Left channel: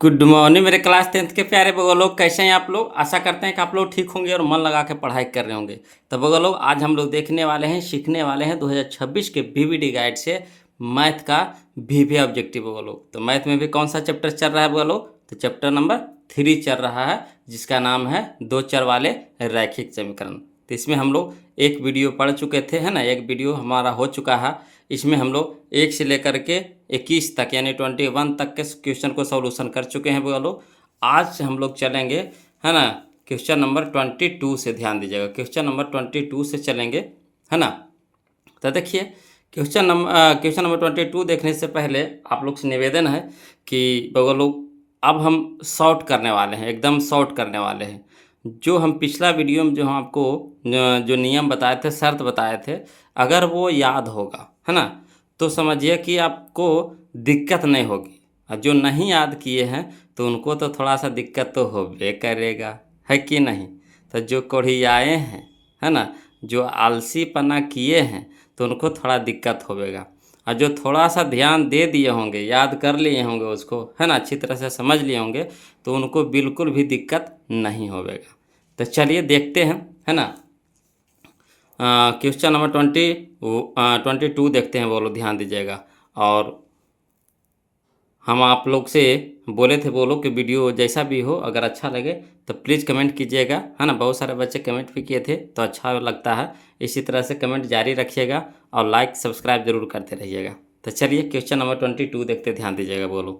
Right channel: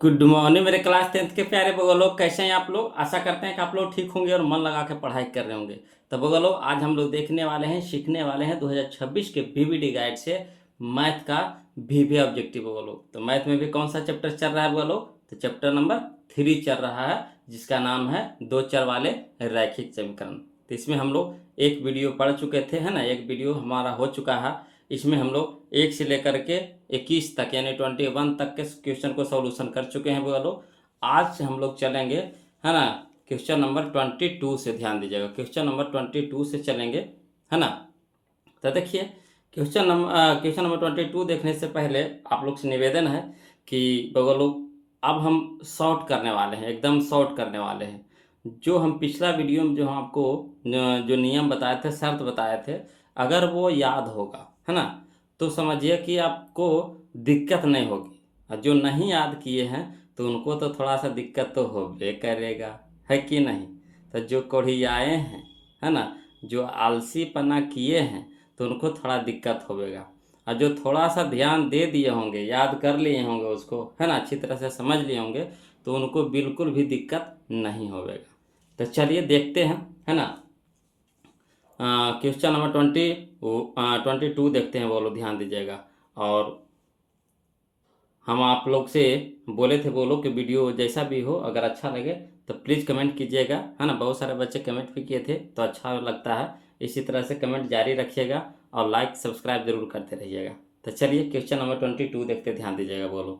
Good morning मेरे class 10th के प्यारे बगल लोग, कैसे हैं आप लोग। आशा करते हैं कि आप लोग ठीक होंगे और मन लगा के पढ़ाई कर रहे होंगे। तो बगल लोग, आज हम लोग देखने वाले हैं, सीखने वाले हैं 2026 के बीवीडी गाइड से मैथ का वीवी ऑब्जेक्टिव बगल लोग। तो मैथ में भी कौन सा चैप्टर चल रहा है बगल लोग? तो चैप्टर नंबर 3 चल रहा है, जिसका नाम है दो चर वाले रैखिक समीकरण। तो इसमें हम लोग एक वीडियो पढ़ चुके थे, है ना, एक वीडियो हमारा हो चुका है। इसमें हम लोग 1 से लेकर के 21 तक यानी 21 तक के क्वेश्चन को सॉल्यूशन कर चुके हैं वो लोग। आज से हम लोग चलेंगे, है ना, क्वेश्चन नंबर 22 से। ध्यान दीजिएगा, क्वेश्चन नंबर 22 से चलेंगे, है ना। तो देखिए, क्वेश्चन नंबर 22 देखने से पहले आप लोग से निवेदन है कि बगल लोग, अब हम शॉर्ट करने वाले हैं, एकदम शॉर्ट करने वाले हैं। जो हम पिछला वीडियो में जो हम आपको जो नियम बताए थे, शर्त बताए थे, अगर वो याद होगा, है ना, तो समझिए कि आपको दिक्कत नहीं होगी। और जो नहीं याद किए हैं तो उनको तो थोड़ा सा दिक्कत तो होबे करेगा, है कि नहीं। तो जो कोढ़ियाए हैं, है ना, जो आलसीपना किए हैं, तो उनको थोड़ा दिक्कत होगा। और जो थोड़ा सा ध्यान दे दिए होंगे, याद कर लिए होंगे उसको, है ना, अच्छी तरह से समझ लिए होंगे, तो उनको बिल्कुल भी दिक्कत नहीं होगा। तो चलिए देखते हैं, है ना। क्वेश्चन नंबर 22 देखते हैं, बोलो ध्यान दीजिएगा। और हम आप लोग से बोले थे, बोलो कि वीडियो जैसा भी हो, अगर अच्छा लगे तो प्लीज़ कमेंट कीजिएगा, है ना। बहुत सारे बच्चे कमेंट भी किए थे, तो अच्छा लगता है। इसी तरह से कमेंट जारी रखिएगा और लाइक सब्सक्राइब जरूर करते रहिएगा। तो चलिए क्वेश्चन नंबर 22 देखते, ध्यान दीजिएगा। बोलो,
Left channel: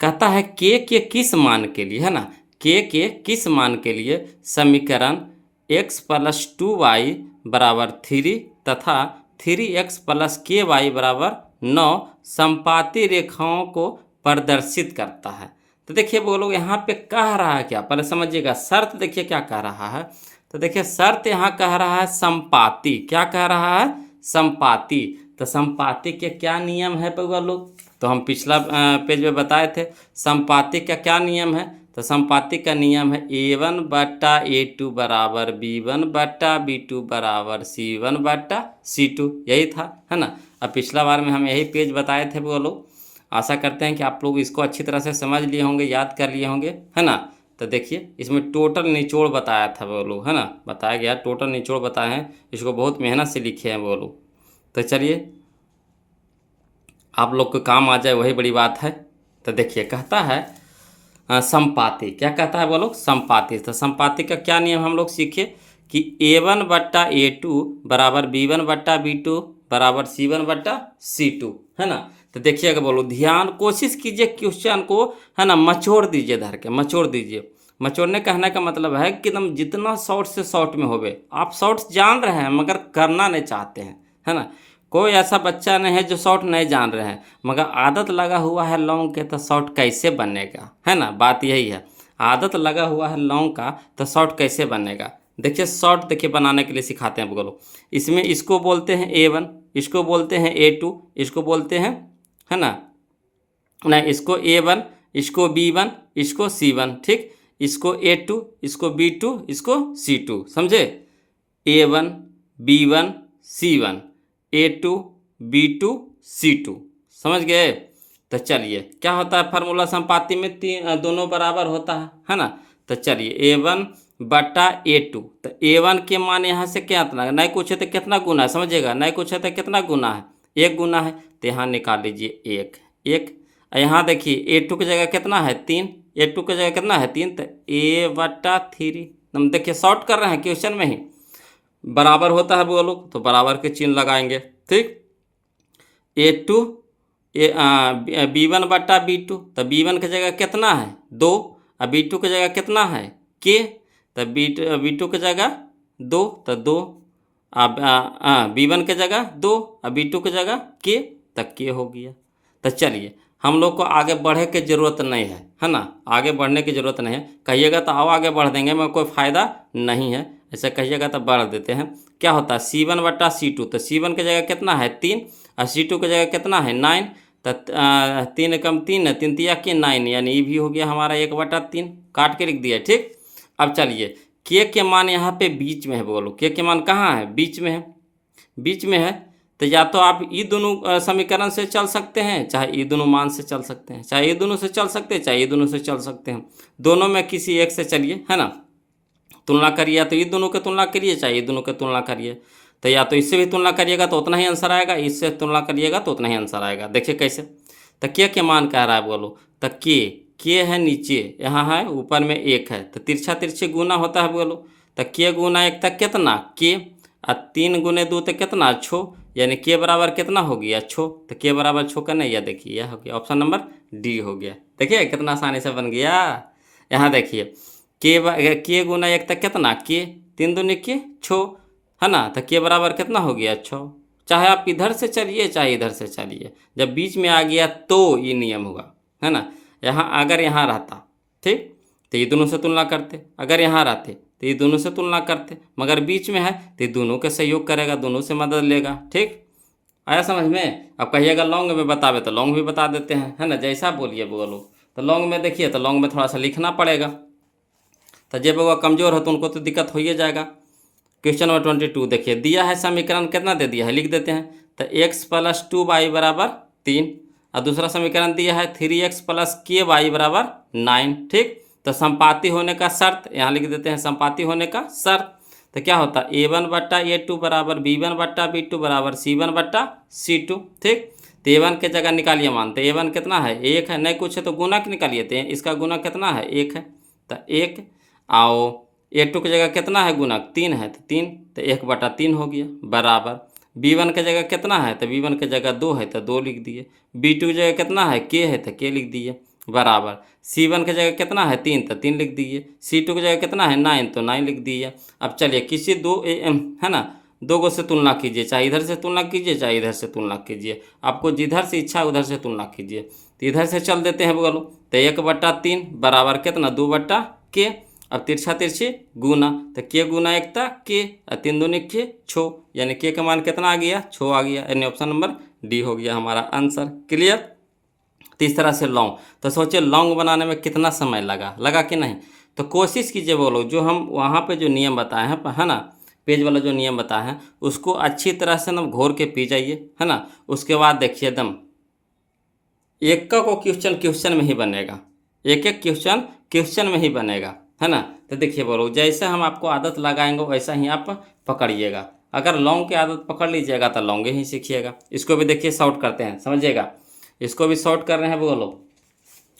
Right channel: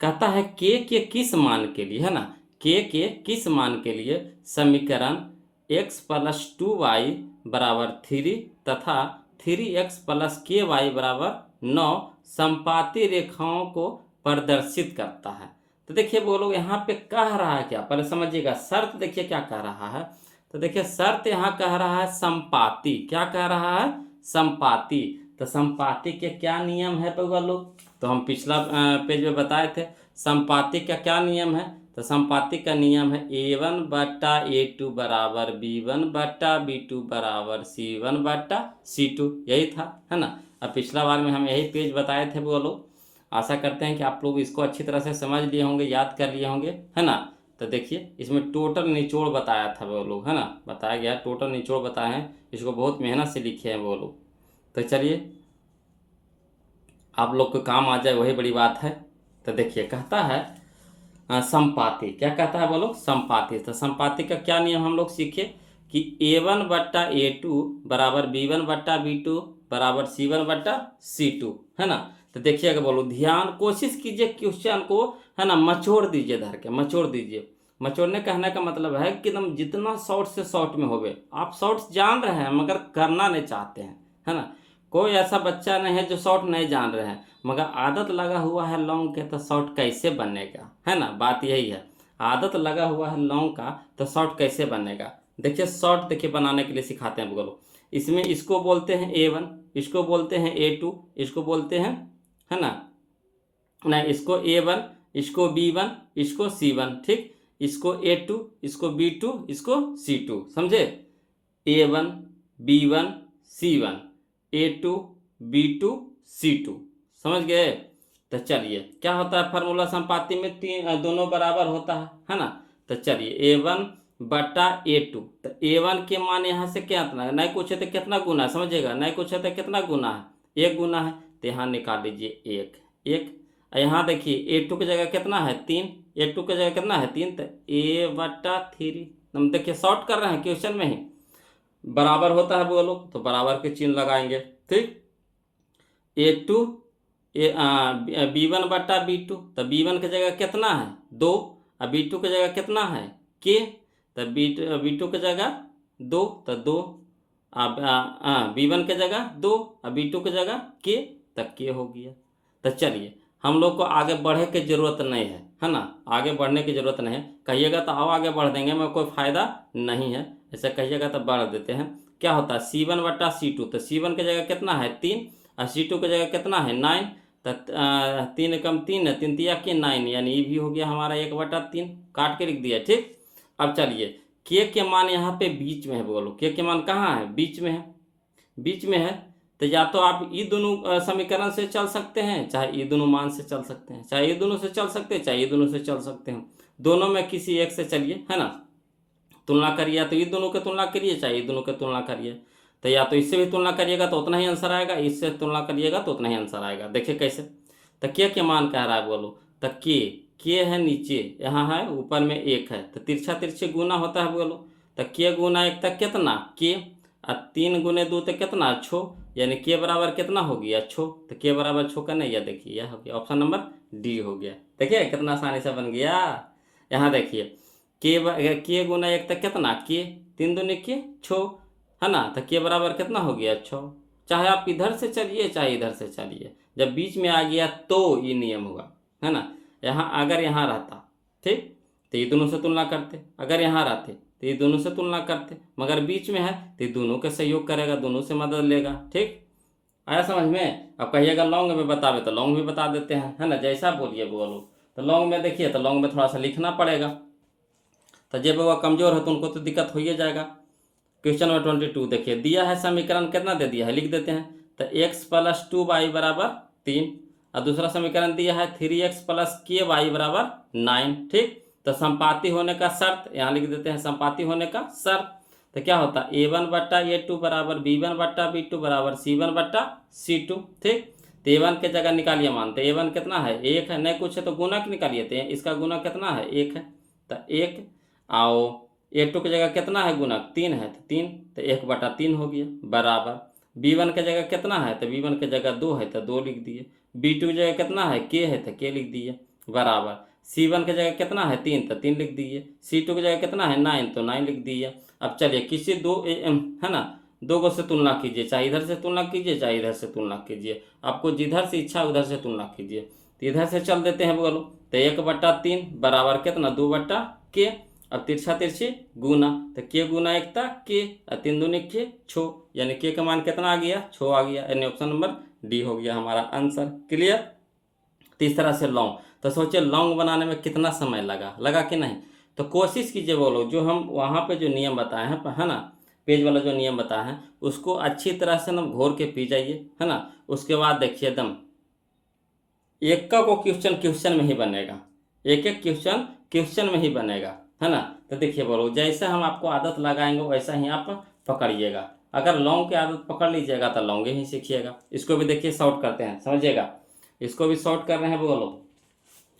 कहता है के किस मान के लिए, है ना, के किस मान के लिए समीकरण x+2y बराबर 3 तथा 3x+ky बराबर 9 समपाती रेखाओं को प्रदर्शित करता है। तो देखिए बोलो, यहाँ पे कह रहा है क्या, पहले समझिएगा। शर्त देखिए क्या कह रहा है। तो देखिए शर्त यहाँ कह रहा है संपाती। क्या कह रहा है? संपाती। तो संपाती के क्या नियम है बगलो? तो हम पिछला पेज में बताए थे, संपाती का क्या नियम है। तो संपाती का नियम है A1/A2 बराबर B1/B2 बराबर C1/C2। यही था, है ना। अब पिछला बार में हम यही पेज बताए थे बोलो। आशा करते हैं कि आप लोग इसको अच्छी तरह से समझ लिए होंगे, याद कर लिए होंगे, है ना। तो देखिए, इसमें टोटल निचोड़ बताया था वो लोग, है ना, बताया गया टोटल निचोड़ बताए हैं। इसको बहुत मेहनत से लिखे हैं वो लोग। तो चलिए, आप लोग को काम आ जाए वही बड़ी बात है। तो देखिए, कहता है संपाती। क्या कहता है बोलो? संपाती। तो संपाती का क्या नियम हम लोग सीखे कि A1/A2 बराबर B1/B2 बराबर C1/C2, है ना। तो देखिएगा बोलो, ध्यान कोशिश कीजिए क्वेश्चन को, है ना, मचोड़ दीजिए, धर के मचोड़ दीजिए। मचोड़ने कहने का मतलब है कि एकदम जितना शॉर्ट से शॉर्ट में होवे। आप शॉर्ट्स जान रहे हैं मगर करना नहीं चाहते हैं, है ना। कोई ऐसा बच्चा नहीं है जो शॉर्ट नहीं जान रहे हैं, मगर आदत लगा हुआ है लॉन्ग के, तो शॉर्ट कैसे बनेगा, है ना। बात यही है, आदत लगा हुआ है लॉन्ग का, तो शॉर्ट कैसे बनेगा। देखिए शॉर्ट, देखिए बनाने के लिए सिखाते हैं बोलो। इसमें इसको बोलते हैं A1, इसको बोलते हैं A2, इसको बोलते हैं, है ना, नहीं, इसको A1, इसको B1, इसको C1, ठीक। इसको A2, इसको B2, इसको C2, समझे। A1 B1 C1, A2 B2 C2, समझ गए। तो चलिए, क्या होता है फार्मूला संपाती में? दोनों बराबर होता है ना। तो चलिए A1/A2। तो A1 के मान यहाँ से कितना, नहीं कुछ है तो कितना गुना है, समझिएगा, नहीं कुछ है तो कितना गुना है, एक गुना है। तो यहाँ निकाल लीजिए एक एक। यहाँ देखिए A2 की जगह कितना है? 3। A2 की जगह कितना है? 3। तो A/3। हम देखिए शॉर्ट कर रहे हैं क्वेश्चन में ही, बराबर होता है बोलो, तो बराबर के चिन्ह लगाएंगे, ठीक। A2 B1/B2। तो B1 की जगह कितना है? 2। और B2 की जगह कितना है? K। तो B2 की जगह 2, तो 2। अब B1 की जगह 2 और B2 की जगह K, तक K हो गया। तो चलिए, हम लोग को आगे बढ़े की जरूरत नहीं है ना, आगे बढ़ने की जरूरत नहीं है। कहिएगा तो आओ आगे बढ़ देंगे, मगर कोई फायदा नहीं है। ऐसे कहिएगा तो बढ़ देते हैं। क्या होता है? C1/C2। तो C1 की जगह कितना है? 3। और C2 की जगह कितना है? 9। तो 3 कम 3 है, 3 तिया के 9, यानी ये भी हो गया हमारा 1/3, काट के लिख दिया, ठीक। अब चलिए, के मान यहाँ पे बीच में है, बोलो के मान कहाँ है? बीच में है, बीच में है। तो या तो आप ये दोनों समीकरण से चल सकते हैं, चाहे ये दोनों मान से चल सकते हैं, चाहे ये दोनों से चल सकते हैं, चाहे ये दोनों से चल सकते हैं। दोनों में किसी एक से चलिए, है ना, तुलना करिए, या तो ये दोनों की तुलना करिए, चाहे ये दोनों की तुलना करिए। तो या तो इससे भी तुलना करिएगा तो उतना ही आंसर आएगा, इससे तुलना करिएगा तो उतना ही आंसर आएगा। देखिए कैसे, तो के मान कह रहा है बोलो, तो के है नीचे, यहाँ है ऊपर में एक है, तो तिरछा तिरछे गुना होता है बोलो। तो के गुना एक तक कितना के, और 3 गुने 2 तक कितना छो, यानी के बराबर कितना हो गया छो। तो के बराबर छो का नहीं, यह देखिए यह हो गया ऑप्शन नंबर डी हो गया। देखिए कितना आसानी से बन गया। यहाँ देखिए के गुना एक तक कितना के, 3 दूनी के छो, है ना, तो के बराबर कितना हो गया छो। चाहे आप इधर से चलिए चाहे इधर से चलिए, जब बीच में आ गया तो ये नियम होगा, है ना। यहाँ अगर यहाँ रहता, ठीक, तो ये दोनों से तुलना करते, अगर यहाँ रहते तो ये दोनों से तुलना करते, मगर बीच में है तो ये दोनों के सहयोग करेगा, दोनों से मदद लेगा। ठीक, आया समझ में। अब कहिएगा लॉन्ग में बतावे तो लॉन्ग भी बता देते हैं, है ना, जैसा बोलिए बोलो। तो लॉन्ग में देखिए, तो लॉन्ग में थोड़ा सा लिखना पड़ेगा, तो जब वो कमज़ोर हो तो उनको तो दिक्कत हो ही जाएगा। क्वेश्चन नंबर 22 देखिए, दिया है समीकरण कितना दे दिया है, लिख देते हैं। तो x + 2y बराबर 3, और दूसरा समीकरण दिया है 3x + ky बराबर 9। ठीक, तो संपाती होने का शर्त यहाँ लिख देते हैं, संपाती होने का शर्त। तो क्या होता है a1/a2 बराबर b1/b2 बराबर c1/c2। ठीक, तो a1 के जगह निकालिए मान, तो a1 कितना है 1 है, नहीं कुछ है तो गुना निकालिए, तो इसका गुना कितना है 1 है, तो 1 आओ a2 की जगह कितना है गुणक 3 है, तो 3, तो 1/3 हो गया बराबर b1 की जगह कितना है, तो b1 की जगह 2 है तो 2 लिख दिए, b2 की जगह कितना है k है तो k लिख दिए बराबर c1 की जगह कितना है 3 तो 3 लिख दिए, c2 की जगह कितना है 9 तो 9 लिख दिए। अब चलिए किसी है ना, दो गो से तुलना कीजिए, चाहे इधर से तुलना कीजिए चाहे इधर से तुलना कीजिए, आपको जिधर से इच्छा उधर से तुलना कीजिए। तो इधर से चल देते हैं बोलो, तो 1/3 बराबर कितना 2/k। अब तिरछा तिरछी गुना, तो के गुना एक था के, और 3 दूनी के छो, यानी के का मान कितना आ गया छो आ गया, यानी ऑप्शन नंबर डी हो गया हमारा आंसर। क्लियर। तो इस तरह से लॉन्ग, तो सोचिए लॉन्ग बनाने में कितना समय लगा कि नहीं। तो कोशिश कीजिए बोलो, जो हम वहाँ पे जो नियम बताए हैं, है ना, पेज वाला जो नियम बताए हैं उसको अच्छी तरह से ना घोर के पी जाइए, है ना। उसके बाद देखिए एकदम एक का को क्वेश्चन में ही बनेगा, एक एक क्वेश्चन में ही बनेगा, है ना। तो देखिए बोलो, जैसे हम आपको आदत लगाएंगे वैसा ही आप पकड़िएगा। अगर लॉन्ग की आदत पकड़ लीजिएगा तो लॉन्ग ही सीखिएगा। इसको भी देखिए शॉर्ट करते हैं, समझिएगा, इसको भी शॉर्ट कर रहे हैं बोलो,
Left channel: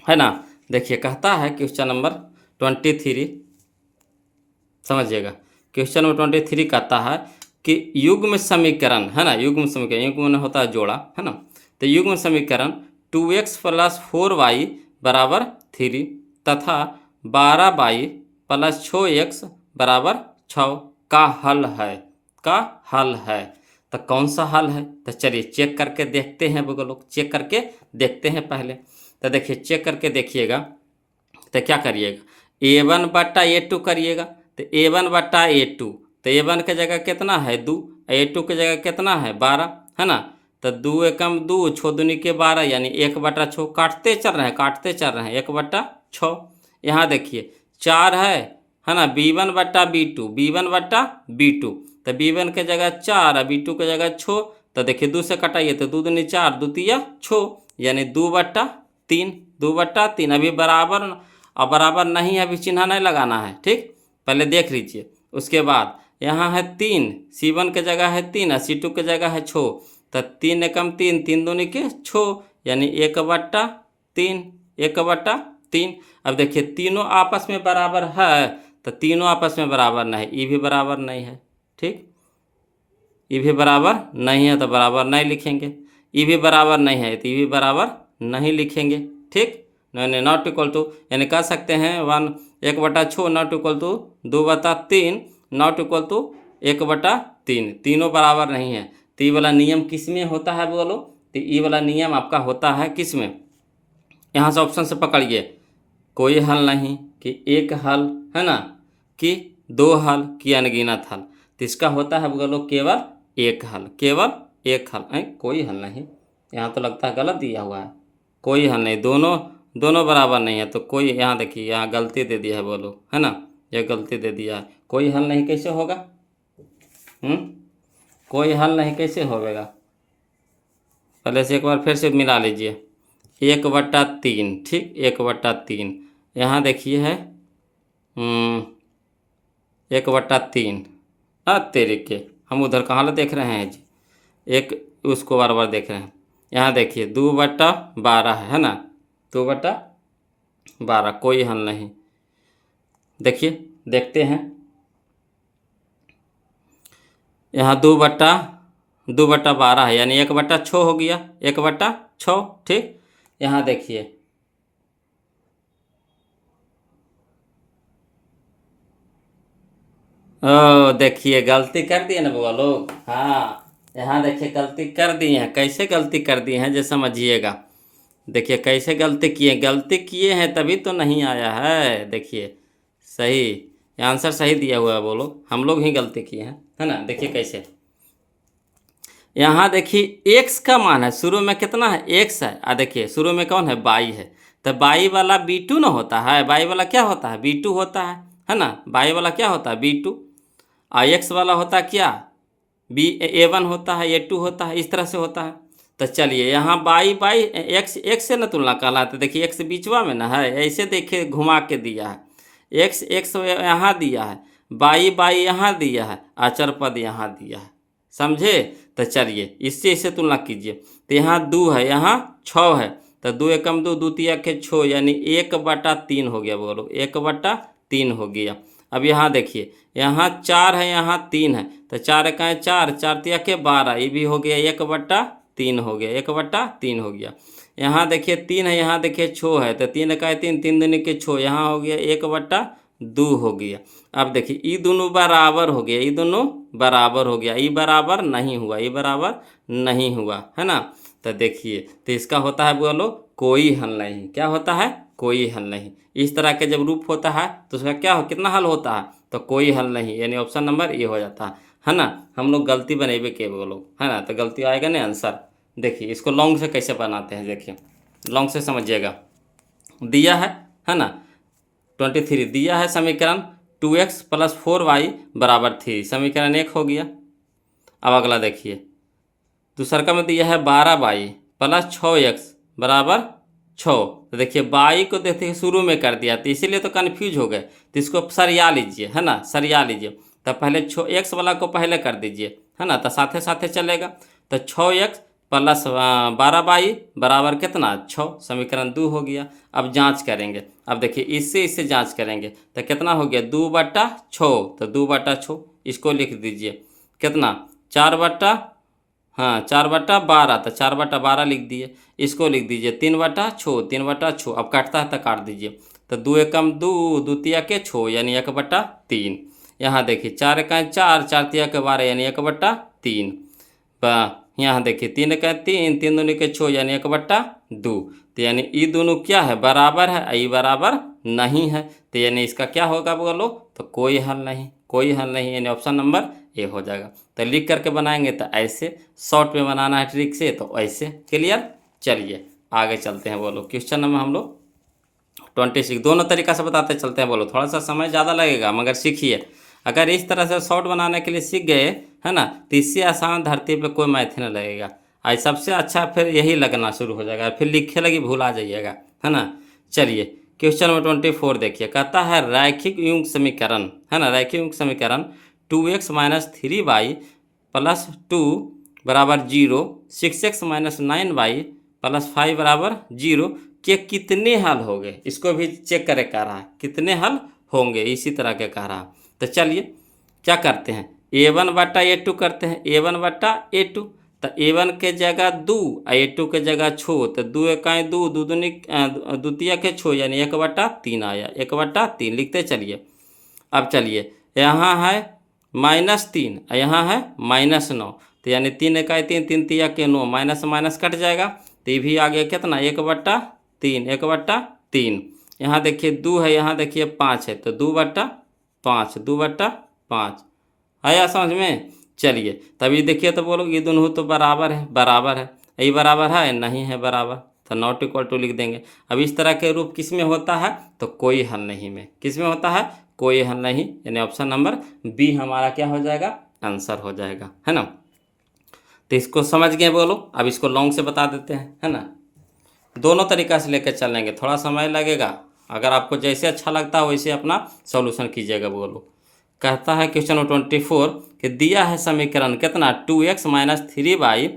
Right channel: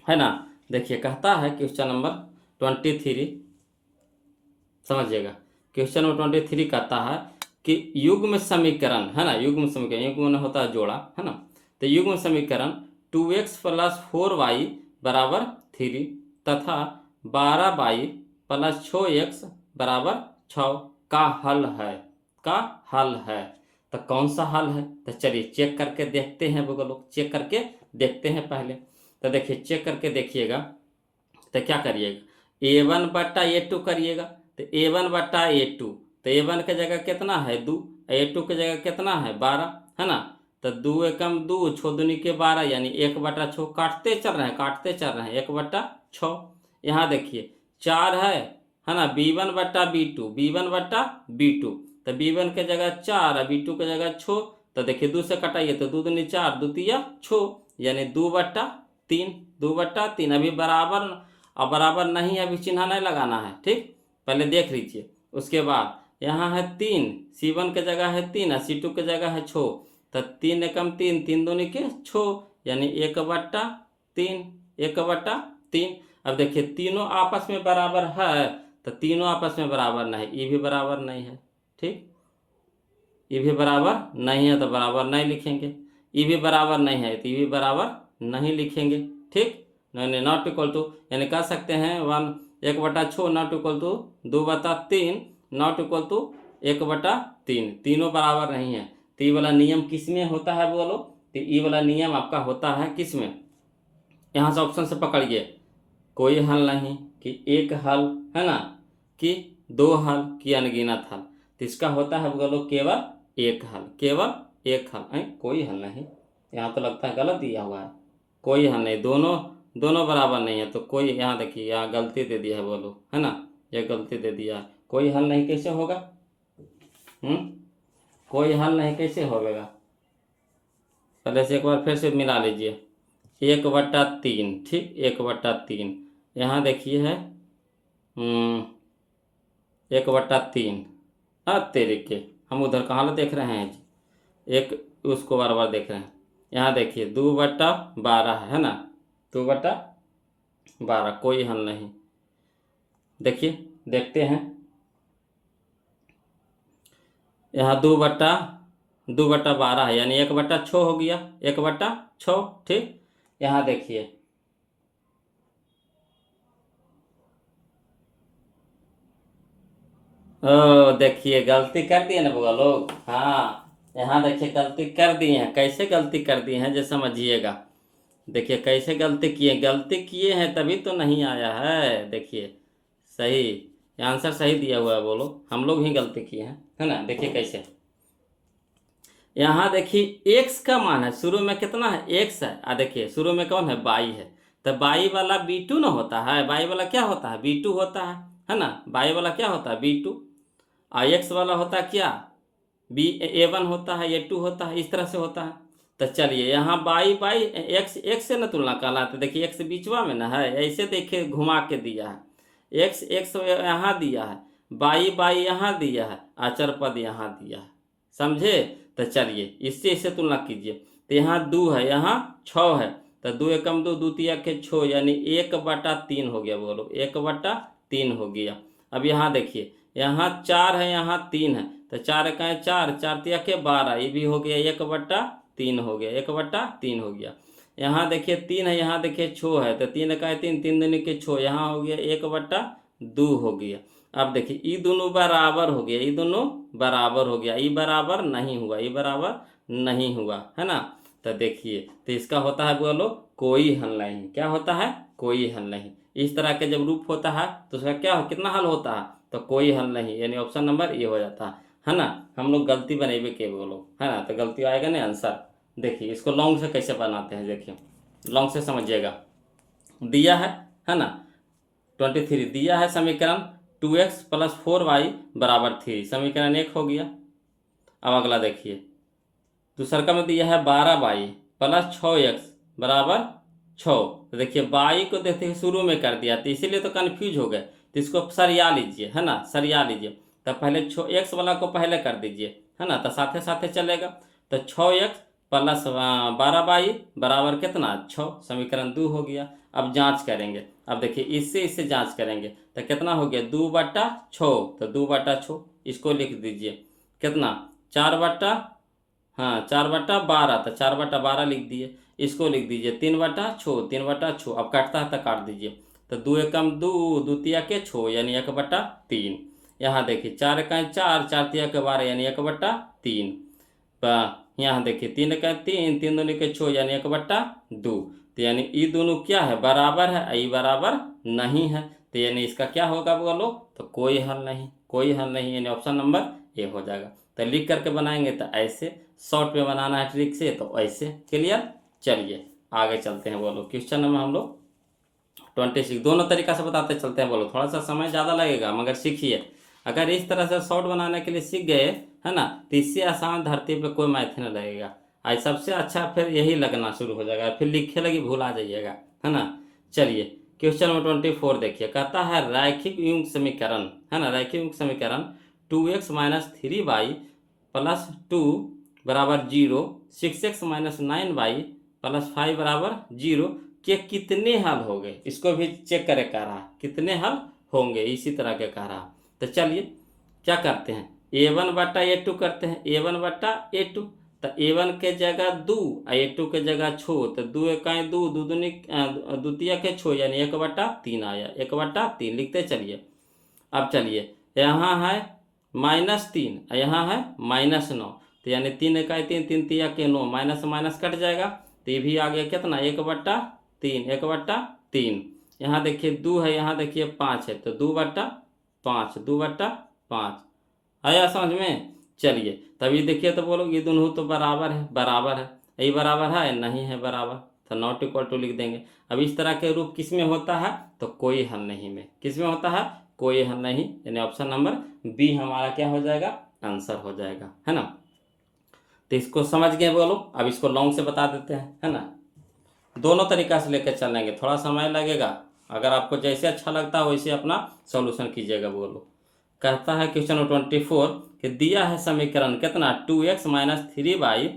है ना। देखिए कहता है क्वेश्चन नंबर 23, समझिएगा, क्वेश्चन नंबर 23 कहता है कि युग्म समीकरण, है ना, युग्म समीकरण, युग्म होता है जोड़ा, है ना। तो युग्म समीकरण 2x + 4y बराबर 3 तथा 12y + 6x बराबर 6 का हल है। तो कौन सा हल है, तो चलिए चेक करके देखते हैं वो लोग, चेक करके देखते हैं पहले। तो देखिए चेक करके देखिएगा, तो क्या करिएगा a1/a2 करिएगा, तो a1/a2, तो a1 की जगह कितना है 2, a2 की जगह कितना है 12, है ना। तो 2 एकम 2 छो दूनी के 12, यानी 1/6 काटते चल रहे हैं 1/6। यहाँ देखिए 4 है ना, b1/b2, तो b1 के जगह 4 और b2 के जगह 6, तो देखिए 2 से कटाइए तो 2 दूनी 4 2 तिया 6, यानी 2/3। अभी बराबर, अब बराबर नहीं है, अभी चिन्ह नहीं लगाना है, ठीक, पहले देख लीजिए। उसके बाद यहाँ है 3, c1 के जगह है 3 और c2 के जगह है 6, तो 3 एकम 3 3 दूनी के 6, यानी 1/3। अब देखिए तीनों आपस में बराबर है, तो तीनों आपस में बराबर नहीं, ये भी बराबर नहीं है, ठीक, ये भी बराबर नहीं है तो बराबर नहीं लिखेंगे, ये भी बराबर नहीं है तो ये भी बराबर नहीं लिखेंगे, ठीक। नहीं, नॉट इक्वल टू, यानी कह सकते हैं 1/6 not equal to 2/3 not equal to 1/3, तीनों बराबर नहीं है। तो ये वाला नियम किस में होता है बोलो, तो ये वाला नियम आपका होता है किस में, यहाँ से ऑप्शन से पकड़िए, कोई हल नहीं कि एक हल, है ना, कि 2 हल कि अनगिनत हल। तो इसका होता है बोलो केवल एक हल, कोई हल नहीं। यहाँ तो लगता है गलत दिया हुआ है, कोई हल नहीं, दोनों बराबर नहीं है, तो कोई, यहाँ देखिए यहाँ गलती दे दिया है बोलो, है ना, ये गलती दे दिया है, कोई हल नहीं कैसे होगा, कोई हल नहीं कैसे होगा, पहले से एक बार फिर से मिला लीजिए। 1/3, ठीक, 1/3। यहाँ देखिए है 1/3। तेरे के, हम उधर कहाँ ला देख रहे हैं जी, एक उसको बार बार देख रहे हैं। यहाँ देखिए 2/12 है ना, 2/12, कोई हल नहीं। देखिए, देखते हैं। यहाँ 2/12 है, यानी 1/6 हो गया, 1/6, ठीक। यहाँ देखिए ओ, देखिए गलती कर दिए ना बुआ लोग। हाँ, यहाँ देखिए गलती कर दी है। कैसे गलती कर दी है जो समझिएगा। देखिए कैसे गलती किए हैं तभी तो नहीं आया है। देखिए सही, ये आंसर सही दिया हुआ है, बोलो हम लोग ही गलती किए हैं, है ना। देखिए कैसे, यहाँ देखिए एक्स का मान है, शुरू में कितना है, एक्स है। देखिए शुरू में कौन है, बाई है। तो बाई वाला B2 ना होता है, बाई वाला क्या होता है, B2 होता है ना। बाई वाला क्या होता है, B2। और एक्स वाला होता है क्या, A1 होता है, A2 होता है, इस तरह से होता है। तो चलिए यहाँ बाई बाई एक्स एक्स से न तुलना कहलाते। देखिए एक्स बीचवा में ना है, ऐसे देखिए घुमा के दिया है। एक्स एक्स यहाँ दिया है, बाई बाई यहाँ दिया है, अचर पद यहाँ दिया है, समझे। तो चलिए इससे इससे तुलना कीजिए। तो यहाँ 2 है, यहाँ 6 है। तो 2 एकम 2, द्वितीय के 6, यानी 1/3 हो गया, बोलो 1/3 हो गया। अब यहाँ देखिए, यहाँ 4 है, यहाँ 3 है। तो 4 का 4, 4 तिया के 12, ये भी हो गया 1/3 हो गया, 1/3 हो गया। यहाँ देखिए 3 है, यहाँ देखिए 6 है। तो 3 का 3, 3 दूनी के 6, यहाँ हो गया 1/2 हो गया। अब देखिए ये दोनों बराबर हो गया, ये दोनों बराबर हो गया, ये बराबर नहीं हुआ, ये बराबर नहीं हुआ, है ना। तो देखिए, तो इसका होता है बोलो कोई हल नहीं। क्या होता है, कोई हल नहीं। इस तरह के जब रूप होता है तो उसका क्या हो, कितना हल होता है, तो कोई हल नहीं, यानी ऑप्शन नंबर ये हो जाता है ना। हम लोग गलती बनेबे के बोलो, है ना। तो गलती आएगा ना आंसर। देखिए इसको लॉन्ग से कैसे बनाते हैं, देखिए लॉन्ग से समझिएगा। दिया है ना, 23 दिया है समीकरण, 2x + 4y = 3, समीकरण 1 हो गया। अब अगला देखिए, दूसरा का में दिया है 12y + 6x = 6। तो देखिए बाई को देखिए शुरू में कर दिया, तो इसीलिए तो कन्फ्यूज हो गए। तो इसको सरिया लीजिए, है ना, सरिया लीजिए। तो पहले एक्स वाला को पहले कर दीजिए, है ना, तो साथे साथे चलेगा। तो 6x + 12y बराबर कितना, 6, समीकरण 2 हो गया। अब जांच करेंगे। अब देखिए इससे इससे जांच करेंगे तो कितना हो गया, 2/6। तो 2/6 इसको लिख दीजिए, कितना, 4/, हाँ 4/12। तो 4/12 लिख दिए। इसको लिख दीजिए 3/6, 3/6। अब काटता है तो काट दीजिए। तो 2 एकम 2, द्वितीय के 6, यानी 1/3। यहाँ देखिए 4 का 4, 4 तिया के 12, यानी 1/3। यहाँ देखिए 3 का 3, 3 दूनी के 6, यानी 1/2। तो यानी ये दोनों क्या है, बराबर है, ये बराबर नहीं है। तो यानी इसका क्या होगा बोलो, तो कोई हल नहीं, कोई हल नहीं, यानी ऑप्शन नंबर ए हो जाएगा। तो लिख करके बनाएंगे तो ऐसे, शॉर्ट में बनाना है ट्रिक से तो ऐसे। क्लियर। चलिए आगे चलते हैं, बोलो क्वेश्चन नंबर हम लोग 26। दोनों तरीका से बताते चलते हैं, बोलो थोड़ा सा समय ज़्यादा लगेगा मगर सीखिए। अगर इस तरह से शॉर्ट बनाने के लिए सीख गए, है ना, तो इससे आसान धरती पे कोई मैथ नहीं लगेगा। आज सबसे अच्छा फिर यही लगना शुरू हो जाएगा, फिर लिखे लगी भूल आ जाइएगा, है ना। चलिए क्वेश्चन नंबर 24 देखिए, कहता है रैखिक युग्म समीकरण, है ना, रैखिक युग्म समीकरण 2x - 3y + 2 = 0, 6x - 9y + 5 = 0 के कितने हल हो गए। इसको भी चेक करे कह रहा है, कितने हल होंगे, इसी तरह के कह रहा है। तो चलिए क्या करते हैं, A1/A2 करते हैं, A1/A2। तो A1 के जगह 2, A2 के जगह 6। तो 2 इकाई 2, द्वितीय के 6, यानी 1/3 आया, 1/3 लिखते चलिए। अब चलिए यहाँ है -3, यहाँ है -9। तो यानी 3 इकाई 3, 3 तिया के 9, माइनस माइनस कट जाएगा। तो ये भी आ गया कितना, 1/3, 1/3। यहाँ देखिए 2 है, यहाँ देखिए 5 है। तो 2/5, 2/5 आया समझ में। चलिए तभी देखिए, तो बोलो ये दोनों तो बराबर है, बराबर है, यही बराबर है, नहीं है बराबर, तो नॉट इक्वल टू लिख देंगे। अब इस तरह के रूप किस में होता है, तो कोई हल नहीं में, किस में होता है, कोई हल नहीं, यानी ऑप्शन नंबर बी हमारा क्या हो जाएगा, आंसर हो जाएगा, है ना। तो इसको समझ गए बोलो। अब इसको लॉन्ग से बता देते हैं, है ना। दोनों तरीका से लेकर चलेंगे, थोड़ा समय लगेगा। अगर आपको जैसे अच्छा लगता है वैसे अपना सॉल्यूशन कीजिएगा बोलो। कहता है क्वेश्चन नंबर 24 कि दिया है समीकरण कितना 2x माइनस 3y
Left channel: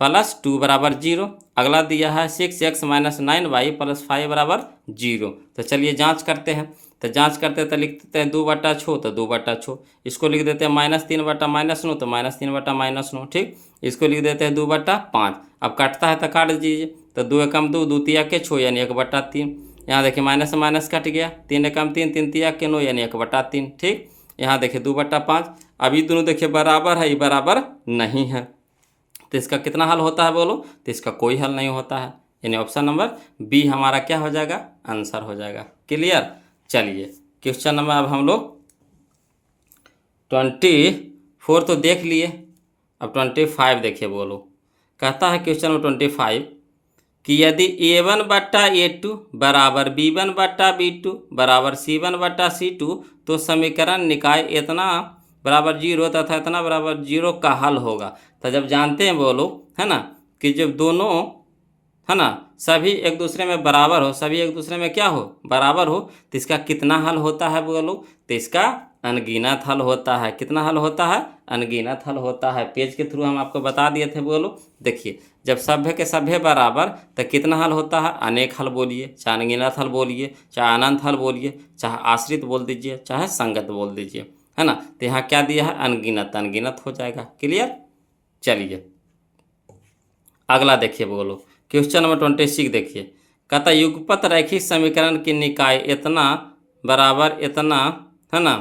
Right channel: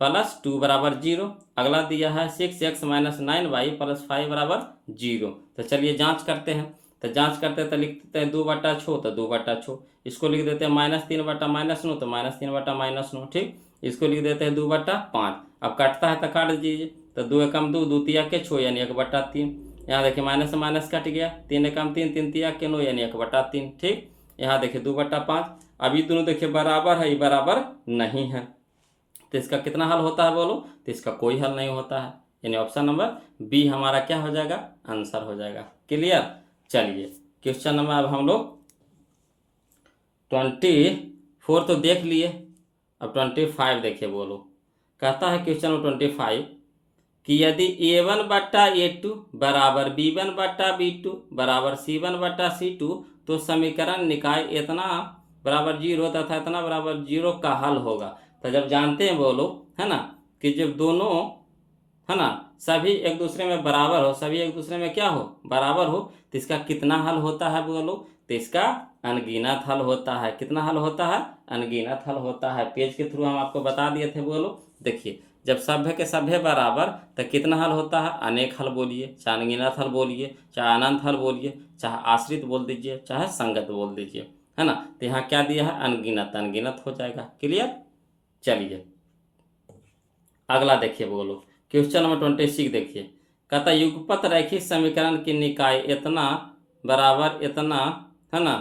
प्लस 2 बराबर 0। अगला दिया है 6x माइनस 9y प्लस 5 बराबर 0। तो चलिए जांच करते हैं। तो जांच करते तो लिख देते हैं 2/6, तो 2/6। इसको लिख देते हैं -3/-9, तो -3/-9। ठीक, इसको लिख देते हैं 2/5। अब काटता है तो काट दीजिए। तो 2 एकम 2, 2 तिया के 6 यानी 1/3। यहाँ देखिए माइनस से माइनस कट गया, 3 एकम 3, 3 तिया के 9 यानी 1/3। ठीक, यहाँ देखिए 2/5। अभी दोनों देखिए बराबर है, ये बराबर नहीं है, तो इसका कितना हल होता है बोलो। तो इसका कोई हल नहीं होता है, यानी ऑप्शन नंबर बी हमारा क्या हो जाएगा, आंसर हो जाएगा। क्लियर। चलिए क्वेश्चन नंबर अब हम लोग 24 तो देख लिए, अब 25 देखिए बोलो। कहता है क्वेश्चन नंबर 25 कि यदि A1/A2 बराबर B1/B2 बराबर C1/C2 तो समीकरण निकाय इतना बराबर 0 तथा इतना बराबर 0 का हल होगा। तो जब जानते हैं बोलो, है ना, कि जब दोनों, है ना, सभी एक दूसरे में बराबर हो, सभी एक दूसरे में क्या हो, बराबर हो, तो इसका कितना हल होता है बोलो। तो इसका अनगिनत हल होता है। कितना हल होता है, अनगिनत हल होता है। पेज के थ्रू हम आपको बता दिए थे बोलो। देखिए जब सभ्य के सभ्य बराबर तो कितना हल होता है, अनेक हल बोलिए, चाहे अनगिनत हल बोलिए, चाहे अनंत हल बोलिए, चाहे आश्रित बोल दीजिए, चाहे संगत बोल दीजिए, है ना। तो यहाँ क्या दिया है, अनगिनत, अनगिनत हो जाएगा। क्लियर। चलिए अगला देखिए बोलो, क्वेश्चन नंबर 26 देखिए। कहता युगपत रैखिक समीकरण की निकाय इतना बराबर इतना, है ना,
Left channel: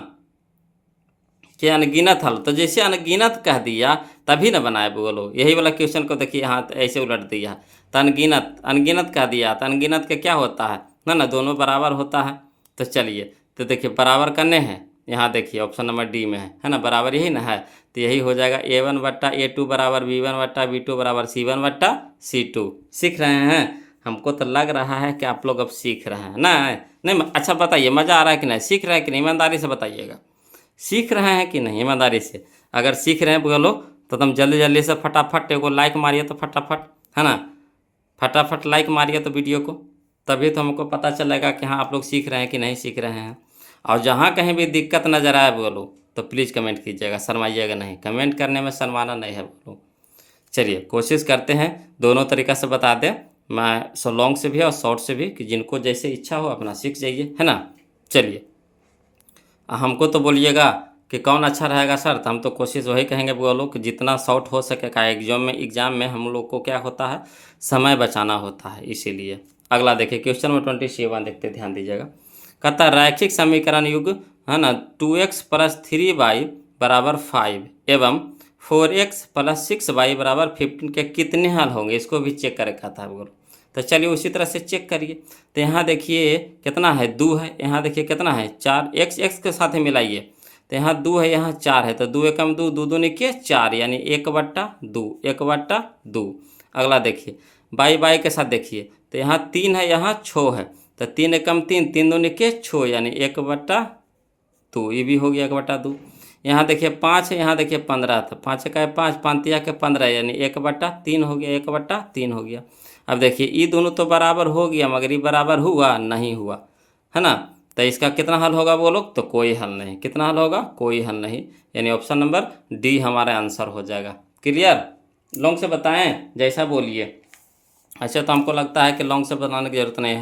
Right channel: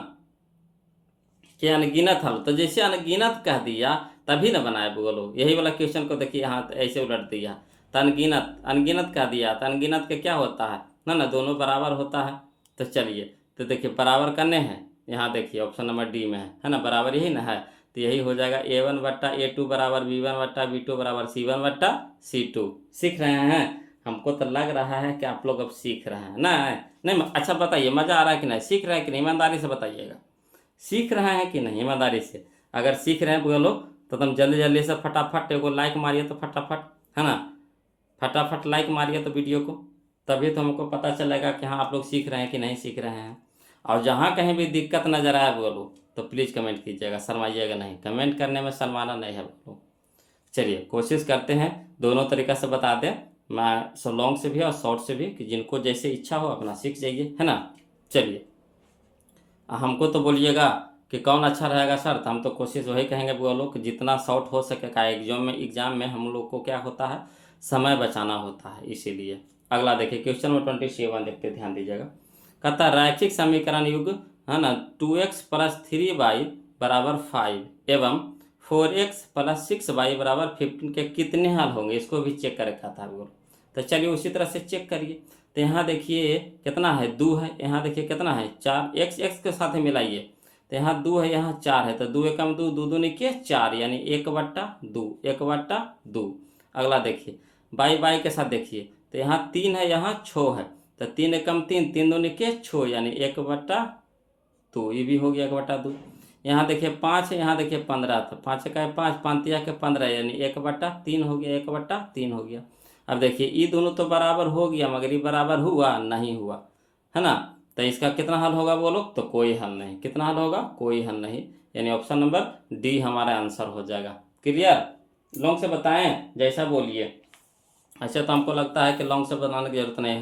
कि अनगिनत हल। तो जैसे अनगिनत कह दिया तभी ना बनाए बोलो। यही वाला क्वेश्चन को देखिए, यहाँ ऐसे उलट दिया। तो अनगिनत, अनगिनत कह दिया, तो अनगिनत के क्या होता है ना, दोनों बराबर होता है। तो चलिए, तो देखिए बराबर करने हैं, यहाँ देखिए ऑप्शन नंबर डी में है ना, बराबर यही ना है। तो यही हो जाएगा A1/A2 बराबर B1/B2 बराबर C1/C2। सीख रहे हैं। हमको तो लग रहा है कि आप लोग अब सीख रहे हैं ना। नहीं अच्छा बताइए, मज़ा आ रहा है कि नहीं, सीख रहे हैं कि नहीं, ईमानदारी से बताइएगा। सीख रहे हैं कि नहीं, ईमानदारी से। अगर सीख रहे हैं बोलो तो तुम जल्दी जल्दी से फटाफट एगो लाइक मारिए, तो फटाफट, है ना, फटाफट लाइक मारिए तो वीडियो को, तभी तो हमको पता चलेगा कि हाँ आप लोग सीख रहे हैं कि नहीं सीख रहे हैं। और जहाँ कहीं भी दिक्कत नज़र आए बोलो तो प्लीज़ कमेंट कीजिएगा, शर्माइएगा नहीं। कमेंट करने में शर्माना नहीं है बोलो। चलिए कोशिश करते हैं दोनों तरीक़ा से बता दें, मैं सो लॉन्ग से भी और शॉर्ट से भी, कि जिनको जैसे इच्छा हो अपना सीख जाइए, है ना। चलिए हमको तो बोलिएगा कि कौन अच्छा रहेगा सर, तो हम तो कोशिश वही कहेंगे बोलो कि जितना शॉर्ट हो सके का एग्जाम में हम लोग को क्या होता है, समय बचाना होता है, इसीलिए। अगला देखिए क्वेश्चन नंबर 27 देखते, ध्यान दीजिएगा। कहता है रैखिक समीकरण युग, है ना, 2x प्लस 3y बराबर 5 एवं 4x प्लस 6y बराबर 15 के कितने हल होंगे, इसको भी चेक कर कहता है बोलो। तो चलिए उसी तरह से चेक करिए। तो यहाँ देखिए कितना है, 2 है, यहाँ देखिए कितना है, 4, x के साथ ही मिलाइए। तो यहाँ 2 है, यहाँ 4 है, तो 2 एकम 2, 2 दूनी के 4 यानी 1/2, 1/2। अगला देखिए बाई के साथ देखिए, तो यहाँ 3 है, यहाँ 6 है, तो 3 एकम 3, 3 दूनी के 6 यानी 1/2, ये भी हो गया 1/2। यहाँ देखिए 5 है, यहाँ देखिए 15, तो 5 का 5, 5 तिया के 15 यानी 1/3 हो गया, 1/3 हो गया। अब देखिए ये दोनों तो बराबर हो गया, मगर ये बराबर हुआ नहीं हुआ, है ना। तो इसका कितना हल होगा बोलो, तो कोई हल नहीं। कितना हल होगा, कोई हल नहीं, यानी ऑप्शन नंबर डी हमारा आंसर हो जाएगा। क्लियर। लॉन्ग से बताएं, जैसा बोलिए। अच्छा तो हमको लगता है कि लॉन्ग से बनाने की ज़रूरत नहीं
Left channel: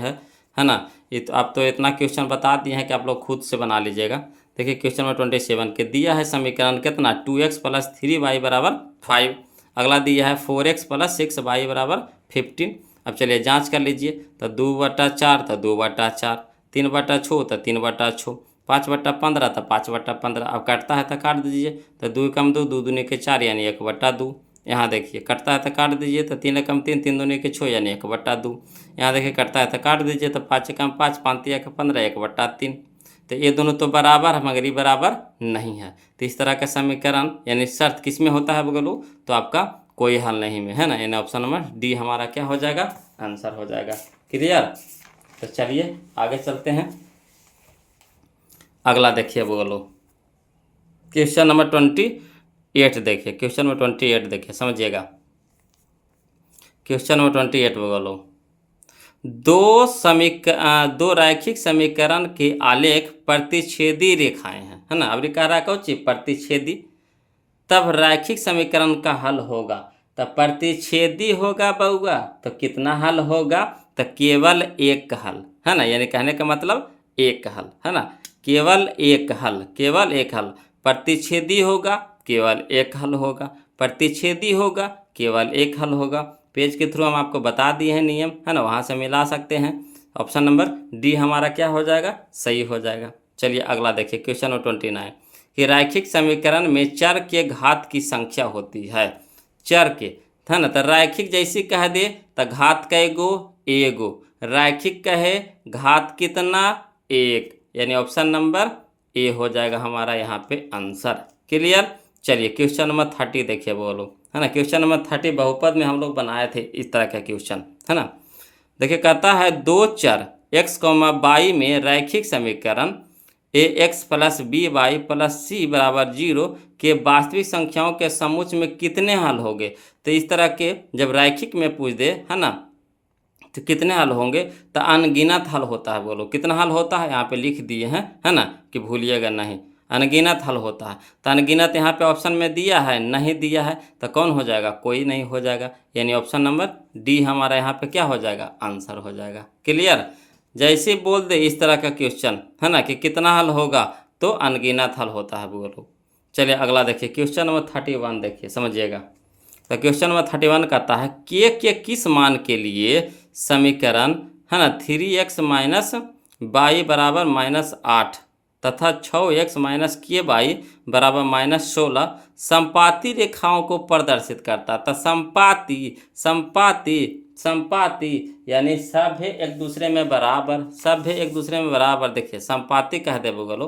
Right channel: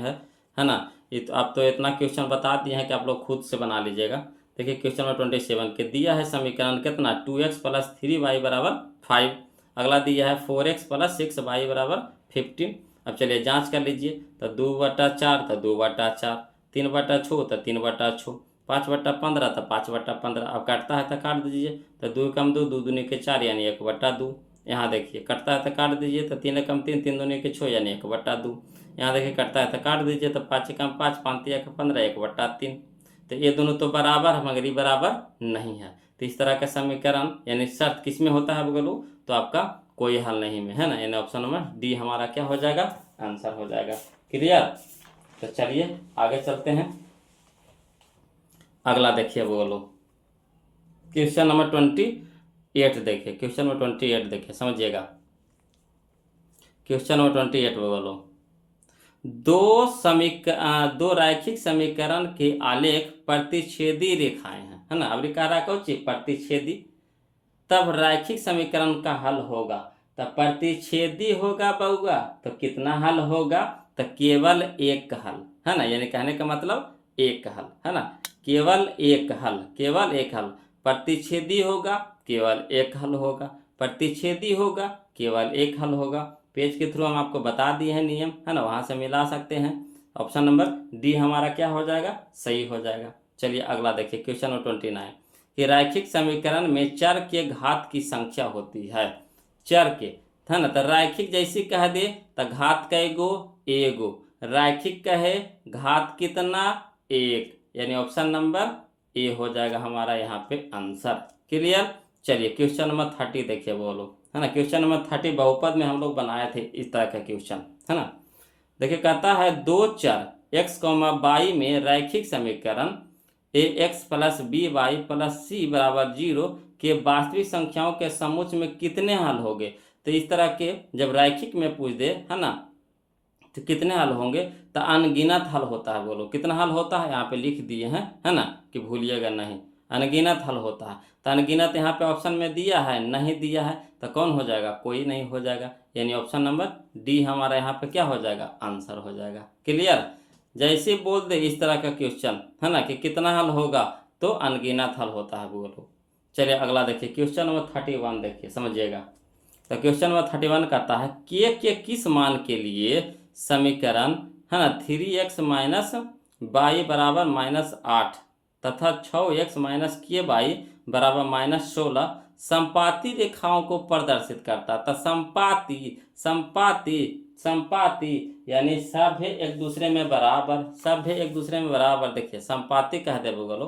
है ना। ये तो आप तो इतना क्वेश्चन बता दिए हैं कि आप लोग खुद से बना लीजिएगा। देखिए क्वेश्चन नंबर 27 के दिया है समीकरण कितना 2x प्लस 3y बराबर 5। अगला दिया है 4x प्लस 6y बराबर 15। अब चलिए जांच कर लीजिए। तो 2/4 तो 2/4, 3/6 तो 3/6, 5/15 तो 5/15। अब काटता है तो काट दीजिए। तो 2 कम 2, 2 दूनी के 4 यानी 1/2। यहाँ देखिए कटता है तो काट दीजिए। तो 3 कम 3, 3 दूनी के 6 यानी 1/2। यहाँ देखिए कटता है तो काट दीजिए। तो 5 कम 5, 5 तिया के 15, 1/3। तो ये दोनों तो बराबर है, मगर ये बराबर नहीं है। तो इस तरह का समीकरण यानी शर्त किस में होता है बोलो, तो आपका कोई हल नहीं में, है ना, यानी ऑप्शन नंबर डी हमारा क्या हो जाएगा, आंसर हो जाएगा। क्लियर। तो चलिए आगे चलते हैं। अगला देखिए बोलो क्वेश्चन नंबर 28 8 देखिए, क्वेश्चन नंबर 28 देखिए, समझिएगा। क्वेश्चन नंबर 28 बोलो। दो रैखिक समीकरण के आलेख प्रतिच्छेदी रेखाएं हैं, है ना। अब कह रहा कौन चीज प्रतिच्छेदी, तब रैखिक समीकरण का हल होगा। तब प्रतिच्छेदी होगा बउआ तो कितना हल होगा, तो केवल एक हल, है ना। यानी कहने का मतलब एक हल, है ना। केवल एक हल, केवल एक हल। प्रतिच्छेदी होगा केवल एक हल होगा, प्रतिच्छेदी होगा केवल एक हल होगा। पेज के थ्रू हम आपको बता दिए हैं नियम, है ना, वहाँ से मिला सकते हैं। ऑप्शन नंबर डी हमारा क्या हो जाएगा, सही हो जाएगा। चलिए अगला देखिए, क्वेश्चन नंबर 29 कि रैखिक समीकरण में चर के घात की संख्या होती है। चर के, है ना, तो रैखिक जैसी कह दे तो घात कैगो, एगो। रैखिक कहे घात कितना, एक, यानी ऑप्शन नंबर ए हो जाएगा हमारा यहाँ पे आंसर। क्लियर। चलिए क्वेश्चन नंबर 30 देखिए बोलो, है ना। क्वेश्चन नंबर 30 बहुपद में हम लोग बनाए थे इस तरह का क्वेश्चन, है ना। देखिए कहता है दो चर x, y में रैखिक समीकरण ax plus B Y plus C बराबर 0 के वास्तविक संख्याओं के समुच्चय में कितने हल होंगे। तो इस तरह के जब रैखिक में पूछ दे, है ना, तो कितने हल होंगे, तो अनगिनत हल होता है। बोलो कितना हल होता है, यहाँ पे लिख दिए हैं, है ना, कि भूलिएगा नहीं। अनगिनत हल होता है। तो अनगिनत यहाँ पे ऑप्शन में दिया है, नहीं दिया है, तो कौन हो जाएगा, कोई नहीं हो जाएगा। यानी ऑप्शन नंबर डी हमारा यहाँ पे क्या हो जाएगा, आंसर हो जाएगा। क्लियर। जैसे बोल दे इस तरह का क्वेश्चन, है ना, कि कितना हल होगा, तो अनगिनत हल होता है। बोलो चलिए अगला देखिए, क्वेश्चन नंबर 31 देखिए, समझिएगा। तो क्वेश्चन नंबर 31 कहता है के किस मान के लिए समीकरण, है ना, 3x माइनस बाई बराबर -8 तथा 6x माइनस के बाई बराबर -16 संपाती रेखाओं को प्रदर्शित करता। तो संपाती, संपाती, संपाती यानी सभ्य एक दूसरे में बराबर, सभ्य एक दूसरे में बराबर। देखिए संपाती कह दे बोलो,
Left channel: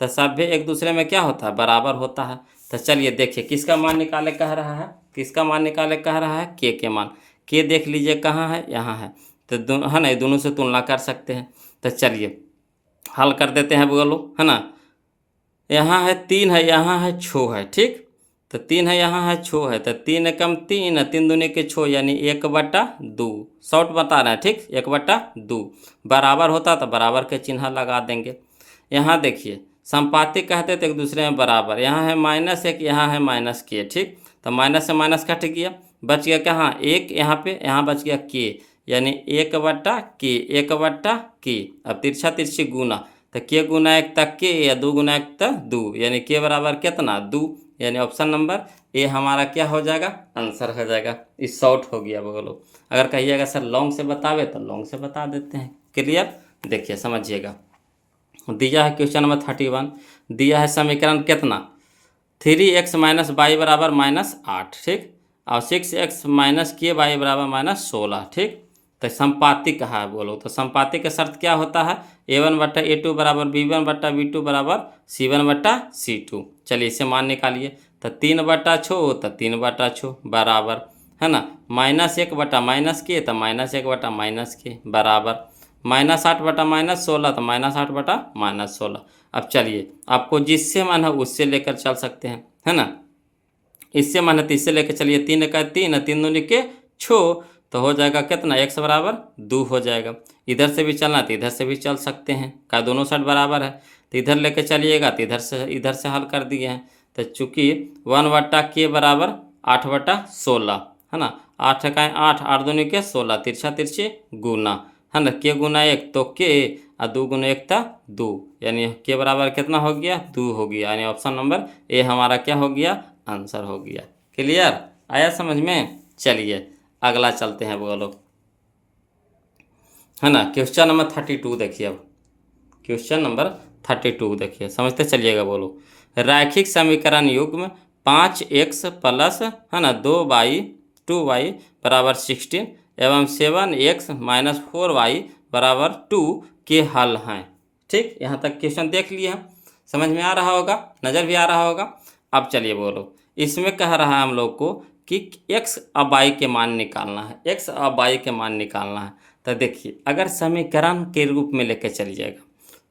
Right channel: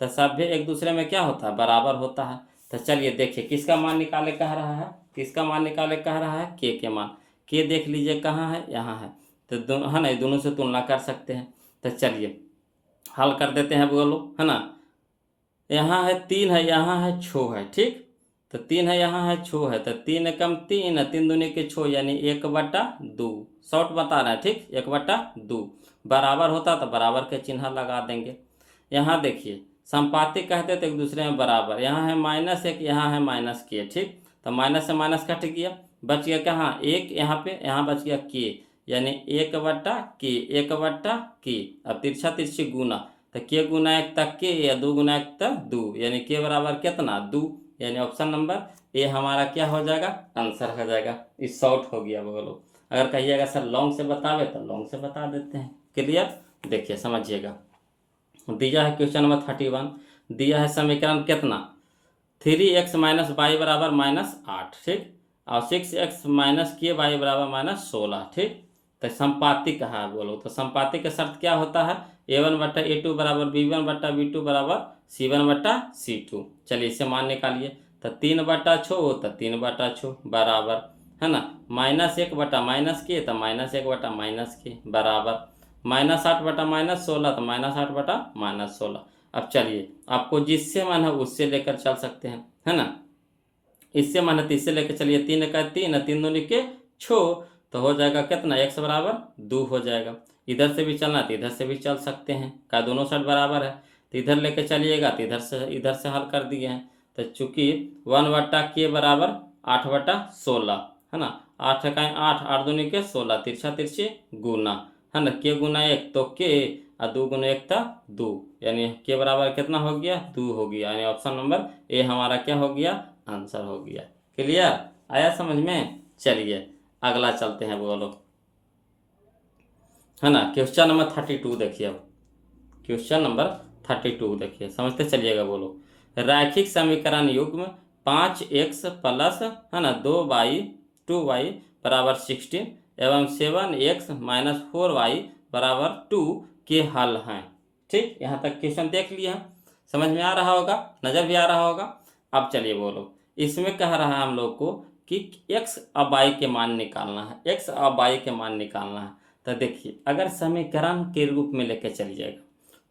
तो सभ्य एक दूसरे में क्या होता है, बराबर होता है। तो चलिए देखिए किसका मान निकाले कह रहा है, किसका मान निकाले कह रहा है, के मान। के देख लीजिए कहाँ है, यहाँ है। तो दोनों, है ना, ये दोनों से तुलना कर सकते हैं। तो चलिए हल कर देते हैं बोलो, है ना। यहाँ है 3 है, यहाँ है 6 है, ठीक। तो 3 है, यहाँ है 6 है, तो 3 एकम 3, 3 दूनी के 6, यानी 1/2। शॉर्ट बता रहे हैं, ठीक, 1/2 बराबर होता तो बराबर के चिन्ह लगा देंगे। यहाँ देखिए संपाती कहते तो एक दूसरे में बराबर, यहाँ है -1, यहाँ है -k, ठीक। तो माइनस से माइनस कट गया, बच गया कहाँ, एक यहाँ पे, यहाँ बच गया के, यानी 1/k, 1/k। अब तिरछा तिरछी गुना, तो के गुना 1 तक के, या 2 गुना 1 तक 2, यानी के बराबर कितना, 2। यानी ऑप्शन नंबर ए हमारा क्या हो जाएगा, आंसर हो जाएगा। इस शॉर्ट हो गया बोलो। अगर कहिएगा सर लॉन्ग से बतावे तो लॉन्ग से बता देते हैं। क्लियर। देखिए समझिएगा, दिया है क्वेश्चन नंबर 31, दिया है समीकरण कितना, 3x माइनस बाई बराबर -8, ठीक, और 6x माइनस के बाई बराबर -16, ठीक। तो संपाती कहा है बोलो, तो संपाती का शर्त क्या होता है, a1/a2 बराबर b1/b2 बराबर c1/c2। चलिए इसे मान निकालिए, तो 3/6 तो 3/6 बराबर, है ना, -1/-के तो -1/-के बराबर, -8/-16 तो -8/-16। अब चलिए आपको जिससे मन है उससे लेकर चल सकते हैं, है ना। इससे मन है तो इससे लेकर चलिए, 3 का 3, 3 दूनी के 6, तो हो जाएगा कितना, x बराबर 2 हो जाएगा। इधर से भी चलना तो इधर से भी चल सकते हैं, का दोनों साइड बराबर है, तो इधर लेके चलिएगा तो इधर से हल कर दिए हैं। तो चूंकि 1/k बराबर 8/16, है ना, 8 का 8, 8 दूनी के 16, तिरछा तिरछी गुना, है ना, के गुना 1 तो के, और 2 गुना 1 था 2, यानी के बराबर कितना हो गया, 2 हो गया। यानी ऑप्शन नंबर ए हमारा क्या हो गया, आंसर हो गया। क्लियर, आया समझ में। चलिए अगला चलते हैं बोलो, है ना। क्वेश्चन नंबर 32 देखिए। अब क्वेश्चन नंबर 32 देखिए, समझते चलिएगा बोलो। रैखिक समीकरण युग्म 5x प्लस, है ना, 2y बराबर 16 एवं 7x माइनस 4y बराबर 2 के हल हैं, ठीक। यहाँ तक क्वेश्चन देख लिए हैं, समझ में आ रहा होगा, नज़र भी आ रहा होगा। अब चलिए बोलो, इसमें कह रहा है हम लोग को कि x और y के मान निकालना है, x और y के मान निकालना है। तो देखिए अगर समीकरण के रूप में लेके चलिएगा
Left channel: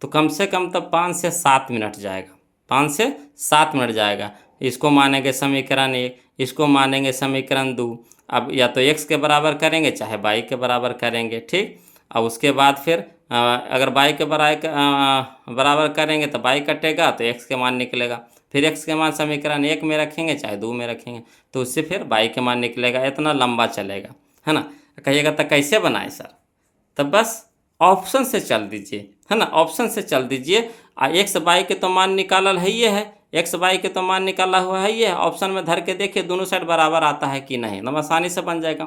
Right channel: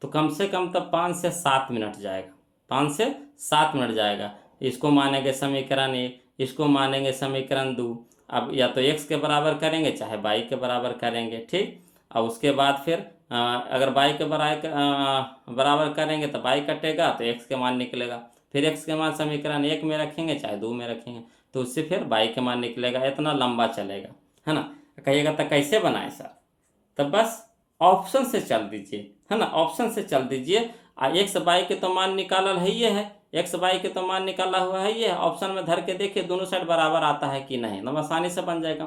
तो कम से कम तो 5 से 7 मिनट जाएगा, 5 से 7 मिनट जाएगा। इसको मानेंगे समीकरण 1, इसको मानेंगे समीकरण 2। अब या तो x के बराबर करेंगे चाहे y के बराबर करेंगे, ठीक। अब उसके बाद फिर अगर y के बराबर करेंगे तो y कटेगा तो x के मान निकलेगा। फिर x के मान समीकरण 1 में रखेंगे चाहे 2 में रखेंगे तो उससे फिर y के मान निकलेगा। इतना लंबा चलेगा, है ना। कहिएगा तो कैसे बनाए सर, तो बस ऑप्शन से चल दीजिए, है ना, ऑप्शन से चल दीजिए। एक्स वाई के तो मान निकालल है, ये है एक्स वाई के तो मान निकाला हुआ है, ये है। ऑप्शन में धर के देखिए दोनों साइड बराबर आता है कि नहीं, तो आसानी से बन जाएगा।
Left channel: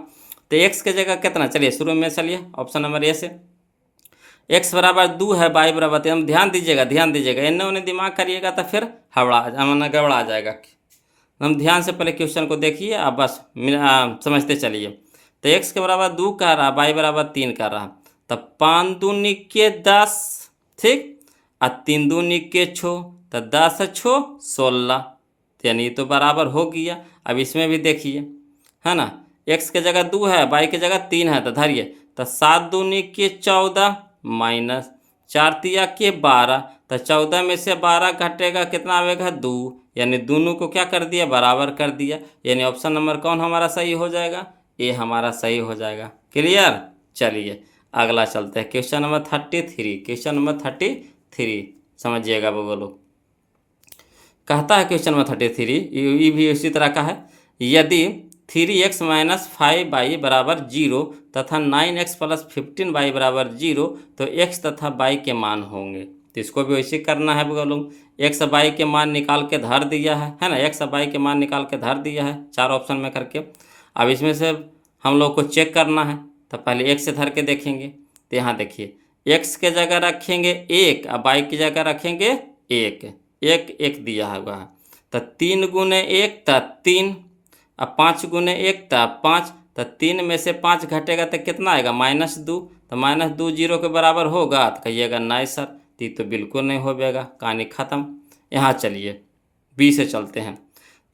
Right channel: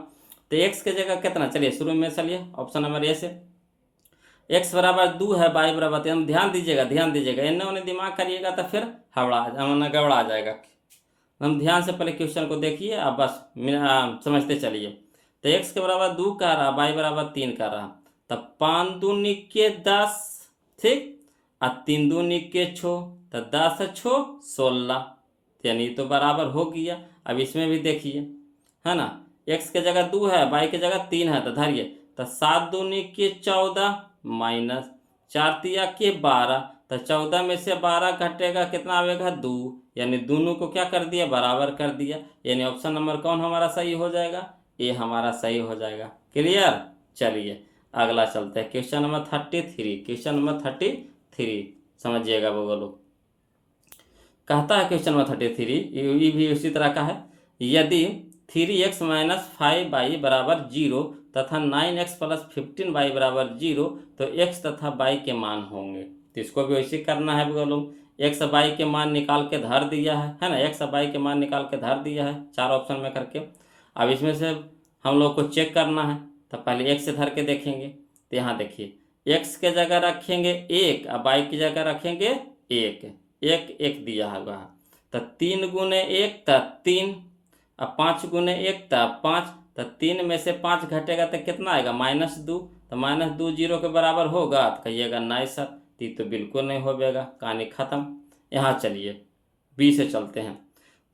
तो एक्स के जगह कितना, चलिए शुरू में चलिए ऑप्शन नंबर ए से, एक्स बराबर 2 है, वाई बराबर 3। ध्यान दीजिएगा, ध्यान दीजिएगा, इन्हें उन्हें दिमाग करिएगा तो फिर गड़बड़ा जाएगा। हम ध्यान से पहले क्वेश्चन को देखिए, आप बस समझते चलिए। तो एक्स के बराबर 2 कह रहा, वाई बराबर 3 कर रहा, तो 5 दूनी के 10, ठीक, और 3 दूनी के 6, तो 10 6 16, यानी तो बराबर हो गया। अब इसमें भी देखिए, है ना, एक्स के जगह 2 है, वाई के जगह 3 है, तो धरिए, तो 7 दूनी के 14 माइनस 4 तिया के 12, तो 14 में से 12 घटेगा कितना आएगा 2, यानी दोनों को क्या कर दिया, बराबर कर दिया। यानी ऑप्शन नंबर कौन हमारा सही हो जाएगा, ए हमारा सही हो जाएगा। क्लियर। चलिए अगला चलते हैं, क्वेश्चन नंबर 33। क्वेश्चन नंबर 33 समझिएगा वो लोग, कहता है क्वेश्चन नंबर 33, ये भी उसी तरह का है। यदि 3x माइनस 5y बराबर 0 तथा 9x प्लस 15y बराबर 0 तो x तथा y के मान होंगे। तो इसको भी वैसे करना है बोलो, x y के मान निकाल के धर दिया है ना, x y के मान निकाल के धर दिया है 4 ऑप्शन में करके। अब इसमें से हम लोग को चेक करना है, तो पहले x से धर के देखेंगे। तो यहाँ देखिए, x के जगह रखेंगे 1 और y की जगह रखेंगे 1, 1 दिया हुआ है, तो 3 गुने 1 तो 3, अब 5 गुने 1 तो 5, तो 3 में से 5 घटेगा तो कितना आएगा -2, तो -2 0 के बराबर होगा, तो कहिएगा नहीं सर, तो बिल्कुल नहीं हो पाएगा, कहानी ख़त्म। यहाँ चलिए बी से चलते हैं।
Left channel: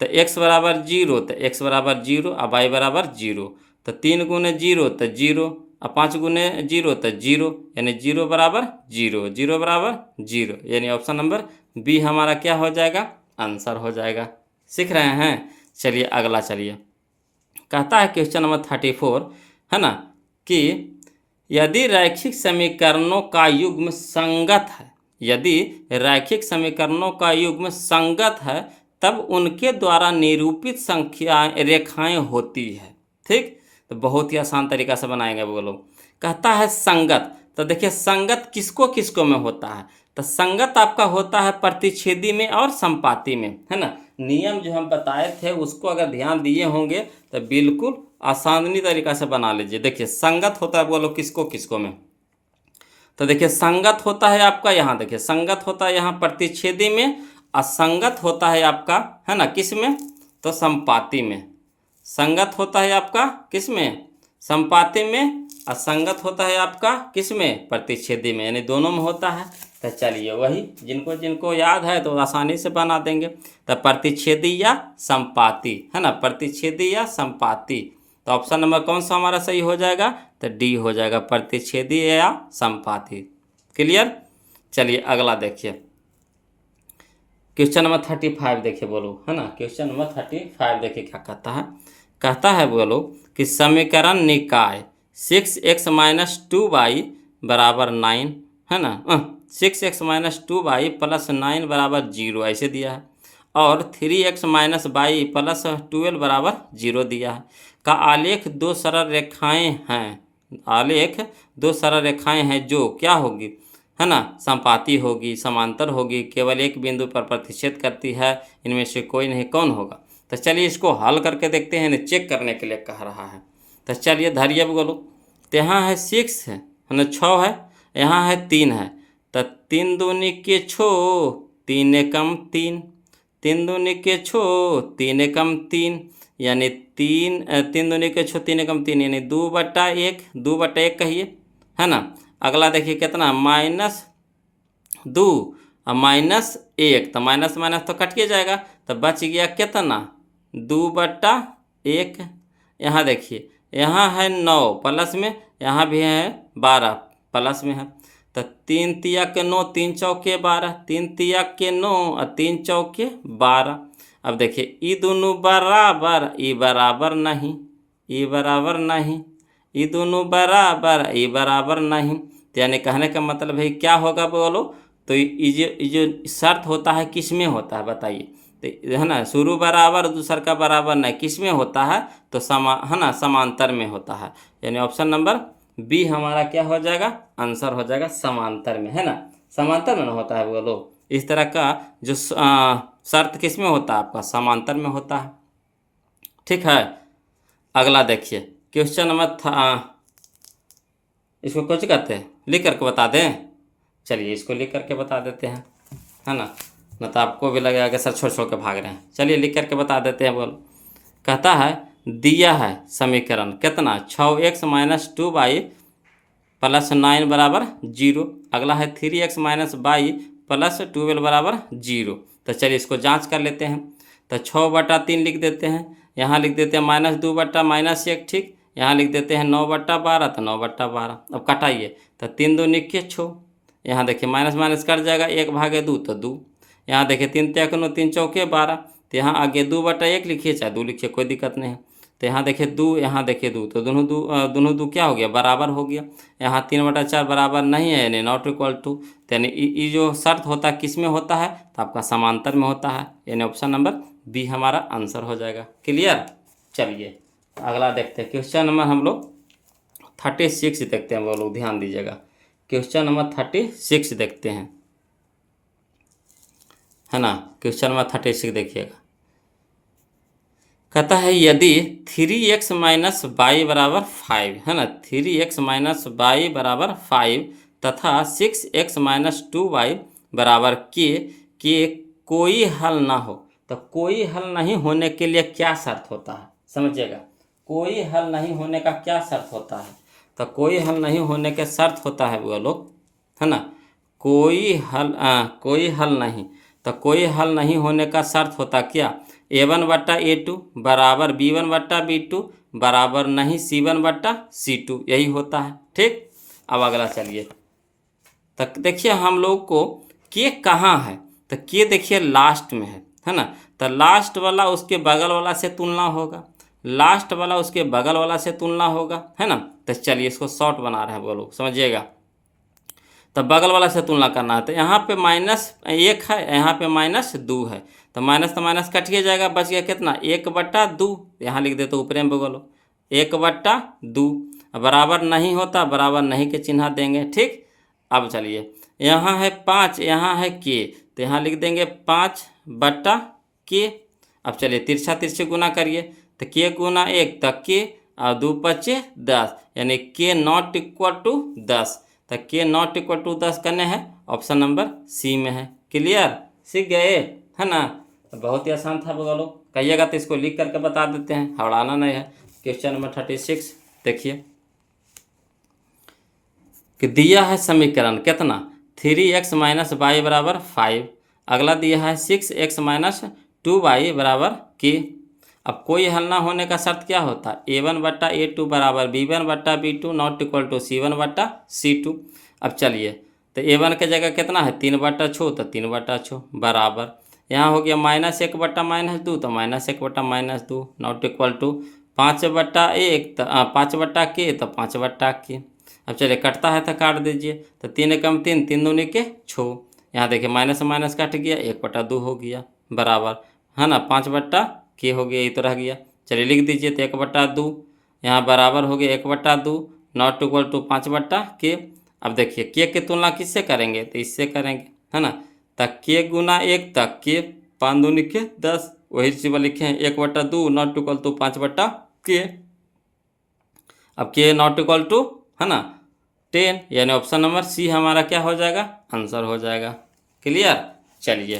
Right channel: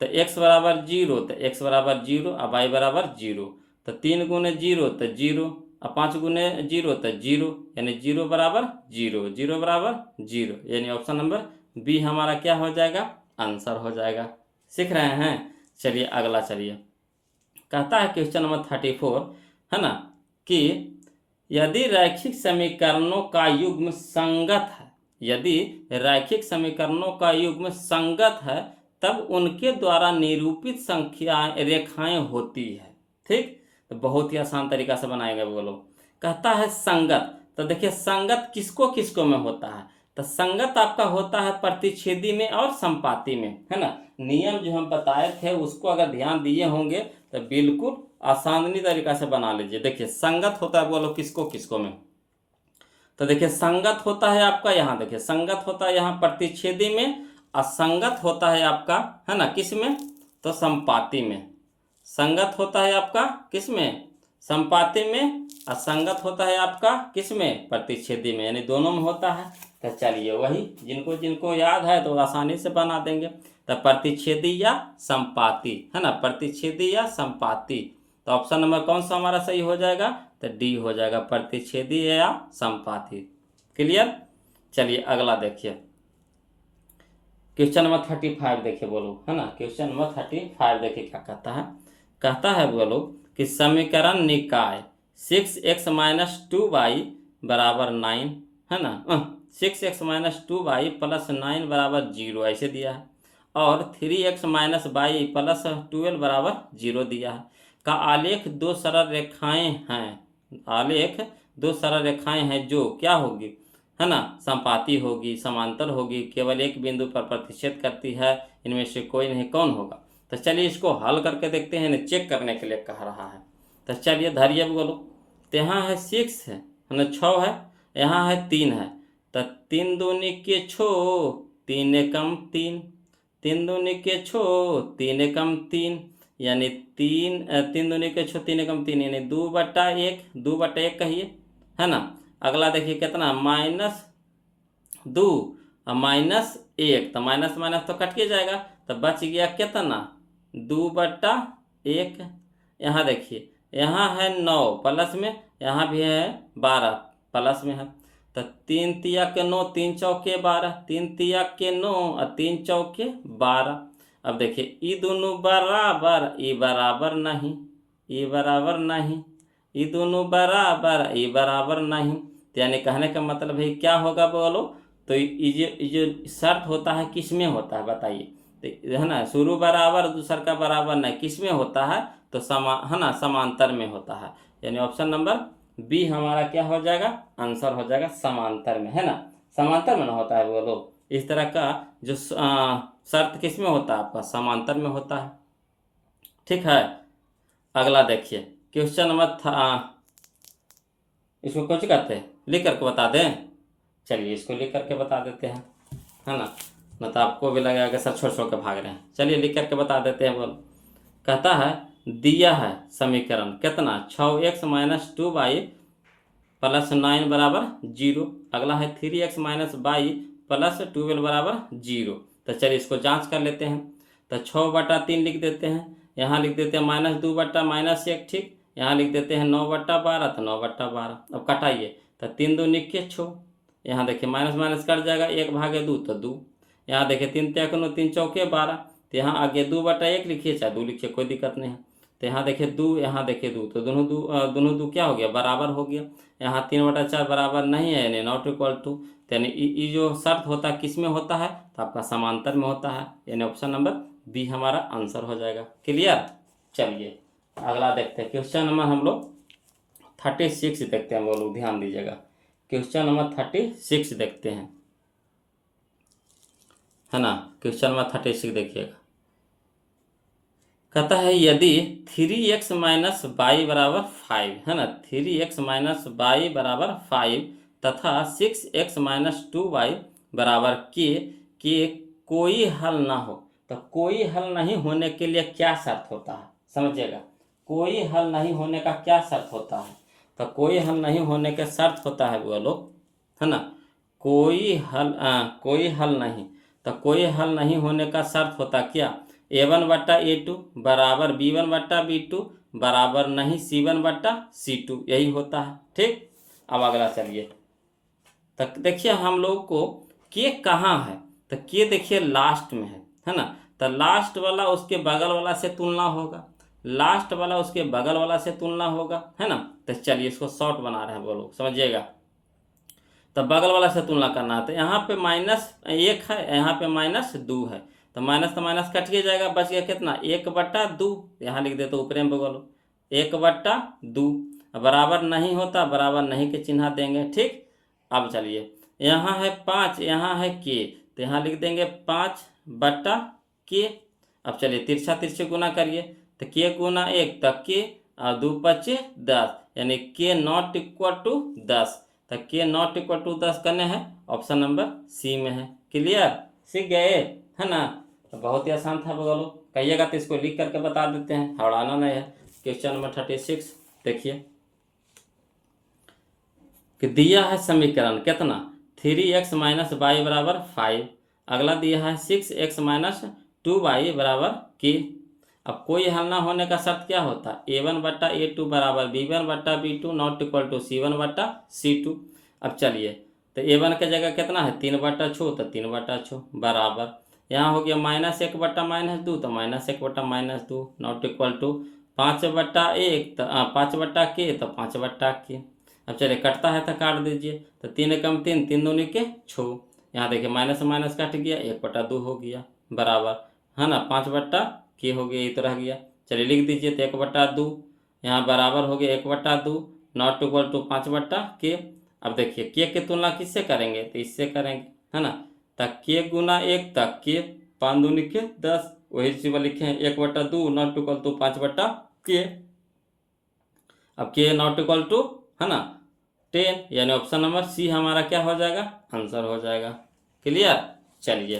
तो x बराबर 0, तो x बराबर 0 और y बराबर 0, तो 3 गुने 0 तो 0 और 5 गुने 0 तो 0, यानी 0 बराबर 0, 0 बराबर 0, यानी ऑप्शन नंबर बी हमारा क्या हो जाएगा, आंसर हो जाएगा। सीख रहे हैं। चलिए अगला चलिए, कहता है क्वेश्चन नंबर 34, है ना, कि यदि रैखिक समीकरणों का युग्म संगत है, यदि रैखिक समीकरणों का युग्म संगत है तब उनके द्वारा निरूपित संख्याएं रेखाएं होती है, ठीक। तो बहुत ही आसान तरीका से बनाएंगे वो लोग। कहता है संगत, तो देखिए संगत किसको किसको में होता है, तो संगत आपका होता है प्रतिच्छेदी में और संपाती में, है ना। नियम जो हम बताए थे उसको अगर ध्यान दिए होंगे तो बिल्कुल आसानी तरीका से बना लीजिए। देखिए संगत होता है बोलो किसको किसको में, तो देखिए संगत होता है आपका, यहाँ देखिए संगत होता है यहाँ प्रतिच्छेदी में, असंगत होता है आपका, है ना, किस में, तो संपाती में। संगत होता है आपका किस में, संपाती में, असंगत होता है आपका किस में, प्रतिच्छेदी में, यानी दोनों में होता है। तो चलिए वही जिनको जिनको याद है तो आसानी से बना देंगे। तो प्रतिच्छेदी या संपाती, है ना, प्रतिच्छेदी या संपाती, तो ऑप्शन नंबर कौन सा हमारा सही हो जाएगा, तो डी हो जाएगा, प्रतिच्छेदी या संपाती। क्लियर। चलिए अगला देखिए, क्वेश्चन नंबर 35 देखिए बोलो, है ना, क्वेश्चन नंबर 35 देखिए क्या कहता है बोलो कि समीकरण निकाय 6x माइनस 2y बराबर 9, है ना, 6x माइनस 2y प्लस 9 बराबर 0 ऐसे दिया है, और 3x माइनस y प्लस 12 बराबर 0 दिया है, का आलेख दो सरल रेखाएं हैं, आलेख दो सरल रेखाएं हैं जो क्या होगी, है ना, संपाती होगी, समांतर होगी, केवल एक बिंदु पर प्रतिच्छेद करती है, इनमें से कोई नहीं, कौन होगा। तो चलिए इसको हल करके देखते हैं, चेक करने के लिए कह रहा है। तो चलिए धैर्य बोलो, तो यहाँ है 6 है ना, 6 है, यहाँ है 3 है, तो 3 दूनी के 6, 3 एकम 3, 3 दूनी के 6, 3 एकम 3, यानी 3 दूनी के 6, 3 एकम 3, यानी 2/1, 2/1 कहिए, है ना। अगला देखिए कितना, -2 और -1, तो माइनस माइनस तो कट के जाएगा, तो बच गया कितना, 2/1। यहाँ देखिए यहाँ है 9 प्लस में, यहाँ भी है 12 प्लस में है, तो 3 तिया के 9, 3 चौके 12, 3 तिया के 9 और 3 चौके 12। अब देखिए ई दोनों बराबर, ई बराबर नहीं, ई बराबर नहीं, ई दोनों बराबर, ई बराबर नहीं। तो यानी कहने का मतलब है क्या होगा बोलो, तो ये जो शर्त होता है किस में होता है बताइए, तो है ना, शुरू बराबर दूसर का बराबर नहीं, किस में होता है, तो है ना, समांतर में होता है। यानी ऑप्शन नंबर बी हमारा क्या हो जाएगा, आंसर हो जाएगा समांतर में, है ना, समांतर में ना होता है बोलो। इस तरह का जो शर्त किस में होता है आपका, समांतर में होता है। ठीक है, अगला देखिए क्वेश्चन नंबर इसको कुछ कहते हैं, लिख करके बता दें। चलिए इसको लिख करके बता देते हैं, है ना, न तो आपको भी लगेगा कि सर छोड़ छोड़ के भाग रहे हैं। चलिए लिख करके बता देते हैं। बोल कहता है दिया है समीकरण कितना, 6x-2y + 9 बराबर 0। अगला है 3x-y + 12 बराबर 0। तो चलिए इसको जांच कर लेते हैं। तो 6/3 लिख देते हैं, यहाँ लिख देते हैं -2/-1, ठीक, यहाँ लिख देते हैं 9/12, तो 9/12। अब कटाइए, तो 3 2 निके 6, यहाँ देखिए माइनस माइनस कट जाएगा, 1/2 तो 2, यहाँ देखिए 3 3 9 3 चौके 12, तो यहाँ आगे 2/1 लिखिए चाहे 2 लिखिए, कोई दिक्कत नहीं है। तो यहाँ देखिए 2, यहाँ देखिए 2, तो दोनों दो क्या हो गया, बराबर हो गया। यहाँ 3/4 बराबर नहीं है, यानी नॉट इक्वल टू। यानी ये जो शर्त होता है किस में होता है, तो आपका समांतर में होता है, यानी ऑप्शन नंबर बी हमारा आंसर हो जाएगा। क्लियर। चलिए अगला देखते हैं, क्वेश्चन नंबर हम लोग 36 देखते हैं। वो लोग ध्यान दीजिएगा, क्वेश्चन नंबर 36 देखते हैं, है ना। क्वेश्चन नंबर 36 देखिएगा, कहता है यदि 3x-y बराबर 5, है ना, 3x-y बराबर 5 तथा 6x-2y बराबर के कोई हल ना हो, तो कोई हल नहीं होने के लिए क्या शर्त होता है, समझिएगा, कोई हल नहीं होने का क्या शर्त होता है। तो कोई हल नहीं होने के शर्त होता है वो लोग, है ना, कोई हल नहीं, तो कोई हल नहीं होने का शर्त होता क्या, a1/a2 बराबर b1/b2 बराबर नहीं c1/c2, यही होता है। ठीक, अब अगला चलिए, तक देखिए हम लोग को के कहाँ है, तो के देखिए लास्ट में है ना, तो लास्ट वाला उसके बगल वाला से तुलना होगा, लास्ट वाला उसके बगल वाला से तुलना होगा, है ना। तो चलिए इसको शॉर्ट बना रहे हैं वो लोग, समझिएगा। तो बगल वाला से तुलना करना है, तो यहाँ पे -1 है, यहाँ पे -2 है, तो माइनस तो माइनस कटिए जाएगा, बच गया कितना, 1/2। यहाँ लिख देते ऊपर में बोलो 1/2, बराबर नहीं होता, बराबर नहीं के चिन्ह देंगे। ठीक, अब चलिए यहाँ है 5, यहाँ है के, तो यहाँ लिख देंगे 5/के। अब चलिए तिरछा तिरछे गुना करिए, तो के गुना 1 तक के, और 2 5 10, यानी के नॉट इक्वल टू 10। तो के नॉट इक्वल टू 10 करने हैं, ऑप्शन नंबर सी में है। क्लियर, सीख गए, है ना। तो बहुत ही आसान था बोलो, कहिएगा तो इसको लिख करके बता देते हैं, हड़ाना नहीं है। क्वेश्चन नंबर 36 देखिए कि दिया है समीकरण कितना, 3x-y बराबर 5। अगला दिया है 6x-2y बराबर के। अब कोई हल ना होने का शर्त क्या होता है, a1/a2 बराबर b1/b2 not equal to c1/c2। अब चलिए, तो a1 के जगह कितना है 3/6, तो 3/6 बराबर, यहाँ हो गया -1/-2, तो -1/-2 नॉट इक्वल टू 5/1, तो 5/के, तो 5/के। अब चलिए कटता है तो काट दीजिए, तो 3 कम 3, 3 दूनी के 6, यहाँ देखिए माइनस से माइनस कट गया, 1/2 हो गया बराबर, है ना, 5/के हो गया, ये तो रह गया। चलिए लिख दीजिए, तो 1/2 यहाँ बराबर हो गया 1/2 नॉट इक्वल टू 5/के। अब देखिए के तुलना किससे करेंगे, तो इससे करेंगे, है ना, तक के गुना 1 तक के, 5 दूनी के 10, वही चीज लिखे हैं 1/2 नॉट इक्वल टू 5/के। अब के नॉट इक्वल टू, है ना, 10, यानी ऑप्शन नंबर सी हमारा क्या हो जाएगा, आंसर हो जाएगा। क्लियर। चलिए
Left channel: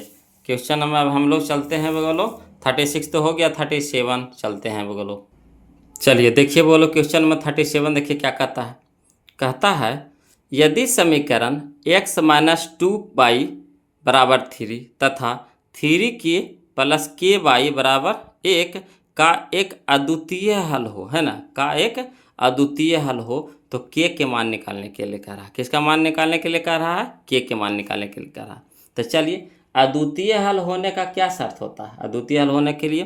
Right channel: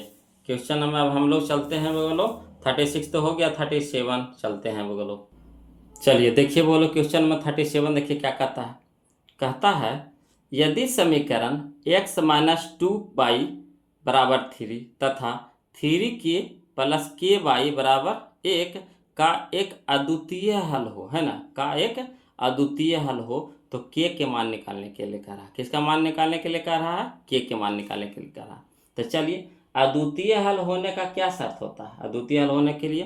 क्वेश्चन नंबर अब हम लोग चलते हैं बोलो, 36 तो हो गया, 37 चलते हैं बोलो। चलिए देखिए बोलो क्वेश्चन नंबर 37 देखिए क्या कहता है यदि समीकरण x-2y बराबर 3 तथा 3k + ky बराबर 1 का एक अद्वितीय हल हो, है ना, का एक अद्वितीय हल हो, तो के मान निकालने के लिए कह रहा है। किसका मान निकालने के लिए कह रहा है, के मान निकालने के लिए कह रहा है। तो चलिए अद्वितीय हल होने का क्या शर्त होता है? अद्वितीय हल होने के लिए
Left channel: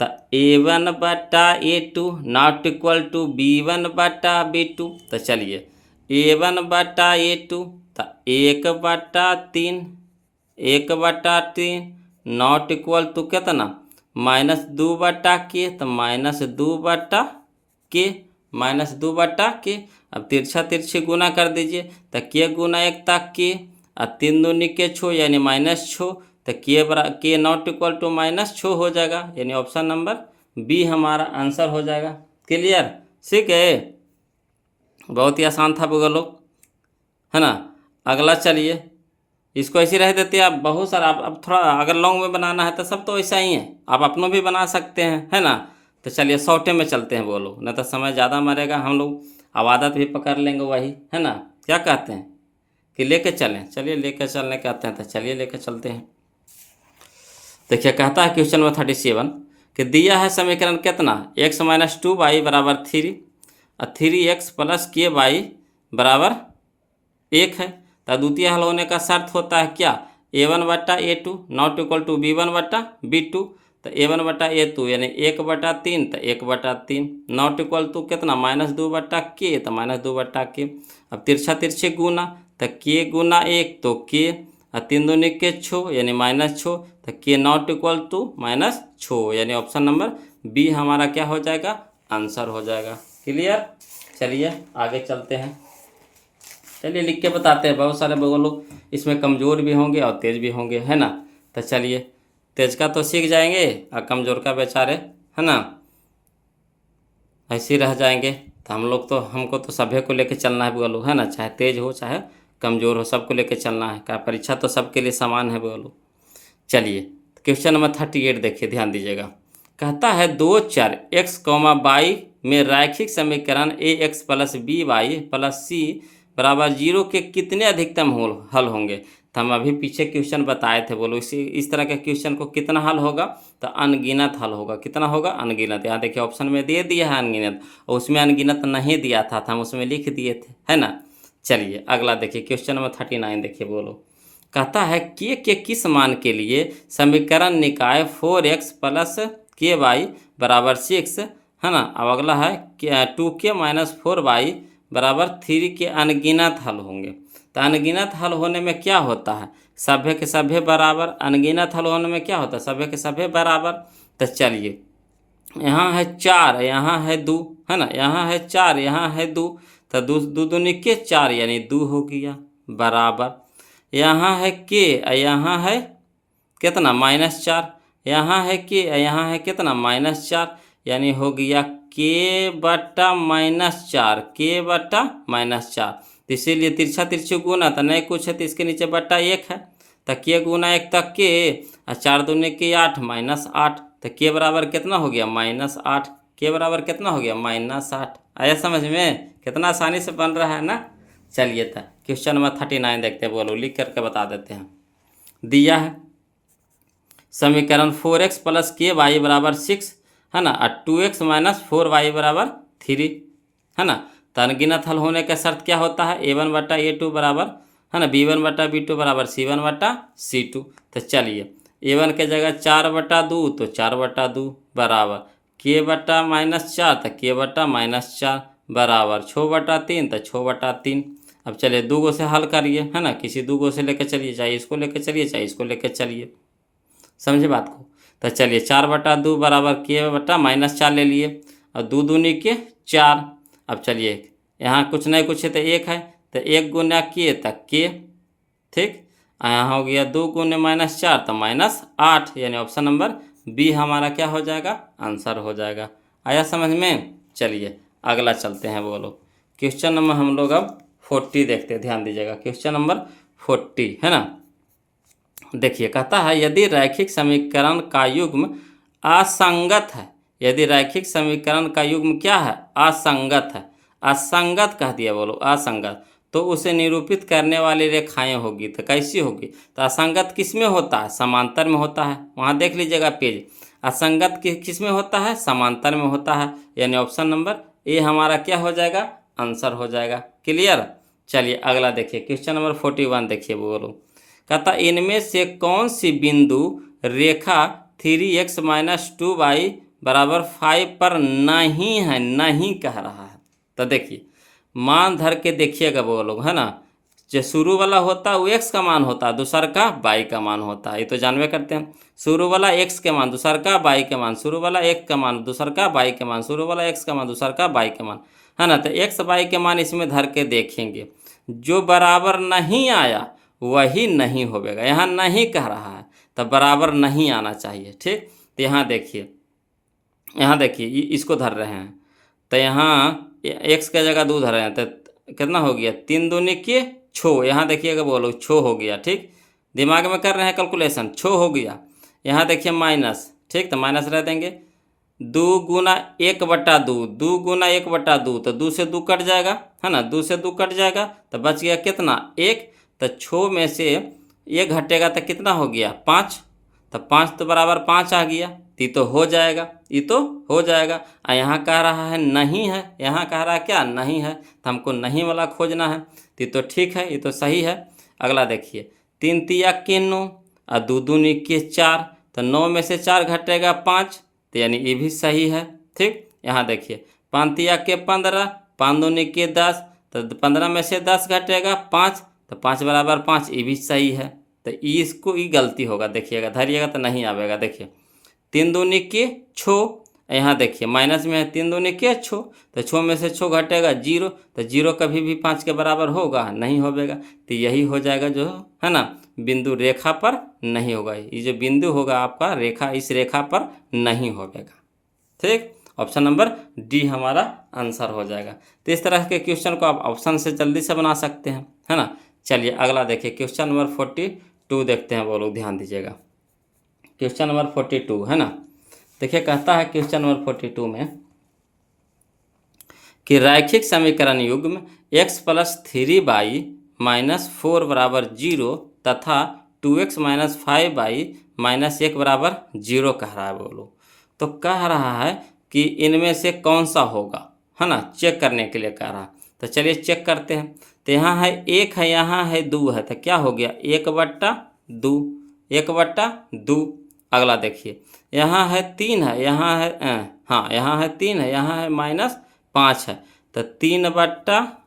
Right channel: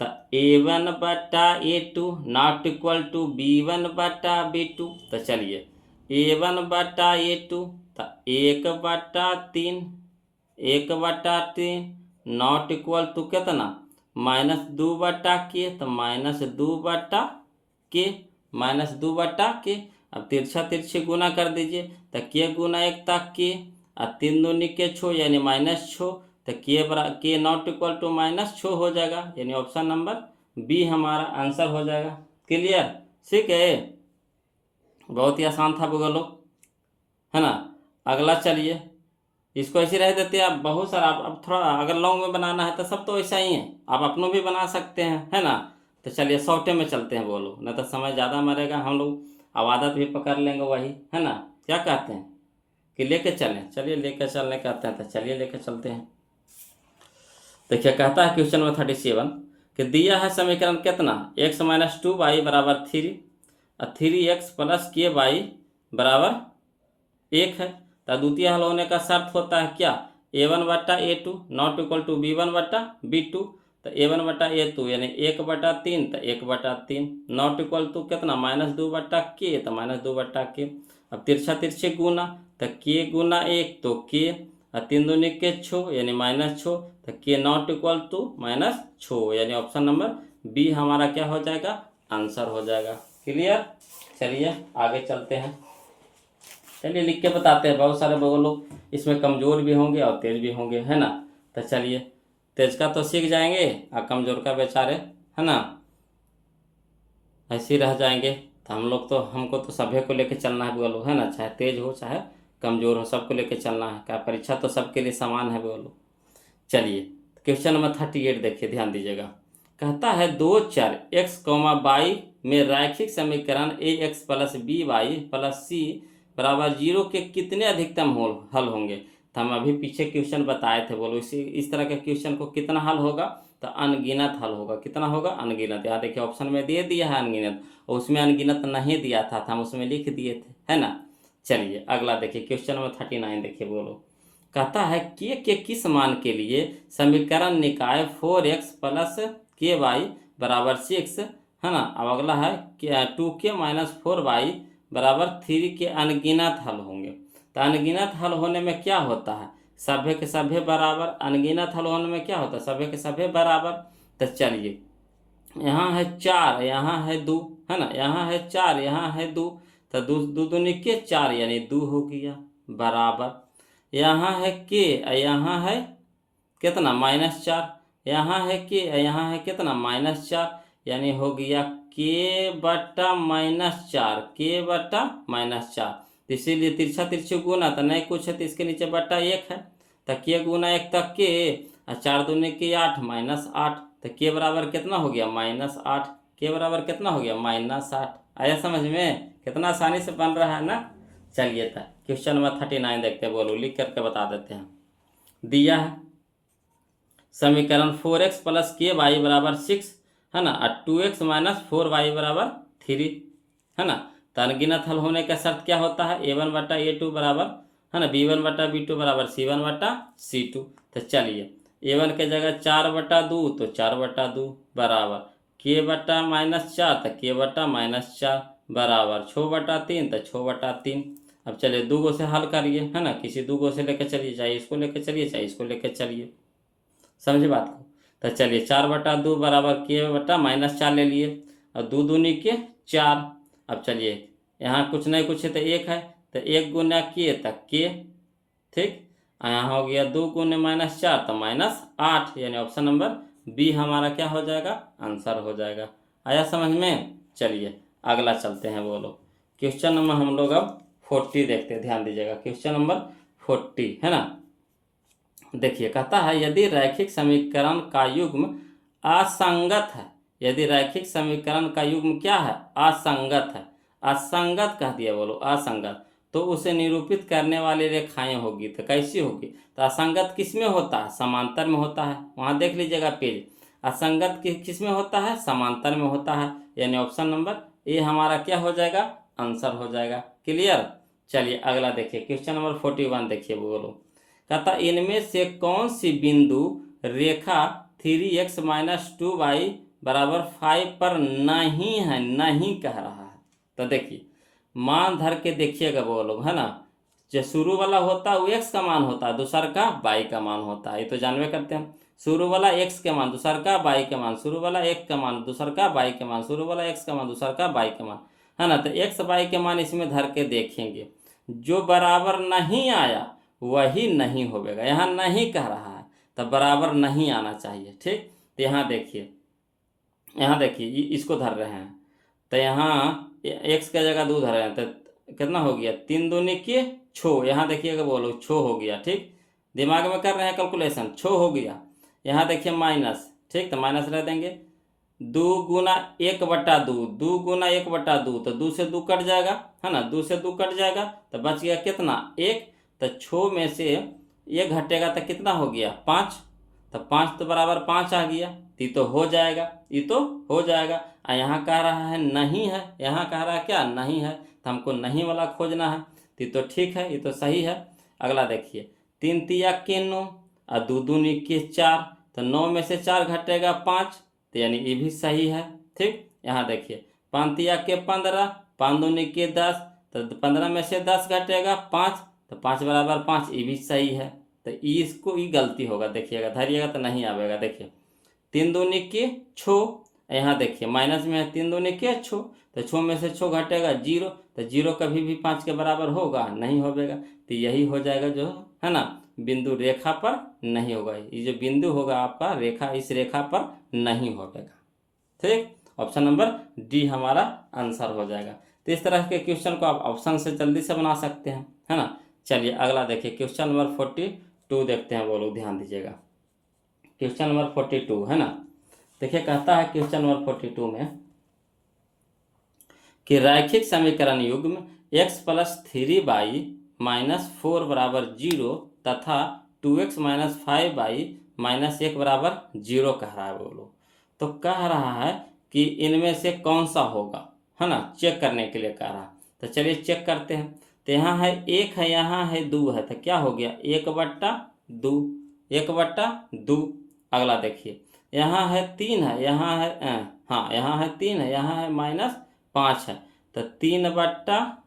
तो A1/A2 not equal to B1/B2। तो चलिए A1/A2 तो 1/3, 1/3 नॉट इक्वल टू कितना -2/k, तो -2/k, -2/k। अब तिरछा तिरछी गुना कर दीजिए तो k गुना 1 तक k और 3 दूनी के 6 यानी -6, तो k नॉट इक्वल टू -6 हो जाएगा, यानी ऑप्शन नंबर बी हमारा आंसर हो जाएगा। क्लियर? ठीक है, बहुत ही आसान था बोलो, है ना। अगला चलिए, इसको ऐसे रह देते आप, बहुत सारा अब थोड़ा अगर लॉन्ग में बनाना है तो सब तो ऐसा ही है, आप अपनों भी बना सकते हैं, है ना। तो चलिए शॉर्टे में चलते हैं बोलो, नहीं तो समय ज़्यादा मरेगा, हम लोग अब आदत भी पकड़ लेंगे वही, है ना। क्या कहते हैं कि लेके चलें? चलिए लेके चलने कहते हैं तो चलिए लेके चलते हैं। देखिए कहता है क्वेश्चन नंबर 37 कि दिया है समीकरण कितना x-2y बराबर 3 और 3x + k बराबर 1 है। तो द्वितीय हल होने का शर्त होता है क्या? A1/A2 not equal to B1/B2। तो A1/A2 यानी 1/3, तो 1/3 नॉट इक्वल टू कितना -2/k, तो -2/k। अब तिरछा तिरछे गुना तो k गुना 1 तो k और 3 दूनी के 6 यानी -6, तो k नॉट इक्वल टू -6, यानी ऑप्शन नंबर बी हमारा क्या हो जाएगा? आंसर हो जाएगा। क्लियर? चलिए आगे चलते हैं। चलिए लिख के बताते हैं, बहुत सारे बोलो इसमें कमज़ोर भी होंगे और तेज़ भी होंगे, है ना। तो चलिए तेज का तो सीख जाएंगे और कमज़ोर का बेचारे, है ना, ऐसे ही रह जाएंगे। तो हमको तो सभी को लेके चलना है बोलो, है ना, चाहे तेज हो चाहे कमज़ोर हो, सबको लेके चलना है। क्या परीक्षा तो सबके लिए समान है बोलो। चलिए क्वेश्चन नंबर 38 देखिए, ध्यान दीजिएगा। कहता है दो चर x, y में रैखिक समीकरण ax + by + c बराबर 0 के कितने अधिकतम हल होंगे? तो हम अभी पीछे क्वेश्चन बताए थे बोलो, इस तरह के क्वेश्चन को कितना हल होगा? तो अनगिनत हल होगा। कितना होगा? अनगिनत। यहाँ देखिए ऑप्शन में दे दिया है अनगिनत, और उसमें अनगिनत नहीं दिया था, हम उसमें लिख दिए थे, है ना। चलिए अगला देखिए क्वेश्चन नंबर 39 देखिए बोलो। कहता है के किस मान के लिए समीकरण निकाय 4x + ky बराबर 6, है ना। अब अगला है 2k - 4y बराबर 3 के अनगिनत हल होंगे। तो अनगिनत हल होने में क्या होता है? सभ्य के सभ्य बराबर। अनगिनत हल होने में क्या होता है? सभ्य के सभ्य बराबर। तो चलिए यहाँ है 4, यहाँ है 2, है ना, यहाँ है 4, यहाँ है 2, तो 2 दूनी के 4 यानी 2 हो गया बराबर। यहाँ है के, यहाँ है कितना -4, यहाँ है के, यहाँ है कितना -4, यानी हो गया k/-4, k/-4। तो इसीलिए तिरछा तिरछी गुना तो नहीं कुछ है, तो इसके नीचे बट्टा 1 है, तो k गुना 1 तक के और 4 दूनी के 8 -8, तो k बराबर कितना हो गया? -8। k बराबर कितना हो गया? -8। आया समझ में? कितना आसानी से बन रहा है ना। चलिए तो क्वेश्चन नंबर 39 देखते हैं बोलो, लिख करके बता देते हैं। दिया है समीकरण 4x + ky बराबर 6, है ना, और 2x - 4y बराबर 3, है ना। तो अनगिनत हल होने का शर्त क्या होता है? A1/A2 बराबर, है ना, B1/B2 बराबर C1/C2। तो चलिए A1 के जगह 4/2 तो 4/2 बराबर k/-4 तो k/-4 बराबर 6/3 तो 6/3। अब चलिए 2 गो से हल करिए, है ना, किसी 2 गो से लेकर चलिए, चाहे इसको लेकर चलिए चाहे इसको लेकर चलिए, समझे बात को। तो चलिए 4/2 बराबर k/-4 ले लिए और 2 दूनी के 4। अब चलिए यहाँ कुछ नहीं कुछ है तो 1 है, तो 1 गुना k तक k, ठीक। यहाँ हो गया 2 गुने -4 तो -8, यानी ऑप्शन नंबर बी हमारा क्या हो जाएगा? आंसर हो जाएगा। आया समझ में? चलिए अगला चलते हैं बोलो। क्वेश्चन नंबर हम लोग अब 40 देखते हैं, ध्यान दीजिएगा। क्वेश्चन नंबर 40, है ना। देखिए कहता है यदि रैखिक समीकरण का युग्म असंगत है, यदि रैखिक समीकरण का युग्म क्या है? असंगत है। असंगत कह दिया बोलो, असंगत, तो उसे निरूपित करने वाली रेखाएं होगी। तो कैसी होगी? तो असंगत किस में होता है? समांतर में होता है। वहाँ देख लीजिएगा पेज, असंगत किस में होता है? समांतर में होता है, यानी ऑप्शन नंबर ए हमारा क्या हो जाएगा? आंसर हो जाएगा। क्लियर? चलिए अगला देखिए क्वेश्चन नंबर 41 देखिए बोलो। कहता इनमें से कौन सी बिंदु रेखा 3x - 2y बराबर 5 पर नहीं है, नहीं कह रहा है। तो देखिए मान धर के देखिएगा वो लोग, है ना, जो शुरू वाला होता है वो x का मान होता है, दूसर का y का मान होता है, ये तो जानवे करते हैं। शुरू वाला x के मान, दूसर का y के मान, शुरू वाला एक का मान, दूसर का y के मान, शुरू वाला x का मान, दूसर का y के मान, है ना। तो x y के मान इसमें धर के देखेंगे, जो बराबर नहीं आया वही नहीं होगा। यहाँ नहीं कह रहा है तो बराबर नहीं आना चाहिए, ठीक। तो यहाँ देखिए इसको धर रहे हैं, तो यहाँ x का जगह 2 धर रहे हैं, तो कितना हो गया 3 दूनी के 6। यहाँ देखिएगा बोलो 6 हो गया, ठीक। दिमाग में कर रहे हैं कैलकुलेशन, 6 हो गया। यहाँ देखिए माइनस, ठीक, तो माइनस रह देंगे। 2 गुना 1/2, 2 गुना 1/2, तो 2 से 2 कट जाएगा, है ना, 2 से 2 कट जाएगा तो बच गया कितना 1। तो 6 में से 1 घटेगा तो कितना हो गया 5, तो 5 तो बराबर 5 आ गया, तो हो जाएगा, ये तो हो जाएगा। और यहाँ कह रहा है नहीं है, यहाँ कह रहा है क्या नहीं है, तो हमको नहीं वाला खोजना है, तो ठीक है, ये तो सही है। अगला देखिए 3 तिया के 9 और 2 दूनी के 4, तो 9 में से 4 घटेगा 5, तो यानी ये भी सही है, ठीक। यहाँ देखिए 5 तिया के 15, 5 दूनी के 10, तो 15 में से 10 घटेगा 5, तो 5 बराबर 5, ये भी सही है। तो इसको ये गलती होगा, देखिएगा धरिएगा तो नहीं आवेगा। देखिए 3 दूनी के 6, यहाँ देखिए माइनस में है, 3 दूनी के 6, तो 6 में से 6 घटेगा 0, तो 0 कभी भी 5 के बराबर होगा नहीं होगा, तो यही हो जाएगा जो है ना बिंदु रेखा पर नहीं होगा। ये जो बिंदु होगा आपका रेखा, इस रेखा पर नहीं होगा, ठीक। ऑप्शन नंबर डी हमारा आंसर हो जाएगा। तो इस तरह के क्वेश्चन को आप ऑप्शन से जल्दी से बना सकते हैं, है ना। चलिए अगला देखिए क्वेश्चन नंबर 42 देखते हैं, वो लोग ध्यान दीजिएगा। क्वेश्चन नंबर 42 है ना, देखिए कहता है क्वेश्चन नंबर 42 में कि रैखिक समीकरण युग्म x + 3y - 4 बराबर 0 तथा 2x - 5y - 1 बराबर 0 कह रहा है। बोलो तो कह रहा है कि इनमें से कौन सा होगा, है ना, चेक करने के लिए कह रहा है। तो चलिए चेक करते हैं। तो यहाँ है 1 है, यहाँ है 2 है, तो क्या हो गया 1/2, 1/2। अगला देखिए यहाँ है 3 है, यहाँ है हाँ यहाँ है 3 है, यहाँ है -5 है, तो 3/-5,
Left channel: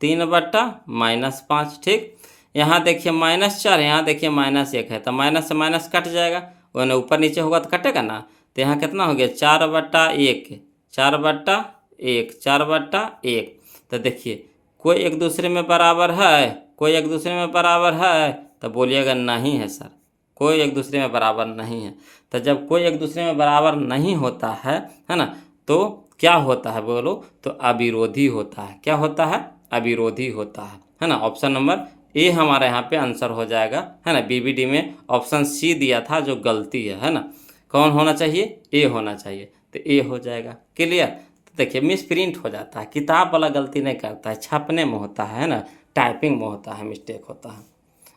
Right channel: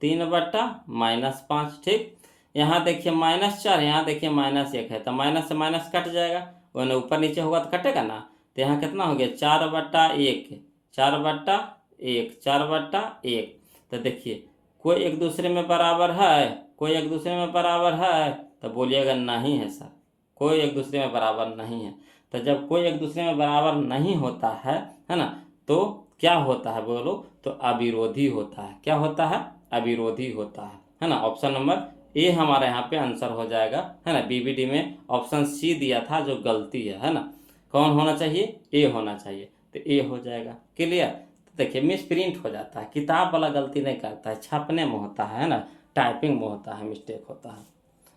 3/-5, ठीक। यहाँ देखिए -4 है, यहाँ देखिए -1 है, तो माइनस से माइनस कट जाएगा, वरना ऊपर नीचे होगा तो कटेगा ना। तो यहाँ कितना हो गया 4/1, 4/1, 4/1। तो देखिए कोई एक दूसरे में बराबर है, कोई एक दूसरे में बराबर है, तो बोलिएगा नहीं है सर, कोई एक दूसरे में बराबर नहीं है। तो जब कोई एक दूसरे में बराबर नहीं होता है ना, तो क्या होता है बोलो, तो अविरोधी होता है। क्या होता है, अविरोधी होता है ना। ऑप्शन नंबर ए हमारे यहाँ पे आंसर हो जाएगा, है ना। बीबीडी में ऑप्शन सी दिया था जो गलती है ना। कौन होना चाहिए, ए होना चाहिए, तो ए हो जाएगा। क्लियर। तो देखिए मिस प्रिंट हो जाता है, किताब वाला गलती नहीं करता है, छापने में होता है ना, टाइपिंग में होता है, मिस्टेक होता है,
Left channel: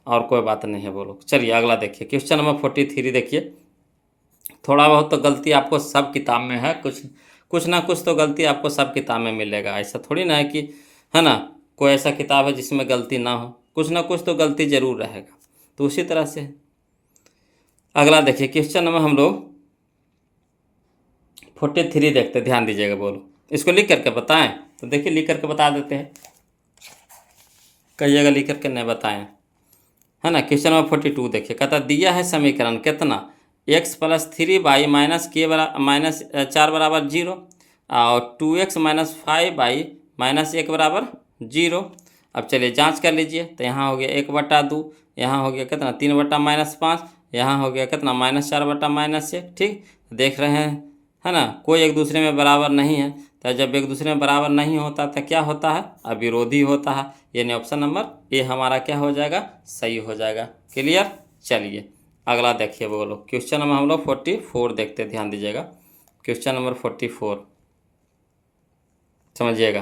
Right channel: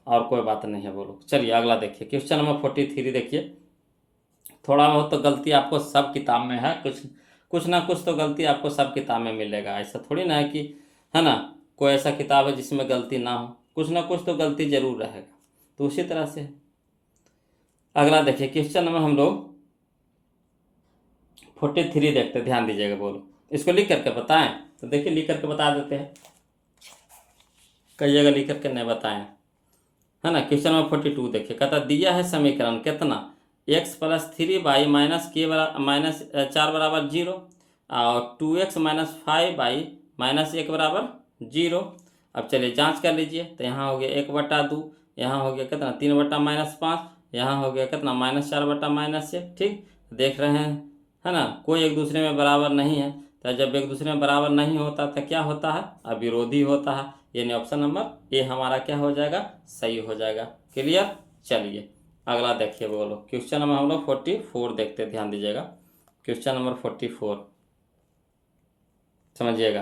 और कोई बात नहीं है बोलो। चलिए अगला देखिए क्वेश्चन नंबर 43 देखिए। थोड़ा बहुत तो गलती आपको सब किताब में है, कुछ ना कुछ तो गलती आपको सब किताब में मिलेगा। ऐसा थोड़ी ना है कि, है ना, कोई ऐसा किताब है जिसमें गलती ना हो, कुछ ना कुछ तो गलती जरूर रहेगा। तो उसी तरह से अगला देखिए क्वेश्चन नंबर हम लोग 43 देखते, ध्यान दीजिएगा। बोलो इसको लिख करके बताएं, तो देखिए लिख करके बता देते हैं, कई जगह लिख करके नहीं बताएं, है ना। क्वेश्चन नंबर 42 देखिए, कहता दिया है समीकरण कितना x + 3y - k -4 बराबर 0 और 2x - 5y - 1 बराबर 0। अब चलिए जांच कर लीजिए। तो यहाँ हो गया 1/2, यहाँ हो गया कितना 3/-5, यहाँ हो गया कितना -4/-1, ठीक। देख रहे हैं, है ना, कोई एक दूसरे में बराबर नहीं है। तो जब एक दूसरे में बराबर नहीं होता तो क्या होता है, अविरोधी होता है, यानी ऑप्शन नंबर ए हमारा क्या हो जाएगा, सही हो जाएगा। क्लियर। चलिए अगला देखिए, बोलो क्वेश्चन नंबर हम लोग 44 देखते, ध्यान दीजिएगा। क्वेश्चन नंबर 44 समझिएगा।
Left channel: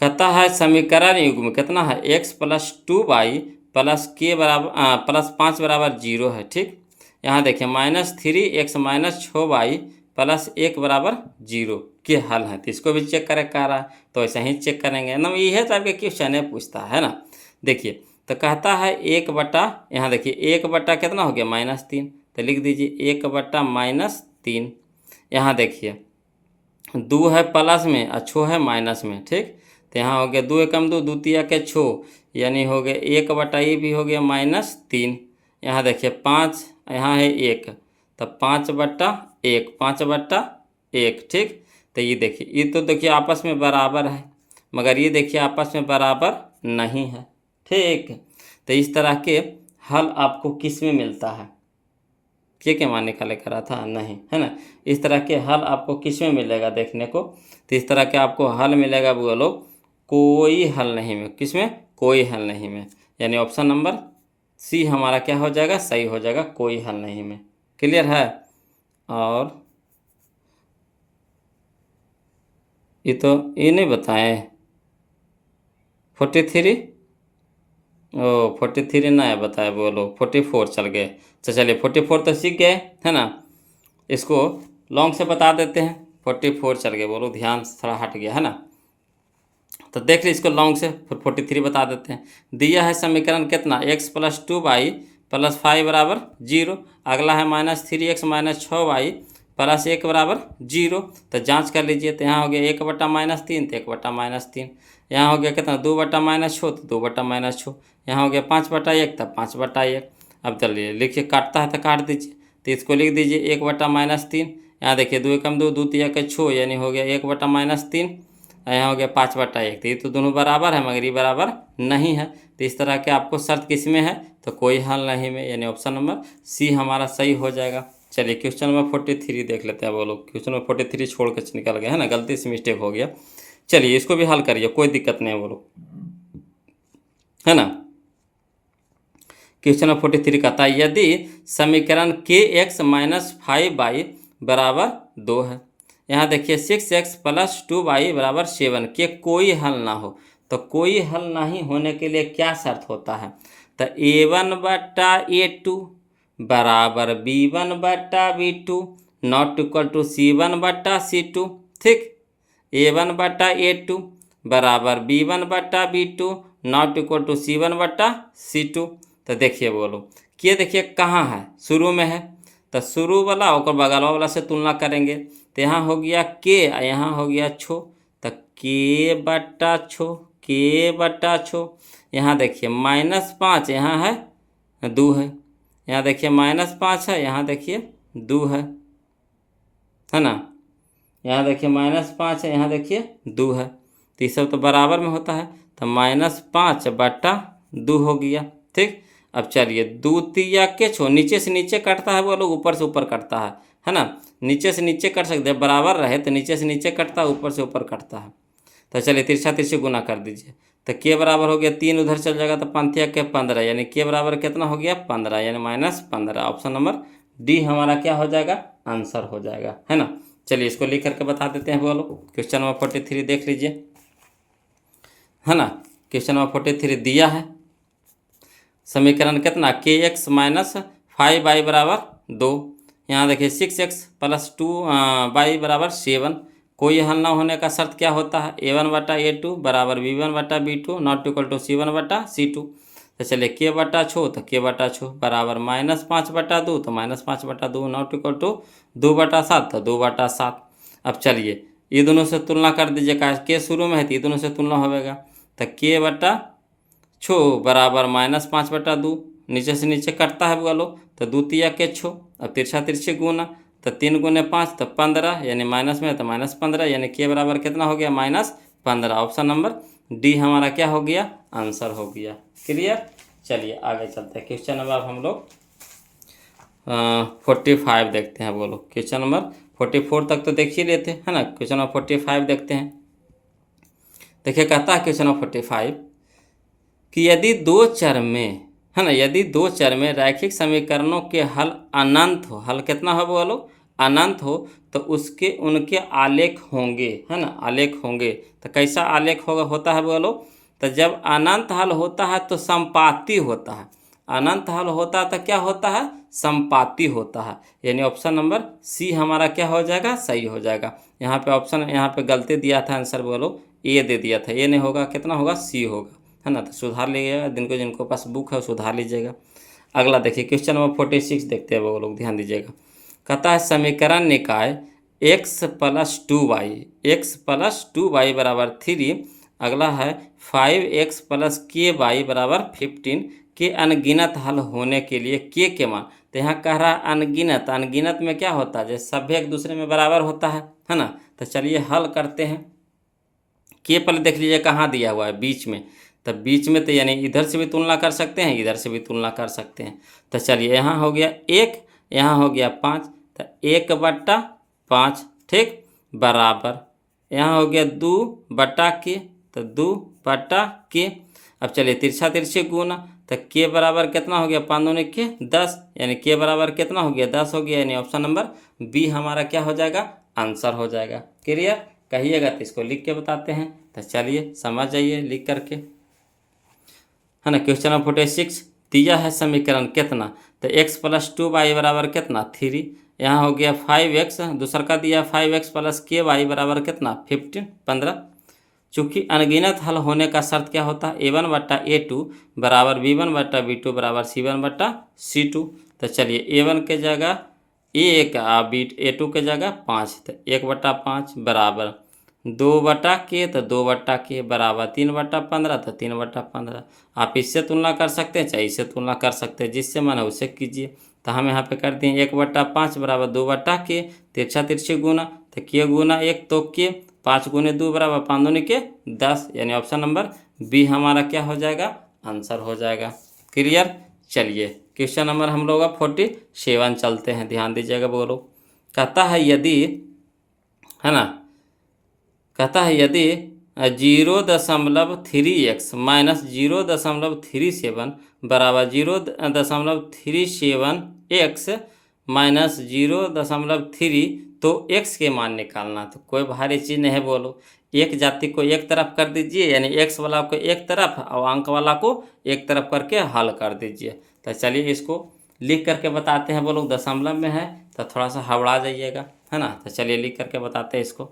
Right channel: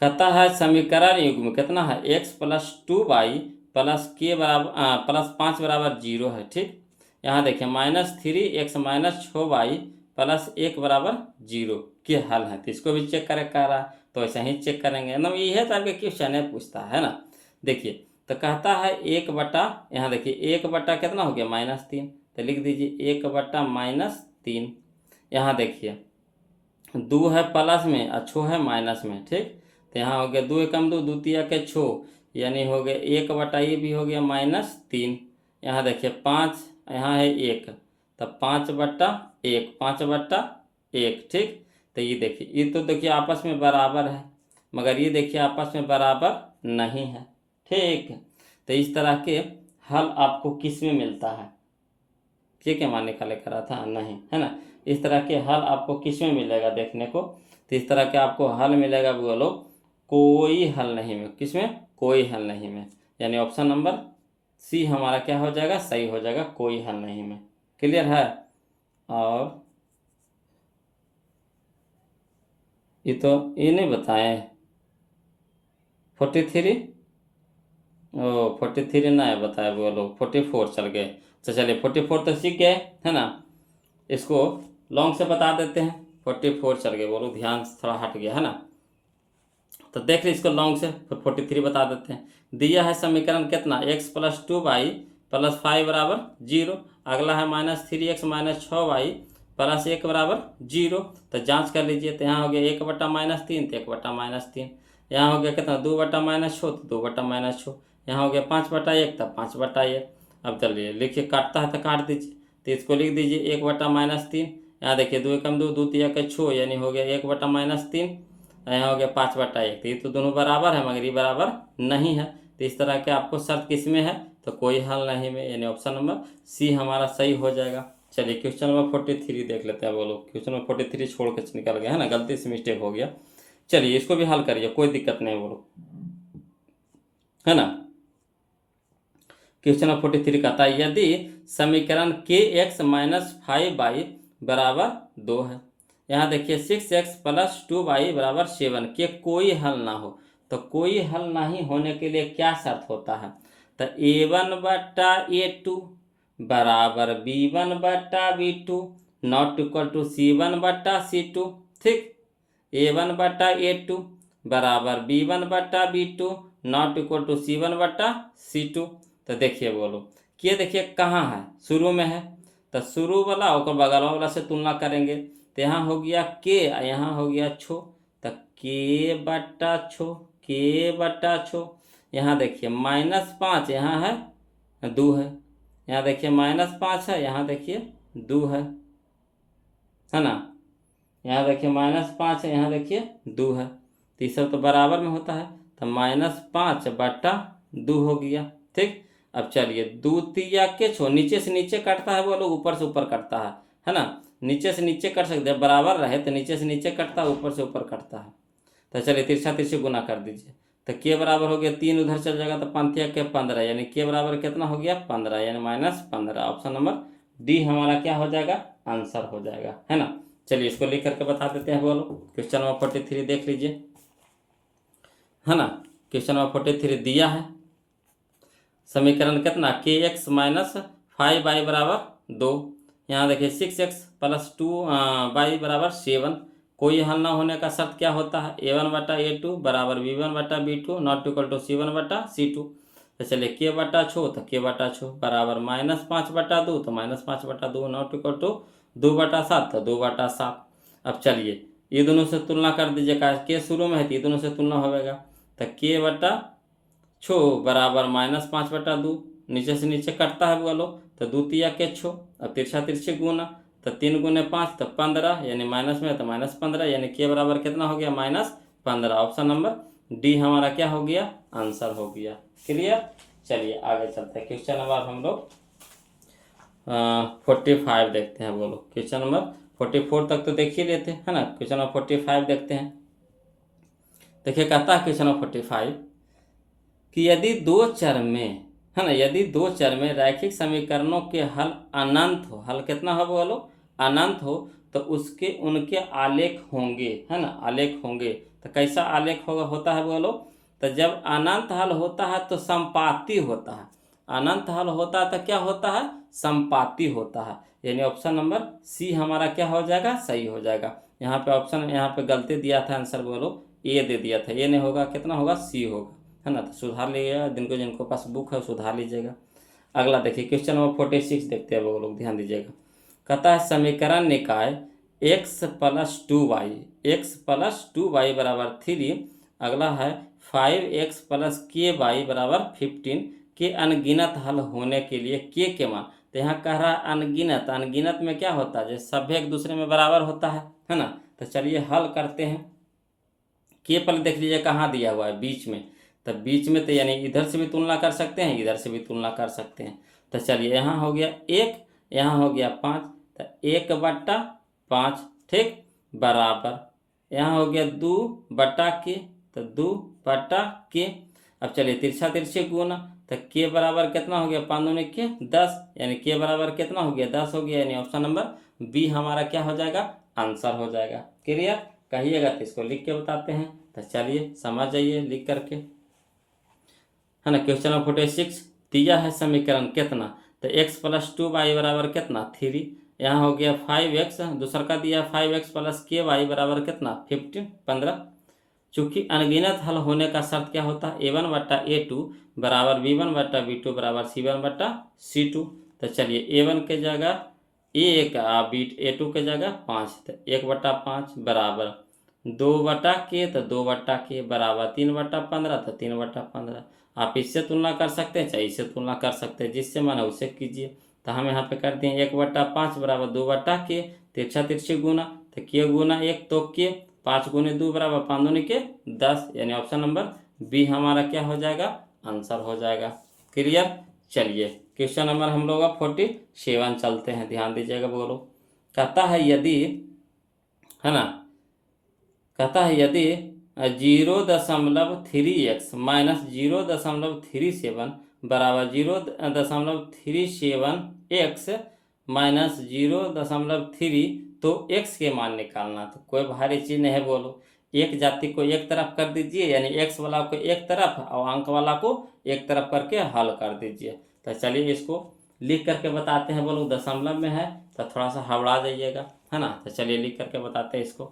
कहता है समीकरण युग्म कितना है x + 2y + k बराबर +5 बराबर 0 है, ठीक। यहाँ देखिए -3x - 6y + 1 बराबर 0 के हल है। तो इसको भी चेक करें कह रहा है, तो ऐसा ही चेक करेंगे ना, ये है तो आपके क्वेश्चन है पूछता है ना। देखिए तो कहता है 1/, यहाँ देखिए 1/, कितना हो गया -3, तो लिख दीजिए 1/-3। यहाँ देखिए 2 है प्लस में और 6 है माइनस में, ठीक। तो यहाँ हो गया 2 एकम 2, 2 तिया के 6, यानी हो गया 1/, ये भी हो गया -3। यहाँ देखिए 5, यहाँ है 1, तब 5/1, 5/1, ठीक। तो ये देखिए, ये तो देखिए आपस में बराबर है, मगर ये देखिए आपस में बराबर नहीं है, ठीक। तो इस तरह के हल आपको किस में मिलता है? के मान निकाले करा था नहीं, है ना। इस तरह के हल आपको किस में मिलेगा देखने को? तो इस तरह के आपको हल मिलेगा बोलो कोई हल नहीं में। किस में? कोई हल नहीं में, यानी ऑप्शन नंबर सी हमारा क्या हो जाएगा? सही हो जाएगा, कोई हल नहीं में। क्लियर है? और ये तो ये नहीं बताएं 43, ओ 43 ना बताए बोलो, 44 चल गए। तो चलिए 44 तो सीख गए, है ना। इसको लॉन्ग से बता देते हैं। 44 चल गए बोलो, ध्यान थोड़ा हट गया, है ना। तो देख लीजिए इसको लॉन्ग से, फिर 43 बता देते हैं। दिया है समीकरण कितना? x + 2y + 5 = 0। अगला है -3x - 6y + 1 = 0। तो जांच कर लीजिए। तो यहाँ हो गया 1/-3, तो 1/-3। यहाँ हो गया कितना? 2/-6, तो 2/-6। यहाँ हो गया 5/1, तब 5/1। अब चलिए लिखिए, काटता है तो काट दीजिए। तो इसको लिख दीजिए 1/-3। यहाँ देखिए 2 एकम 2, 2 तिया के 6, यानी हो गया 1/-3। यहाँ हो गया 5/1। तो ये तो दोनों बराबर है, मगर ये बराबर नहीं है। तो इस तरह के आपको शर्त किस में है? तो कोई हल नहीं में, यानी ऑप्शन नंबर सी हमारा सही हो जाएगा। चलिए क्वेश्चन नंबर 43 देख लेते हैं। बोलो क्वेश्चन नंबर 43 छोड़ के निकल गए, है ना, गलती से मिस्टेक हो गया। चलिए इसको भी हल करिए, कोई दिक्कत नहीं है, बोलो, है ना। क्वेश्चन नंबर 43 कहता है यदि समीकरण kx - 5y = 2 है। यहाँ देखिए 6x + 2y = 7 के कोई हल ना हो। तो कोई हल नहीं होने के लिए क्या शर्त होता है? तो a1/a2 = b1/b2 ≠ c1/c2, ठीक। a1/a2 = b1/b2 ≠ c1/c2। तो देखिए बोलो, कि देखिए कहाँ है? शुरू में है, तो शुरू वाला और बगल वाला से तुलना करेंगे। तो यहाँ हो गया के, यहाँ हो गया छो, तो के/छो। यहाँ देखिए -5, यहाँ है 2 है। यहाँ देखिए -5 है, यहाँ देखिए 2 है ना। यहाँ देखिए -5 है, यहाँ देखिए 2 है। तो ये सब तो बराबर में होता है, तो -5/2 हो गया, ठीक। अब चलिए 2 तिया के 6, नीचे से नीचे कटता है, वो लोग ऊपर से ऊपर कटता है ना। नीचे से नीचे कट सकते हैं, बराबर रहे तो नीचे से नीचे कटता है, ऊपर से ऊपर कटता है। तो चलिए तिरछा तिरछी गुना कर दीजिए। तो के बराबर हो गया 3, उधर चल जाएगा तो 5 के 15, यानी के बराबर कितना हो गया? 15, यानी -15। ऑप्शन नंबर डी हमारा क्या हो जाएगा? आंसर हो जाएगा, है ना। चलिए इसको लिख करके बता देते हैं। बोलो क्वेश्चन नंबर 43 देख लीजिए, है ना। क्वेश्चन नंबर 43 दिया है समीकरण कितना? kx - 5y = 2। यहाँ देखिए 6x + 2y = 7। कोई हल ना होने का शर्त क्या होता है? a1/a2 = b1/b2 ≠ c1/c2। तो चलिए k/छो, तो k/छो बराबर -5/2, तो -5/2 ≠ 2/7, तो 2/7। अब चलिए ये दोनों से तुलना कर दीजिए, के शुरू में है तो ये दोनों से तुलना होगा। तो k/छो बराबर -5/2, नीचे से नीचे कटता है बोलो, तो 2 तिया के 6। अब तिरछा तिरछी गुना, तो 3 × 5 तो 15, यानी माइनस में है तो -15, यानी के बराबर कितना हो गया? -15। ऑप्शन नंबर डी हमारा क्या हो गया? आंसर हो गया। क्लियर? चलिए आगे चलते हैं। क्वेश्चन नंबर हम लोग 45 देखते हैं। बोलो क्वेश्चन नंबर 44 तक तो देख ही लेते हैं, है ना। क्वेश्चन नंबर 45 देखते हैं। देखिए कहता है क्वेश्चन नंबर 45 कि यदि 2 चर में, है ना, यदि 2 चर में रैखिक समीकरणों के हल अनंत हो, हल कितना हो बोलो? अनंत हो, तो उसके उनके आलेख होंगे, है ना, आलेख होंगे। तो कैसा आलेख होता है बोलो? तो जब अनंत हल होता है तो संपाती होता है। अनंत हल होता है तो क्या होता है? संपाती होता है, यानी ऑप्शन नंबर सी हमारा क्या हो जाएगा? सही हो जाएगा। यहाँ पे ऑप्शन, यहाँ पे गलती दिया था आंसर, बोलो ए दे दिया था, ए नहीं होगा, कितना होगा? सी होगा। है ना। तो सुधार लीजिएगा, जिनको जिनको पास बुक है वो सुधार लीजिएगा। अगला देखिए क्वेश्चन नंबर 46 देखते हैं वो लोग, ध्यान दीजिएगा। कहता है समीकरण निकाय x+2y बराबर 3। अगला है 5x+ky बराबर 15 के अनगिनत हल होने के लिए के मान। तो यहाँ कह रहा है अनगिनत, अनगिनत में क्या होता है, जैसे सभी एक दूसरे में बराबर होता है ना। तो चलिए हल करते हैं। के पहले देख लीजिए कहाँ दिया हुआ है, बीच में। तो बीच में तो यानी इधर से भी तुलना कर सकते हैं, इधर से भी तुलना कर सकते हैं। तो चलिए यहाँ हो गया 1, यहाँ हो गया 5, तो 1/5, ठीक, बराबर यहाँ हो गया 2/k, तो 2/k। अब चलिए तिरछा तिरछे गुना, तो के बराबर कितना हो गया, 5 दूनी के 10, यानी के बराबर कितना हो गया, 10 हो गया, यानी ऑप्शन नंबर बी हमारा क्या हो जाएगा, आंसर हो जाएगा। क्लियर, कहिएगा तो इसको लिख के बताते हैं। तो चलिए समझ जाइए लिख करके, है ना। क्वेश्चन नंबर 46 दिया है समीकरण कितना, तो x+2y बराबर कितना 3, यहाँ हो गया 5x, दूसरा का दिया 5x+ky बराबर कितना 15। चूँकि अनगिनत हल होने का शर्त क्या होता है, a1/a2 बराबर b1/b2 बराबर c1/c2। तो चलिए a1 के जगह a1 a2 के जगह 5, तो 1/5 बराबर 2/k, तो 2/k बराबर 3/15, तो 3/15। आप इससे तुलना कर सकते हैं चाहे इससे तुलना कर सकते हैं, जिससे मन है उससे कीजिए। तो हम यहाँ पे करते हैं 1/5 बराबर 2/k, तिरछा तिरछी गुना, तो के गुना 1 तो के, 5 गुने 2 बराबर 5 दूनी के 10, यानी ऑप्शन नंबर बी हमारा क्या हो जाएगा, आंसर हो जाएगा। क्लियर, चलिए क्वेश्चन नंबर हम लोग 47 चलते हैं, ध्यान दीजिएगा। बोलो, कहता है यदि, है ना, कहता है यदि 0.3x माइनस 0.37 बराबर 0.37x माइनस 0.3, तो x के मान निकालना। तो कोई भारी चीज़ नहीं है, बोलो। एक जाति को एक तरफ कर दीजिए, यानी x वाला को एक तरफ और अंक वाला को एक तरफ करके हल कर दीजिए। तो चलिए इसको लिख करके बताते हैं। बोलो दशमलव में है तो थोड़ा सा हबड़ा जाइएगा, है ना। तो चलिए लिख करके बताते हैं। इसको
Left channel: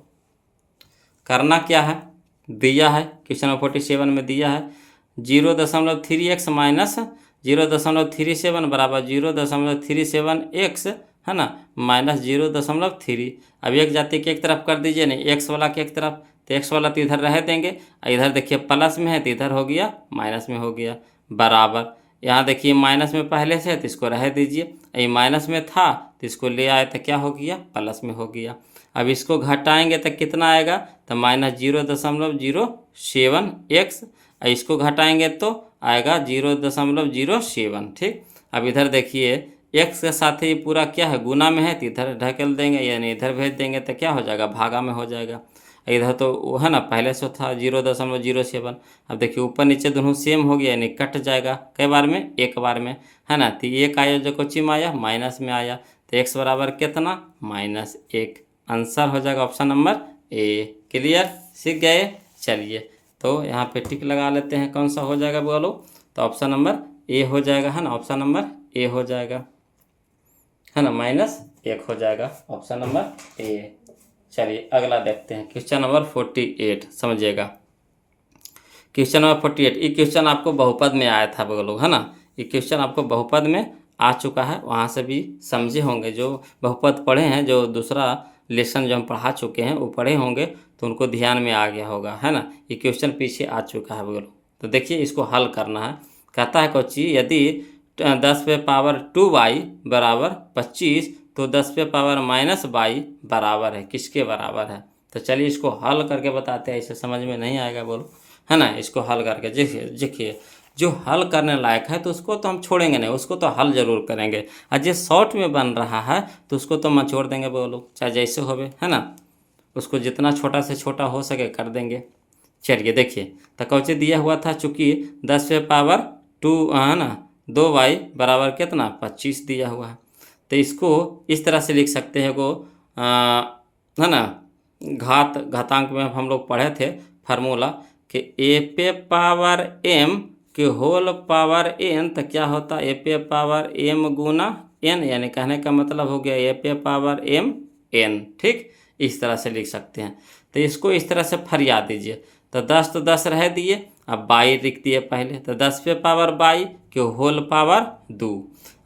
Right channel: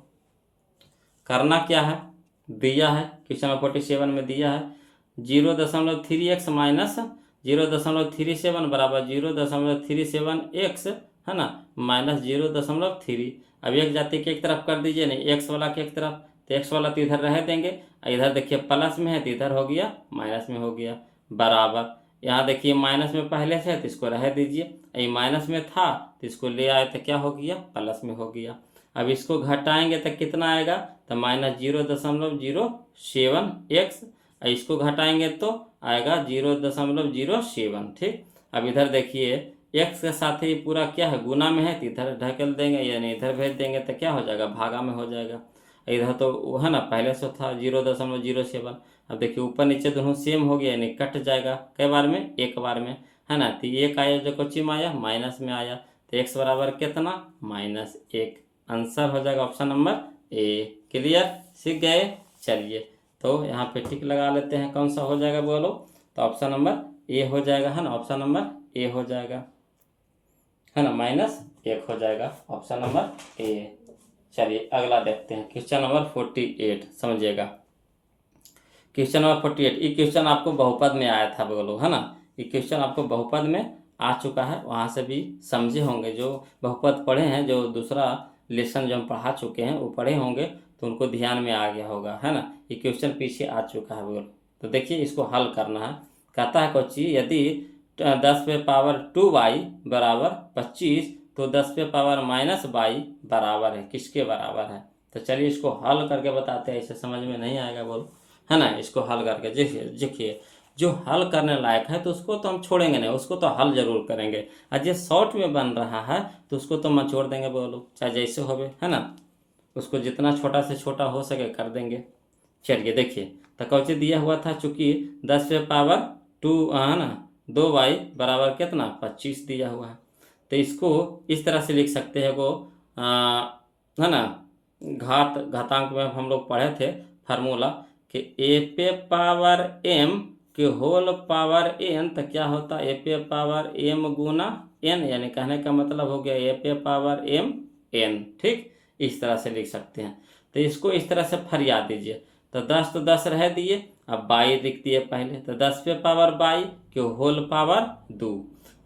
करना क्या है, दिया है क्वेश्चन नंबर 47 में दिया है 0.3x माइनस 0.37 बराबर 0.37x, है ना, माइनस 0.3। अब एक जाति के एक तरफ कर दीजिए, नहीं एक्स वाला के एक तरफ, तो एक्स वाला तो इधर रह देंगे, इधर देखिए प्लस में है तो इधर हो गया माइनस में हो गया, बराबर यहाँ देखिए माइनस में पहले से है तो इसको रह दीजिए, ये माइनस में था तो इसको ले आए तो क्या हो गया, प्लस में हो गया। अब इसको घटाएंगे तो कितना आएगा, तो माइनस 0.07x, इसको घटाएंगे तो आएगा 0.07, ठीक। अब इधर देखिए x के साथ ही पूरा क्या है, गुना में है तो इधर ढकेल देंगे, यानी इधर भेज देंगे तो क्या हो जाएगा, भागा में हो जाएगा। इधर तो वो है ना पहले से था 0.07। अब देखिए ऊपर नीचे दोनों सेम हो गया, यानी कट जाएगा कई बार में, एक बार में, है ना। तो एक आया जो कोची में आया, माइनस में आया, तो x बराबर कितना, -1, आंसर हो जाएगा ऑप्शन नंबर ए। क्लियर, सीख गए। चलिए तो यहाँ पे टिक लगा लेते हैं, कौन सा हो जाएगा बोलो, तो ऑप्शन नंबर ए हो जाएगा, है ना, ऑप्शन नंबर ए हो जाएगा, है ना, -1 हो जाएगा ऑप्शन नंबर ए। चलिए अगला देखते हैं क्वेश्चन नंबर 48, समझिएगा। क्वेश्चन नंबर 48, ये क्वेश्चन आपको बहुपद में आया था बोलो, है ना। ये क्वेश्चन आपको बहुपद में आ चुका है, वहाँ से भी समझे होंगे जो बहुपद पढ़े हैं, जो दूसरा लेसन जो हम पढ़ा चुके हैं वो पढ़े होंगे तो उनको ध्यान में आ गया होगा, है ना। ये क्वेश्चन पीछे आ चुका है बोलो। तो देखिए इसको हल करना है। कहता है कोची यदि 10⁻² बराबर 25, तो 10⁻⁻y बराबर है किसके बराबर है। तो चलिए इसको हल करके बताते हैं, इसे समझ में नहीं आएगा बोलो, है ना। इसको हल करके देखिए जो हल करने लायक है तो उसको तो हम छोड़ेंगे नहीं, उसको तो हल जरूर करेंगे, और जो शॉर्ट में बन रहा है तो उसको तो हम छोड़ देंगे बोलो, चाहे जैसे होवे, है ना। उसको जितना छोटा से छोटा हो सके कर देंगे। चलिए देखिए तो कौचे दिया हुआ था, चूँकि 10⁻², है ना, 2y बराबर कितना 25 दिया हुआ है। तो इसको इस तरह से लिख सकते हैं, वो है ना, घातांक में हम लोग पढ़े थे फार्मूला कि a⁻m के होल पावर n, तो क्या होता है a⁻m गुना n, यानी कहने का मतलब हो गया a⁻m n, ठीक। इस तरह से लिख सकते हैं। तो इसको इस तरह से फरिया दीजिए, तो 10 तो 10 रह दिए, अब बाई लिख दिए पहले, तो 10 पे पावर बाई के होल पावर 2।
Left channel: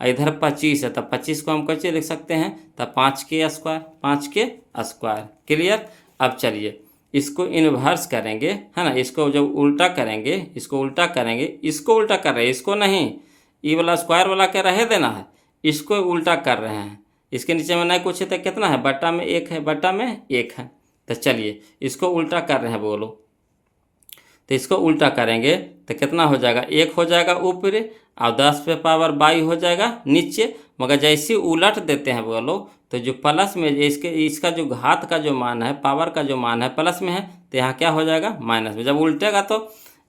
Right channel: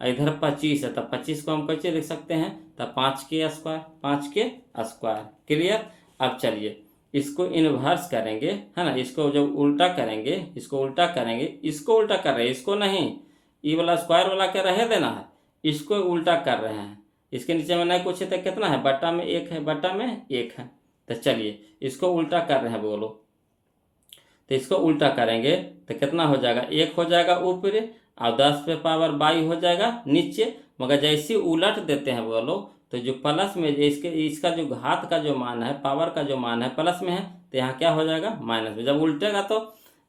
इधर 25 है, तो 25 को हम कैसे लिख सकते हैं, तो 5 के स्क्वायर, 5 के स्क्वायर। क्लियर। अब चलिए इसको इन्वर्स करेंगे, है ना, इसको जब उल्टा करेंगे, इसको उल्टा करेंगे, इसको उल्टा कर रहे हैं, इसको नहीं, ई वाला स्क्वायर वाला क्या रहे देना है, इसको उल्टा कर रहे हैं। इसके नीचे में नहीं कुछ है तो कितना है, बट्टा में 1 है, बट्टा में 1 है। तो चलिए इसको उल्टा कर रहे हैं बोलो, तो इसको उल्टा करेंगे तो कितना हो जाएगा, 1 हो जाएगा ऊपर और 10 पे पावर बाई हो जाएगा नीचे। मगर जैसे उलट देते हैं बोलो, तो जो प्लस में इसका जो घात का जो मान है, पावर का जो मान है प्लस में है, तो यहाँ क्या हो जाएगा माइनस में। जब उल्टेगा तो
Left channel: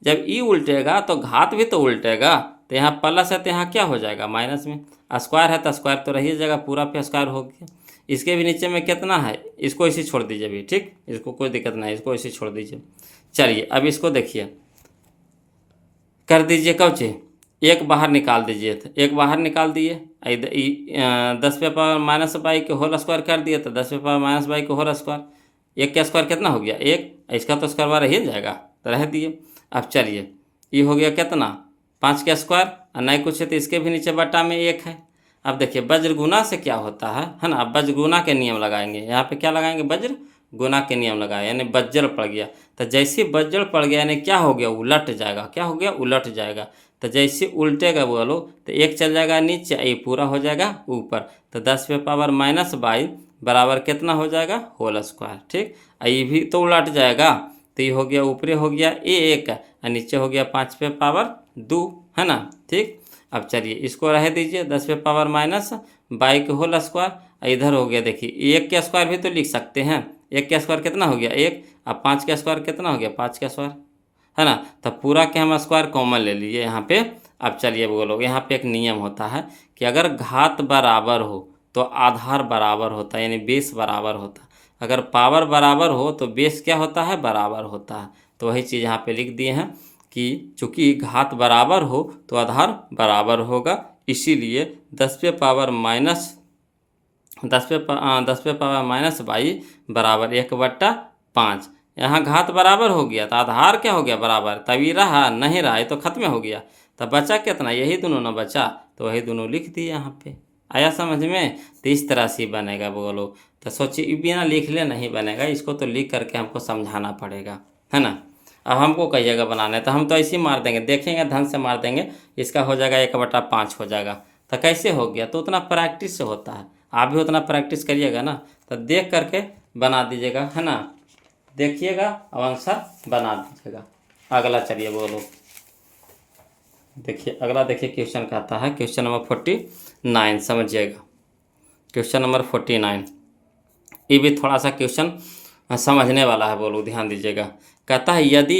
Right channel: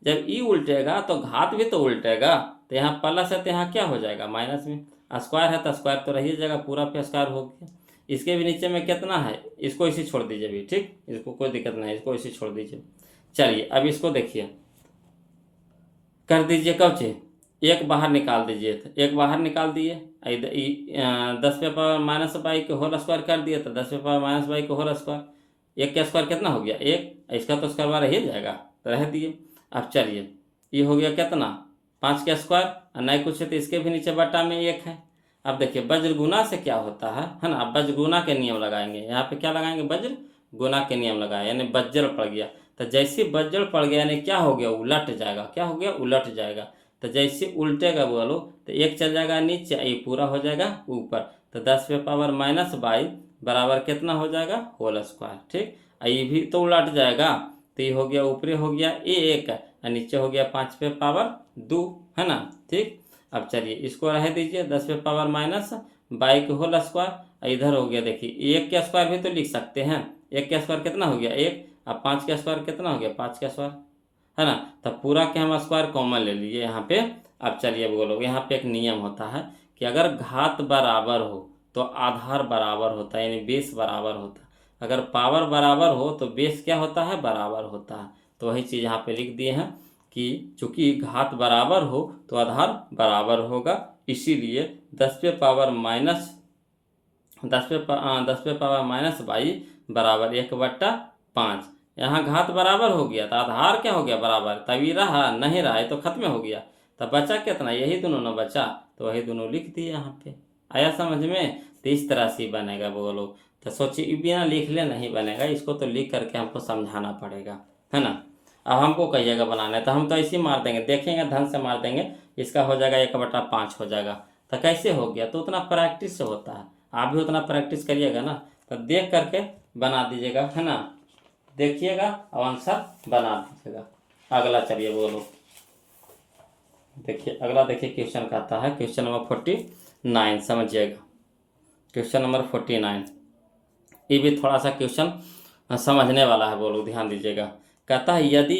जब ई उल्टेगा तो घात भी तो उल्टेगा, तो यहाँ प्लस है तो यहाँ क्या हो जाएगा माइनस में। स्क्वायर है तो स्क्वायर तो रही जाएगा, पूरा पे स्क्वायर हो गया। इसके भी नीचे में कितना है, इसको इसी छोड़ दीजिए भी, ठीक, इसको कोई दिक्कत नहीं, इसको इसी छोड़ दीजिए। चलिए अब इसको देखिए, कर दीजिए कौचे, 1 बाहर निकाल दीजिए, तो 1 बाहर निकाल दिए, 10 पे पावर माइनस बाई के होल स्क्वायर कर दिए, तो 10 पे पावर माइनस बाई के होल स्क्वायर, 1 का स्क्वायर कितना हो गया 1, इसका तो स्क्वायर रह जाएगा, तो रह दिए। अब चलिए ये हो गया कितना 5 का स्क्वायर, और नहीं कुछ है तो इसके भी नीचे बटा में 1 है। अब देखिए वज्र गुना से क्या होता है ना, अब वज्र गुना के नियम लगाएंगे, यहाँ पे क्या लगाएंगे, वज्र गुना के नियम लगाए, यानी वज्र पड़ गया, तो जैसे वज्र पड़ गया यानी क्या हो गया, उलट जाएगा, क्या हो गया उलट जाएगा। तो जैसे उल्टेगा बोलो तो 1 चल जाएगा नीचे, ये पूरा हो जाएगा ऊपर, तो 10 पे पावर माइनस बाई बराबर कितना हो जाएगा होल स्क्वायर, ठीक। ये भी तो उलट जाएगा, तो ये हो गया ऊपरी हो गया 1 और नीचे हो गया 5 पे पावर 2, है ना, ठीक। अब चलिए इसको रह दीजिए, 10 पे पावर माइनस बाई के होल स्क्वायर, इधर हो गया देखिए 1 के स्क्वायर भी तो लिख सकते हैं, 1 का स्क्वायर कितना हो गया 1, अब 5 का स्क्वायर कितना हो गया 5 का स्क्वायर, है ना। तो पूरा के हम स्क्वायर कॉमन ले लिए यहाँ पे। अब चलिए बोलो, यहाँ पे एक नियम होता है कि अगर घात बराबर हो तो आधार बराबर होता है, यानी बेस बराबर होता है। अगर पावर बराबर हो तो बेस क्या होता है, बराबर होता है। तो वही चीज़ यहाँ पे लिख दिए हैं कि चूंकि घात बराबर हो तो आधार बराबर होगा, इसीलिए 10 पे पावर माइनस 10 पे पावर माइनस बाई बराबर 1/5। यहाँ घात बराबर हो गया तो आधार क्या हो गया बराबर, तभी रहा, नहीं रहा ये तो खत्म हो गया। तो बचा कितना, यही दोनों ना बचा, तो वही दोनों लिख दिए यहाँ पे। आया समझ में, तो इस तरह से बनेगा बोलो। तो सोचिए बिना लिख ले नहीं बनेगा, इसको तो लिख करके हमको समझाना पड़ेगा, है ना। अब हमको कहिएगा बनाना है तो हम तो ऐसे ही मार देंगे, देखेंगे ढंग से मार देंगे, इसका हो जाएगा 1/5 हो जाएगा। तो कैसे हो गया, तो उतना प्रैक्टिस से होता है, आप भी उतना प्रैक्टिस करिएगा ना, तो देख करके बना दीजिएगा, है ना, देखिएगा और आंसर बना दीजिएगा। अगला चलिए बोलो, देखिए अगला देखिए क्वेश्चन कहता है, क्वेश्चन नंबर 49 समझिएगा, क्वेश्चन नंबर 49 ये भी थोड़ा सा क्वेश्चन समझने वाला है, बोलो ध्यान दीजिएगा। कहता है यदि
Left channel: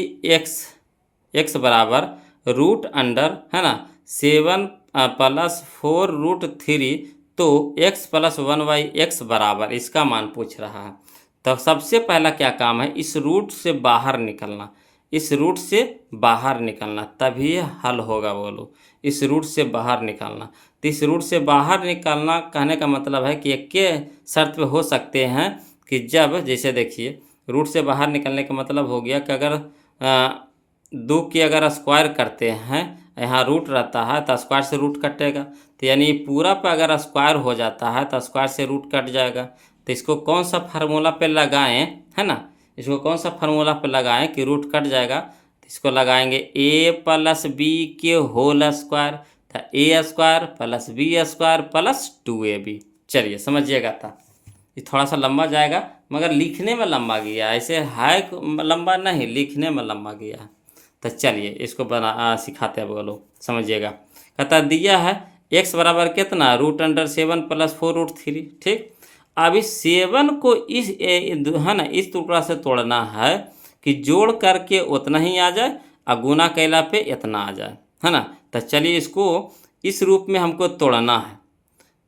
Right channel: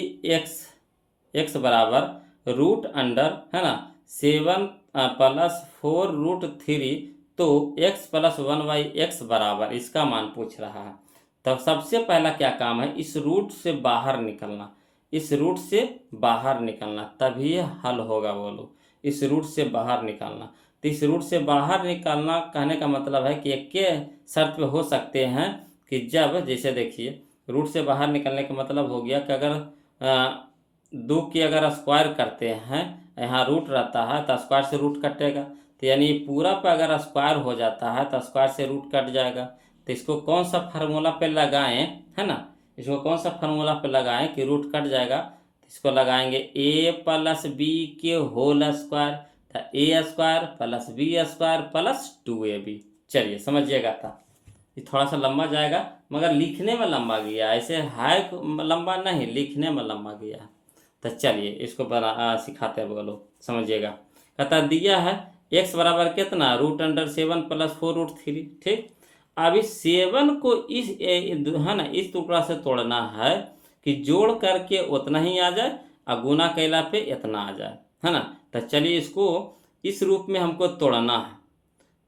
x बराबर रूट अंडर, है ना, 7 + 4√3 तो x + 1/x बराबर, इसका मान पूछ रहा है। तब सबसे पहला क्या काम है, इस रूट से बाहर निकलना, इस रूट से बाहर निकलना, तभी हल होगा बोलो। इस रूट से बाहर निकालना, तो इस रूट से बाहर निकालना कहने का मतलब है कि एक के शर्त पे हो सकते हैं कि जब, जैसे देखिए रूट से बाहर निकलने का मतलब हो गया कि अगर 2 की अगर स्क्वायर करते हैं, यहाँ रूट रहता है तो स्क्वायर से रूट कटेगा, तो यानी पूरा पे अगर स्क्वायर हो जाता है तो स्क्वायर से रूट कट जाएगा। तो इसको कौन सा फार्मूला पे लगाएं, है ना, इसको कौन सा फार्मूला पे लगाएं कि रूट कट जाएगा, तो इसको लगाएंगे a + b के होल स्क्वायर, तो a² + b² + 2ab। चलिए समझिएगा था, ये थोड़ा सा लंबा जाएगा मगर लिखने में लंबा गया, ऐसे है लंबा नहीं, लिखने में लंबा गया है। तो चलिए इसको बना सिखाते हैं, बोलो समझिएगा। कहता दिया है x बराबर कितना, √7 + 4√3, ठीक। अब इस 7 को इस है ना इस टुकड़ा से तोड़ना है कि जोड़ करके उतना ही आ जाए और गुना कैला पे इतना आ जाए, है ना। तो चलिए इसको इस रूप में हमको तोड़ना है,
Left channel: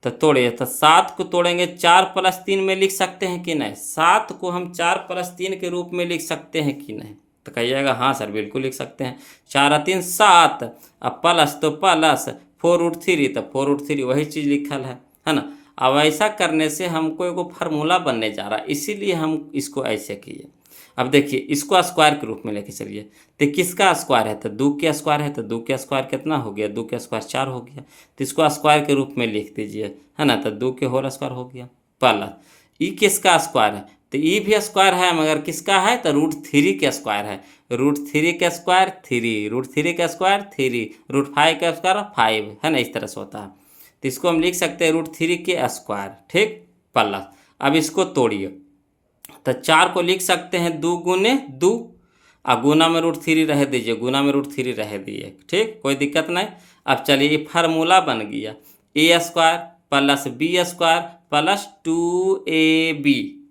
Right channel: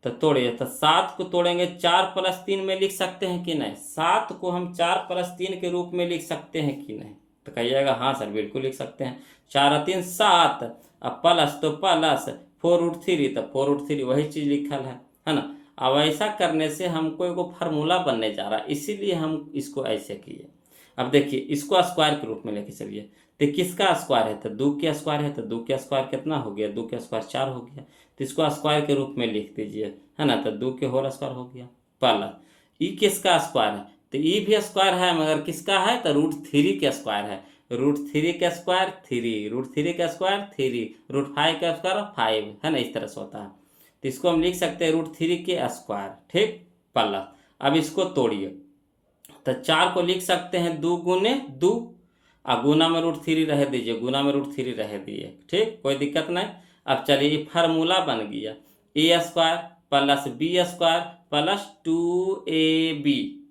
तो तोड़िए। तो 7 को तोड़ेंगे 4 + 3 में लिख सकते हैं कि नहीं, 7 को हम 4 + 3 के रूप में लिख सकते हैं कि नहीं, तो कहिएगा हाँ सर बिल्कुल लिख सकते हैं। 4 और 3 7, अब प्लस तो प्लस 4√3, तो 4√3 वही चीज़ लिखल है ना। अब ऐसा करने से हमको एगो फार्मूला बनने जा रहा है, इसीलिए हम इसको ऐसे किए। अब देखिए इसको स्क्वायर के रूप में लेके चलिए, तो किसका स्क्वायर है, तो 2 के स्क्वायर है, तो 2 के स्क्वायर कितना हो गया, 2 के स्क्वायर 4 हो गया, तो इसको स्क्वायर के रूप में लिख दीजिए, है ना, तो 2 के होल स्क्वायर हो गया। प्लस ई किसका स्क्वायर है, तो ई भी स्क्वायर है मगर किसका है, तो √3 के स्क्वायर है, √3 के स्क्वायर 3, √3 का स्क्वायर 3, √5 का स्क्वायर 5, है ना, इस तरह से होता है। तो इसको हम लिख सकते हैं √3 के स्क्वायर, ठीक, प्लस अब इसको तोड़िए, तो 4 को लिख सकते हैं 2 गुने 2, और गुना में √3 रह दीजिए, गुना में √3 रह दिए, ठीक, कोई दिक्कत नहीं। अब चलिए ये फार्मूला बन गया A square plus B square plus 2ab,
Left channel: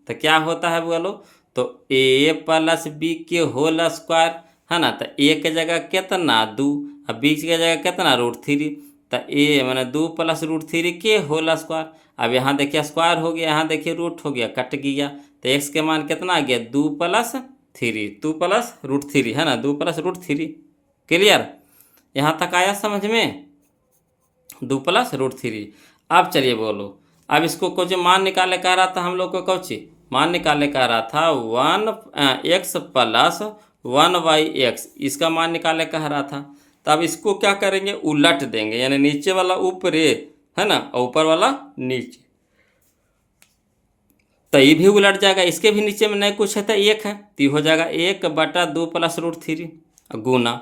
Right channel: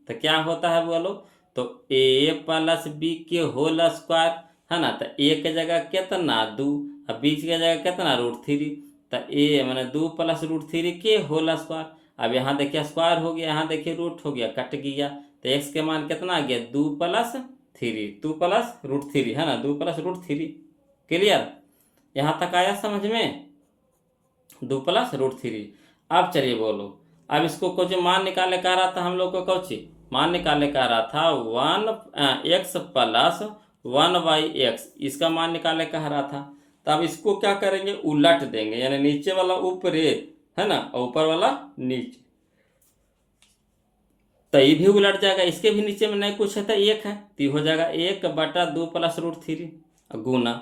तो क्या होता है बोलो, तो ए प्लस बी के होल स्क्वायर, है ना, तो ए के जगह कितना 2, अब बी की जगह कितना √3, तो ए मैंने 2 प्लस √3 के होल स्क्वायर। अब यहाँ देखिए स्क्वायर हो गया, यहाँ देखिए रूट हो गया, कट गया, तो एक्स के मान कितना आ गया 2 प्लस 3, 2 प्लस √3, है ना, 2 प्लस √3। क्लियर, यहाँ तक आया समझ में, 2 प्लस √3। अब चलिए बोलो, अब इसको कुछ मान निकाले कह रहा था हम लोग को, कुछ मान निकाले कह रहा था 1x प्लस 1y(x), इसका मान निकाले कह रहा था। तो अब इसको क्या करेंगे, उलट देंगे, यानी नीचे वाला ऊपर, है ना, और ऊपर वाला नीचे, तो ये भी उलट जाएगा, इसके भी नीचे में नहीं कुछ है तो 1 है, तो ये हो जाएगा 1/2 प्लस √3 गुना।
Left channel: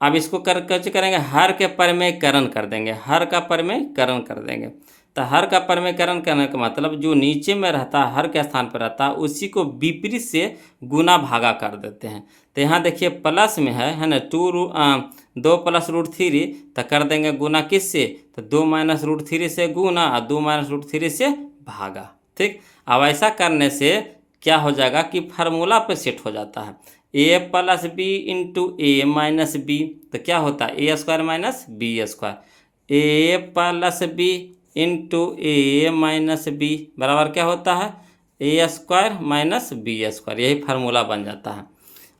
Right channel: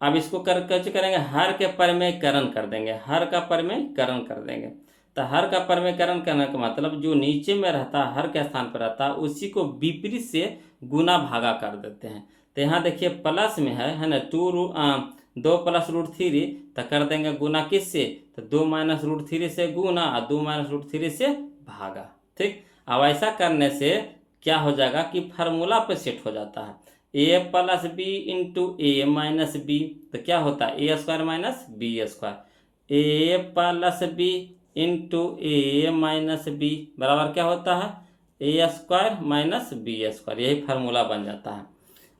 अब इसको कैसे करेंगे, हर के परमेयकरण कर देंगे, हर का परमेयकरण कर देंगे, तो हर का परमेयकरण करने का मतलब जो नीचे में रहता है हर के स्थान पर रहता है उसी को विपरीत से गुना भागा कर देते हैं। तो यहाँ देखिए प्लस में है ना, 2 प्लस √3, तो कर देंगे गुना किससे, तो 2 माइनस √3 से गुना और 2 माइनस √3 से भागा, ठीक। अब ऐसा करने से क्या हो जाएगा कि फार्मूला पे सेट हो जाता है, ए प्लस बी इंटू ए माइनस बी, तो क्या होता है ए स्क्वायर माइनस बी स्क्वायर, ए प्लस बी इंटू ए माइनस बी बराबर क्या होता है ए स्क्वायर माइनस बी स्क्वायर, यही फार्मूला बन जाता है।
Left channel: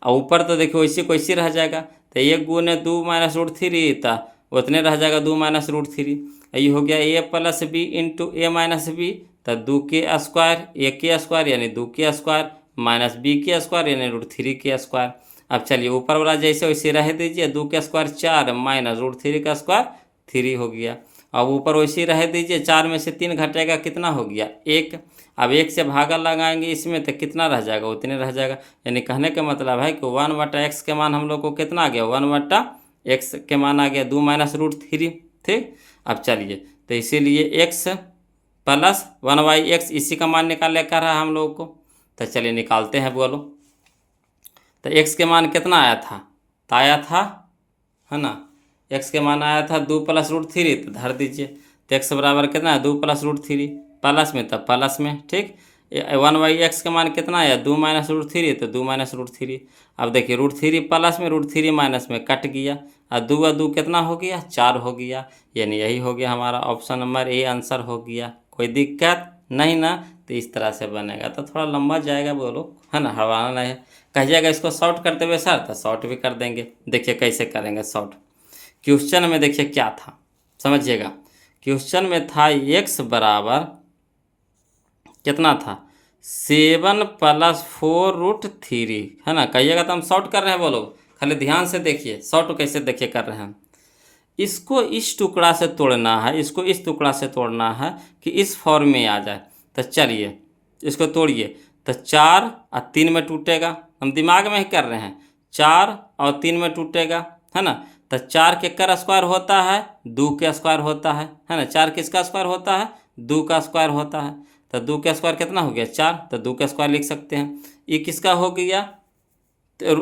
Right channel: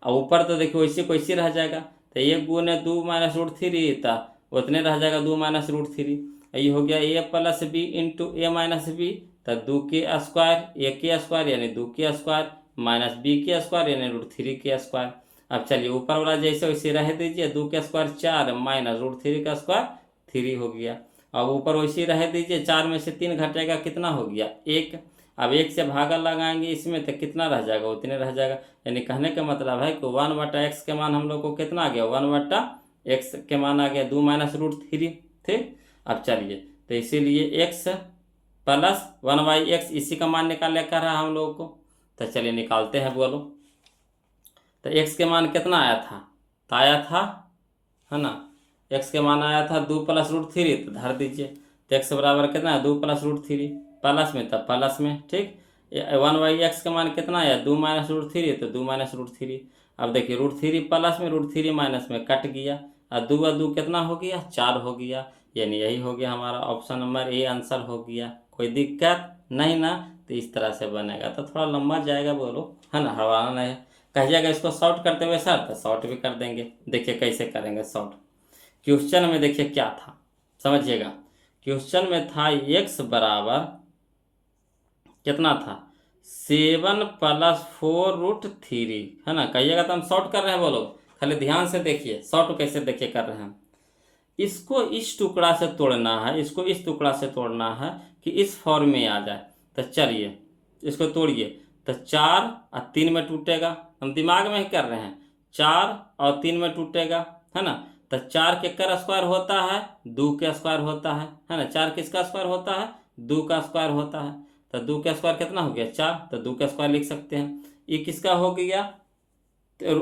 और ऊपर तो देखिए वैसे को वैसे रह जाएगा, तो 1 गुने 2 माइनस √3, तो उतने रह जाएगा 2 माइनस √3, ये हो गया ए प्लस बी इंटू ए माइनस बी, तो 2 के स्क्वायर, ए के स्क्वायर यानी 2 के स्क्वायर माइनस बी के स्क्वायर यानी √3 के स्क्वायर। अब चलिए ऊपर वाला जैसे वैसे रह दीजिए, 2 के स्क्वायर 4 माइनस √3 का स्क्वायर 3 हो गया। अब ऊपर वैसे रह दीजिए, 4 में से 3 घटेगा कितना हो गया 1। अब 1 से भागा लगाएंगे इसमें तो कितना रह जाएगा, उतने रह जाएगा, यानी कहने का मतलब है कि 1/x के मान हम लोग को कितना आ गया, 1/x के मान आ गया 2 माइनस √3, ठीक। अब चलिए तो इसीलिए x प्लस 1/x इसी का मान निकाल कर रहा है हम लोग को, तो चलिए निकालते हैं बोलो। तो x के मान कितना आया था, तो आया था, है ना, x के मान आया था 2 प्लस √3, तो धर दीजिए, तो x बराबर कितना है 2 प्लस √3, प्लस में तब प्लस में, ठीक। 1/x के मान कितना आया 2 माइनस √3, तो 2 माइनस √3। अब देखिए √3 प्लस में √3 माइनस में कट गया, और 2 और 2 कितना हो गया 4 हो गया, यानी यही हो गया हमारा ऑप्शन नंबर ए आंसर हो गया। कोई दिक्कत नहीं ना, तो इस तरह से बनेगा, तो थोड़ा लंबा जाएगा बोलो, है ना, हड़वाना नहीं है। कहिएगा इसको शॉर्ट करते हुए सर, तो शॉर्ट भी कर देंगे। देखिए कैसे करेंगे शॉर्ट, क्वेश्चन में देखिए क्या था समझिएगा, क्वेश्चन में था x बराबर कितना था 7 प्लस 4√3, है ना, कहिएगा तो हम शॉर्ट कर रहे हैं बोलो, खाली ध्यान से देखिए शॉर्ट कैसे देखिए कर रहे हैं। इसको इस टुकड़ा से तोड़ना है, इसको इस टुकड़ा से तोड़ना है कि इस फॉर्म में आ जाए। तो चलिए इसको तोड़िए, तो 4 और 3 में टूटेगा, हम दिमाग में ही कर रहे हैं, 4 और 3 में टूटेगा, है ना। तो 4 के कर स्क्वायर होता है 2 के स्क्वायर होता है ना, 4 किसका स्क्वायर होता है 2 का स्क्वायर होता है, तो 2 का स्क्वायर कितना हो गया 4, तो 2 का स्क्वायर लिख सकते हैं। ये किसका हो गया, तो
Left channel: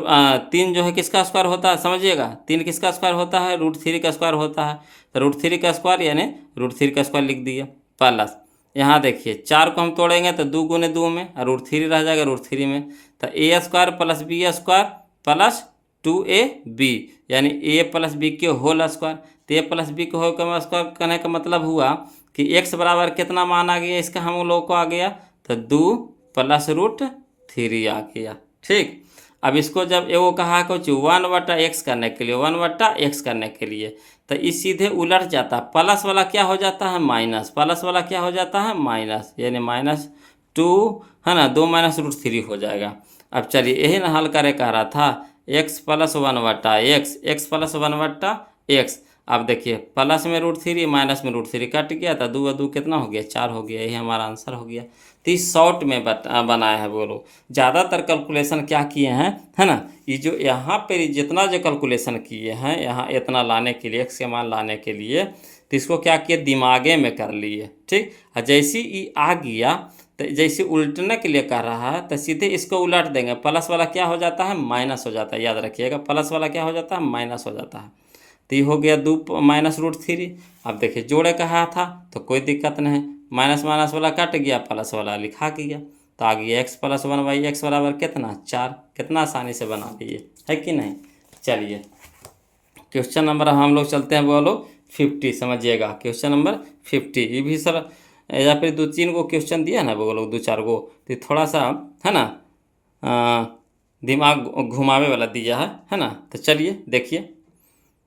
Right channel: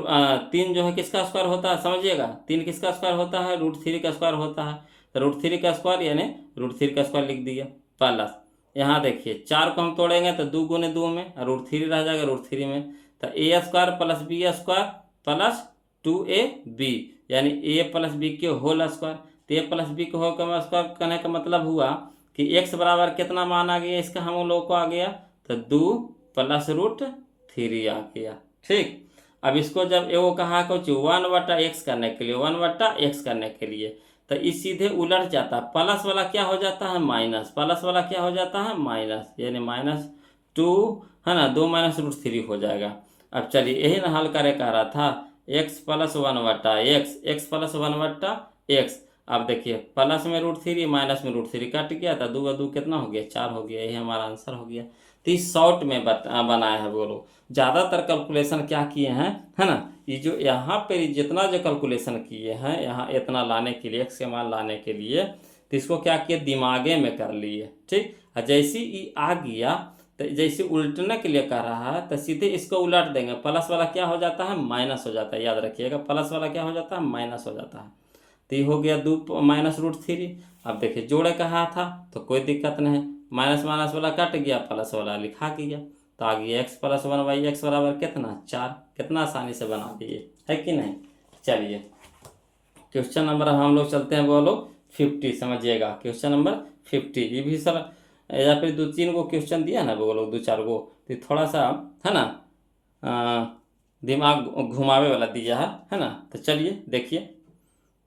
3 जो है किसका स्क्वायर होता है समझिएगा, 3 किसका स्क्वायर होता है √3 का स्क्वायर होता है, तो √3 का स्क्वायर यानी √3 का स्क्वायर लिख दिया। प्लस यहाँ देखिए 4 को हम तोड़ेंगे तो 2 गुने 2 में और √3 रह जाएगा √3 में, तो A square plus B square plus 2ab यानी a प्लस बी के होल स्क्वायर। तो a प्लस बी के होल स्क्वायर कहने का मतलब हुआ कि x बराबर कितना मान आ गया इसका हम लोग को आ गया, तो 2 प्लस √3 आ गया, ठीक। अब इसको जब एगो कहा कुछ 1/x करने के लिए 1/x करने के लिए, तो इस सीधे उलट जाता है, प्लस वाला क्या हो जाता है माइनस, प्लस वाला क्या हो जाता है माइनस, यानी -2, है ना, 2 माइनस √3 हो जाएगा। अब चलिए यही ना हल करे कह रहा था, x plus 1/x, x plus 1/x। अब देखिए प्लस में √3 माइनस में √3 कट गया था, 2 और 2 कितना हो गया, 4 हो गया। यही हमारा आंसर हो गया। तो इस शॉर्ट में बनाया है वो लोग। ज़्यादातर कैलकुलेशन क्या किए हैं, है ना, ये जो यहाँ पे जितना जो कैलकुलेशन किए हैं यहाँ इतना लाने के लिए, x के मान लाने के लिए, तो इसको क्या किए, दिमागे में कर लिए। ठीक, और जैसे ही आ गया तो जैसे उल्टने के लिए कह रहा है तो सीधे इसको उलट देंगे। प्लस वाला क्या हो जाता है, माइनस हो जाता है। याद रखिएगा, प्लस वाला क्या हो जाता है, माइनस हो जाता है। तो ये हो गया 2 माइनस √3। अब देखिए जोड़े कहा था तो कोई दिक्कत नहीं, माइनस माइनस वाला कट गया, प्लस वाला लिखा गया। तो आ गया x प्लस 1/x बराबर कितना, 4। कितना आसानी से बना लिए, है कि नहीं। चलिए क्वेश्चन नंबर हम लोग चलते हैं, बोलो 50। समझिएगा क्वेश्चन नंबर 50। ये भी सर या फिर 2-3 गो क्वेश्चन दिया ना वो लोग, 2-4 गो, तो थोड़ा सा है ना दिमाग घुमावे वाला दिया है ना। तो चलिए देखिए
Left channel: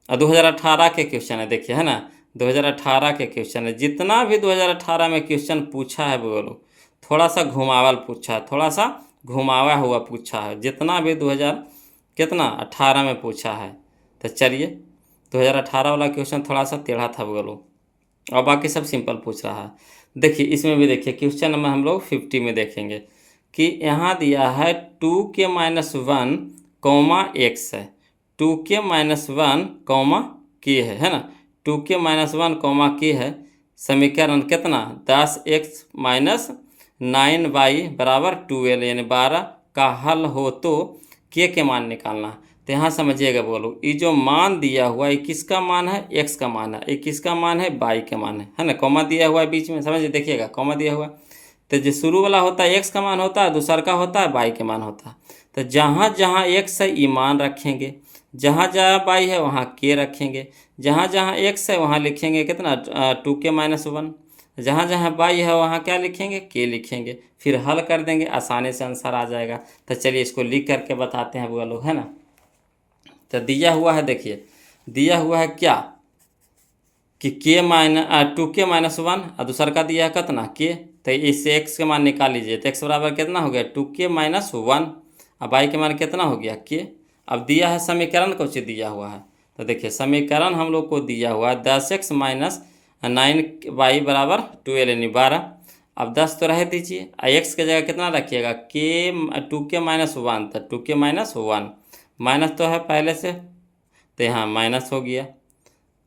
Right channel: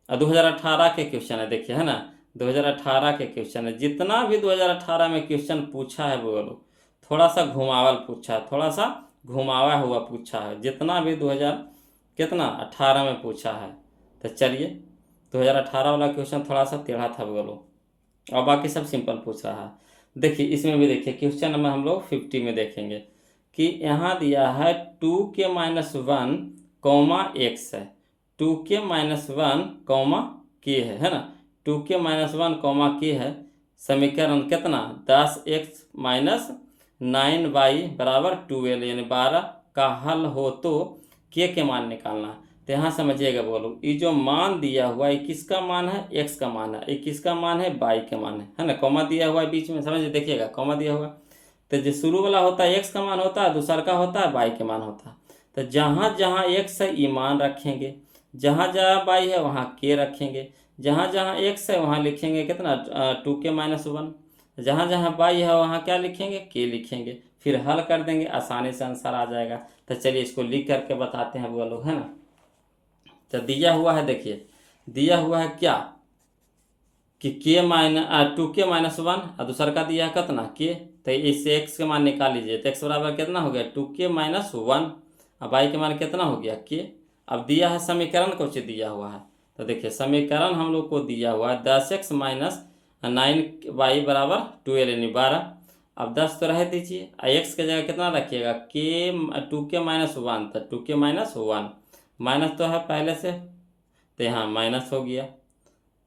2018 के क्वेश्चन है, देखिए है ना 2018 के क्वेश्चन है। जितना भी 2018 में क्वेश्चन पूछा है वो लोग थोड़ा सा घुमावल पूछा है, थोड़ा सा घुमावा हुआ पूछा है, जितना भी 2018 में पूछा है। तो चलिए 2018 वाला क्वेश्चन थोड़ा सा टेढ़ा था वो लोग, और बाकी सब सिंपल पूछ रहा है। देखिए इसमें भी देखिए क्वेश्चन नंबर हम लोग 50 में देखेंगे कि यहाँ दिया है 2k-1 कॉमा x है, 2k-1 कॉमा k है ना, 2k-1 कॉमा k है। समीकरण कितना, 10x - 9y बराबर 12, यानी 12 का हल हो तो k के मान निकालना। तो यहाँ समझिएगा बोलो, ये जो मान दिया हुआ है किसका मान है, x का मान है, ये किसका मान है, y के मान है ना। कॉमा दिया हुआ है बीच में, समझिए देखिएगा कॉमा दिया हुआ है। तो जो शुरू वाला होता है x का मान होता है, दूसरा का होता है y के मान होता है। तो जहाँ जहाँ x है ये मान रखेंगे, जहाँ जहाँ y है वहाँ k रखेंगे, जहाँ जहाँ x है वहाँ लिखेंगे कितना 2k-1, जहाँ जहाँ y है वहाँ क्या लिखेंगे, k लिखेंगे। फिर हल कर देंगे, आसानी से आंसर आ जाएगा। तो चलिए इसको लिख करके बताते हैं वो लोग, है ना। तो दिया हुआ है, देखिए दिया हुआ है क्या कि k-2k-1 और दूसरा का दिया है कितना k। तो इससे x के मान निकाल लीजिए, तो x बराबर कितना हो गया 2k-1, अब y के मान कितना हो गया k। अब दिया है समीकरण कुछ दिया हुआ है, तो देखिए समीकरण हम लोग को दिया हुआ है 10x - 9y बराबर 12, यानी 12। अब 10 तो रह दीजिए, x की जगह कितना रखिएगा k-2k-1, तो 2k-1 माइनस तो है पहले से, तो यहाँ माइनस हो गया।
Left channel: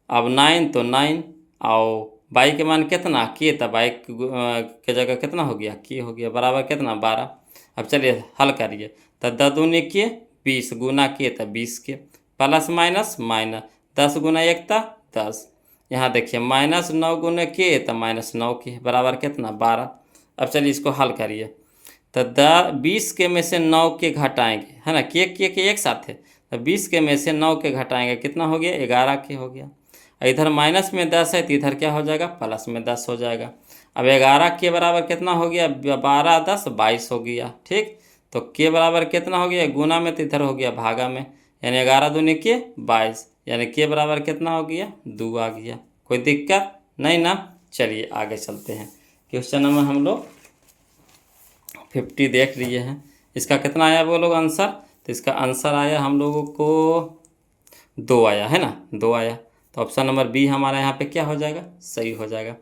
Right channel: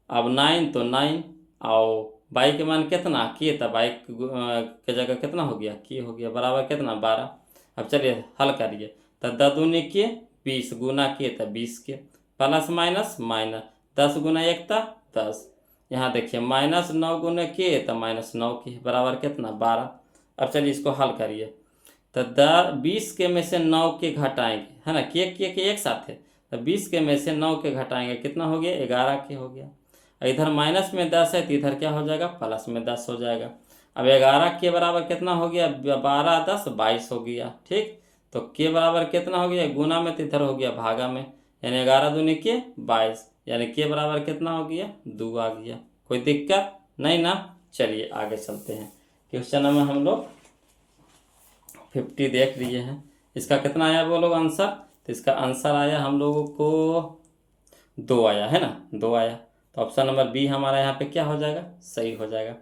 अब 9 तो 9, और बाई के मान कितना k, तो बाई के जगह कितना हो गया k हो गया, बराबर कितना 12। अब चलिए हल करिए, तो 10 दूनी के 20 गुना k, तो 20 के प्लस माइनस माइनस 10 गुना 1 था 10। यहाँ देखिए -9 गुना k, तो -9 के बराबर कितना 12। अब चलिए इसको हल करिए, तो 20 के में से 9 के घटाएंगे, है ना, के एक साथ है, तो 20 के में से 9 के घटाएंगे कितना हो गया 11 के हो गया। इधर माइनस में 10 है तो इधर क्या हो जाएगा, प्लस में 10 हो जाएगा। अब 11 के बराबर कितना हो गया, 12 10 22 हो गया। ठीक, तो के बराबर कितना हो गया, गुना में तो इधर हो गया भागा में, यानी 11 दूनी के 22, यानी के बराबर कितना हो गया 2 आ गया। कोई दिक्कत नहीं ना। चलिए आगे चलते हैं, क्वेश्चन नंबर हम लोग 50 देख लिए हैं। इसका कितना आया वो लोग आंसर, तो इसका आंसर आया हम लोगों को 2 आया, है ना, 2 आया। तो ऑप्शन नंबर बी हमारा यहाँ पे क्या हो जाएगा, सही हो जाएगा।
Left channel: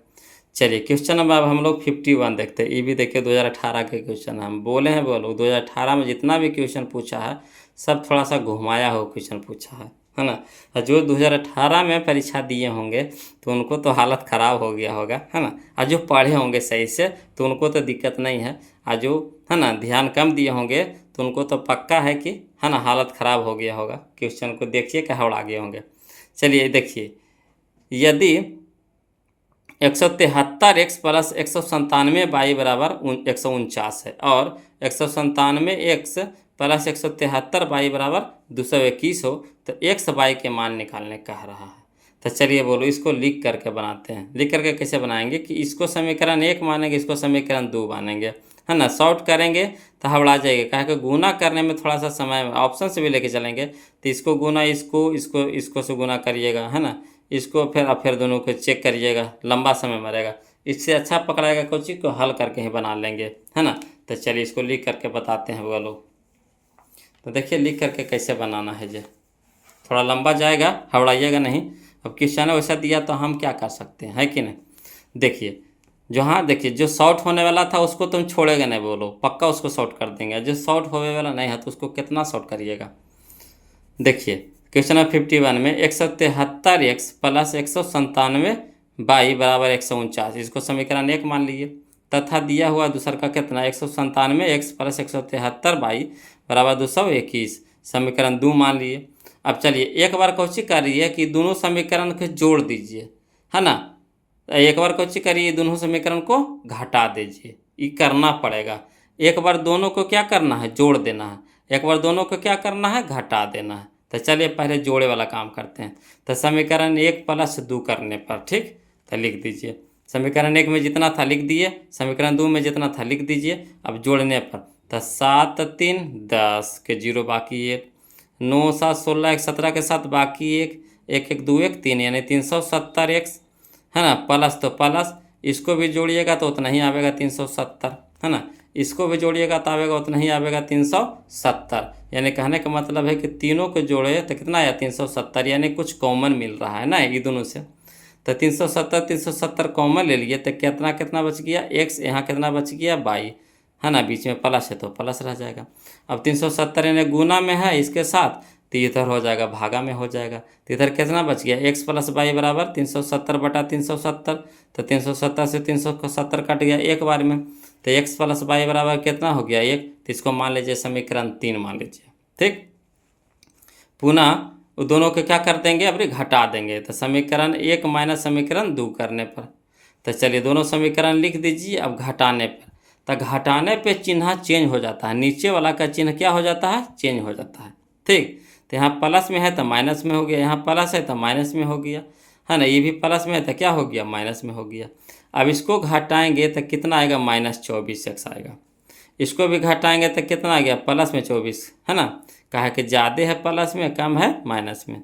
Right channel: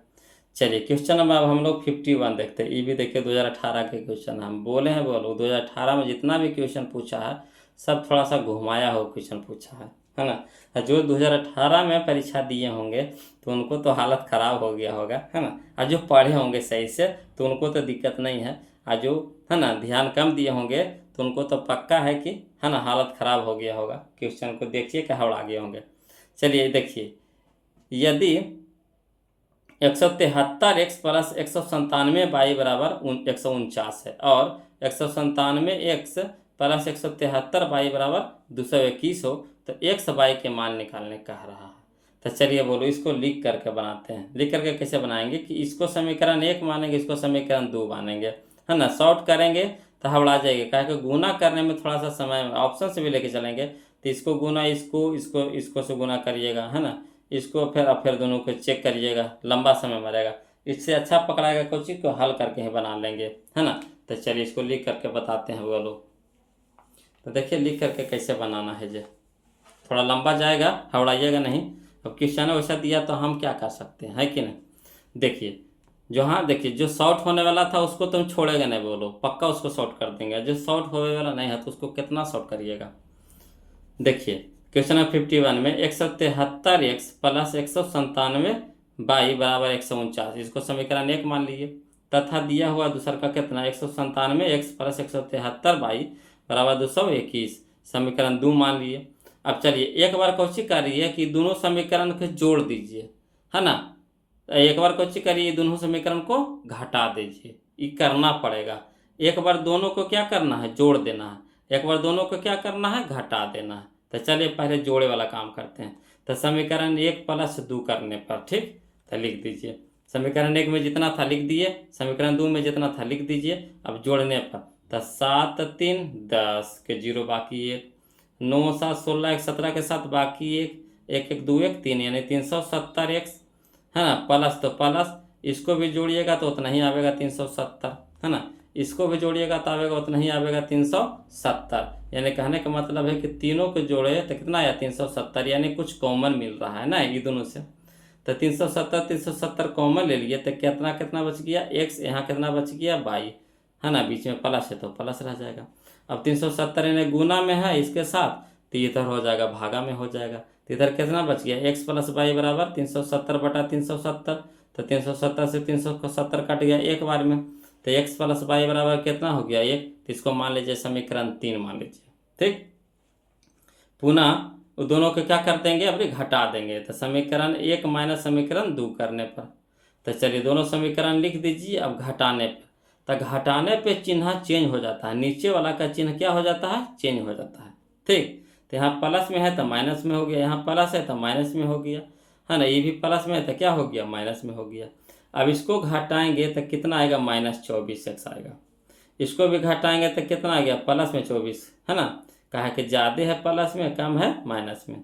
चलिए क्वेश्चन नंबर अब हम लोग 51 देखते हैं। ये भी देखिए 2018 के क्वेश्चन हम बोले हैं, वो लोग 2018 में जितना भी क्वेश्चन पूछा है सब थोड़ा सा घुमाया हो क्वेश्चन पूछा है ना। और जो 2018 में परीक्षा दिए होंगे तो उनको तो हालत ख़राब हो गया होगा, है ना। और जो पढ़े होंगे सही से तो उनको तो दिक्कत नहीं है, और जो है ना ध्यान कम दिए होंगे तो उनको तो पक्का है कि है ना हालत ख़राब हो गया होगा। क्वेश्चन को देखिए कि हवड़ा गए होंगे। चलिए देखिए, यदि 173x प्लस 197y बराबर 149 है, और 197x प्लस 173y बराबर 221 हो, तो x y के मान निकालने कह रहा है। तो चलिए बोलो इसको लिख करके बनाते हैं। लिख करके कैसे बनाएंगे कि इसको समीकरण 1 मानेंगे, इसको समीकरण 2 मानेंगे, है ना। शॉर्ट करेंगे तो हवड़ा जाएगा, कहा कि गुना करने में थोड़ा सा समय, ऑप्शन से भी लेके चलेंगे तो इसको गुना इसको से गुना करिएगा, है ना। इसको फिर दोनों को चेक करिएगा, लंबा समय मरेगा। इससे अच्छा पकड़ाएगा कोई चीज़ को हल करके ही बना लेंगे, है ना। तो चलिए इसको लिख करके बताते हैं वो लोग। तो देखिए लिख करके कैसे बनाना है जे, थोड़ा लंबा जाएगा, हवड़ाइएगा नहीं। अब क्वेश्चन वैसा दिया तो हम क्या कर सकते हैं, है कि नहीं। देखिए जो, हाँ देखिए जो शॉर्ट होने वाला था उसको तुम छोड़ेगा नहीं, बोलो पक्का उसको शॉर्ट कर देंगे। जो शॉर्ट होने वाला नहीं है तो उसको कितना शॉर्ट करिएगा। देखिए क्वेश्चन नंबर 51 में 173x प्लस 197 बाई बराबर 149, इसको समीकरण 1 मान लीजिए। तथा दिया हुआ दूसरा का कितना 197x प्लस 173 बाई बराबर 221, समीकरण 2 मान लिए। अब चलिए एक बार कोशिश करिए कि दोनों समीकरण को जोड़ दीजिए, है ना। एक बार कोशिश करिए दोनों समीकरण को घटा दीजिए, ये करना पड़ेगा। एक बार दोनों को क्या करना है, जोड़ देना है। एक बार दोनों को क्या करना है, घटा देना है। तो चलिए पहले जोड़े वाला काम करते हैं। तो समीकरण 1 प्लस 2 करने पर, ठीक, तो लिख दीजिए समीकरण 1 में जितना था लिख दिए, समीकरण 2 में जितना था लिख दीजिए। अब जोड़ने पर तो 7 3 10 के 0 बाकी 1, 9 7 16 1 17 के साथ बाकी 1, 1 1 2 1 3, यानी 370x, है ना। प्लस तो प्लस, इसको भी जोड़िएगा तो उतना ही आवेगा 370, है ना। इसको भी जोड़िएगा तो आवेगा उतना ही आवेगा 370। यानी कहने का मतलब है कि तीनों को जोड़े तो कितना आया 370, यानी कुछ कॉमन मिल रहा है ना ये दोनों से। तो 370 कॉमन ले लिए तो कितना कितना बच गया, x, यहाँ कितना बच गया 22, है ना। बीच में प्लस है तो प्लस रह जाएगा। अब 370 यानी गुना में है इसके साथ, तो इधर हो जाएगा भागा में हो जाएगा। तो इधर कितना बच गया, x प्लस 22 बराबर 370 बटा 370। तो 370 से 370 कट गया एक बार में, तो x प्लस 22 बराबर कितना हो गया 1। तो इसको मान लीजिए समीकरण 3 मान लीजिए, ठीक। पुनः वो दोनों को क्या कर देंगे, अभी घटा देंगे। तो समीकरण 1 माइनस समीकरण 2 करने पर, तो चलिए दोनों समीकरण लिख दीजिए। अब घटाने पर, तो घटाने पे चिन्ह चेंज हो जाता है, नीचे वाला का चिन्ह क्या हो जाता है, चेंज हो जाता है, ठीक। तो यहाँ प्लस में है तो माइनस में हो गया, यहाँ प्लस है तो माइनस में हो गया, है ना। ये भी प्लस में है तो क्या हो गया, माइनस में हो गया। अब इसको घटाएंगे तो कितना आएगा, -24x आएगा। इसको भी घटाएंगे तो कितना आ गया, प्लस में 24, है ना। कहा कि ज़्यादा है प्लस में, कम है माइनस में,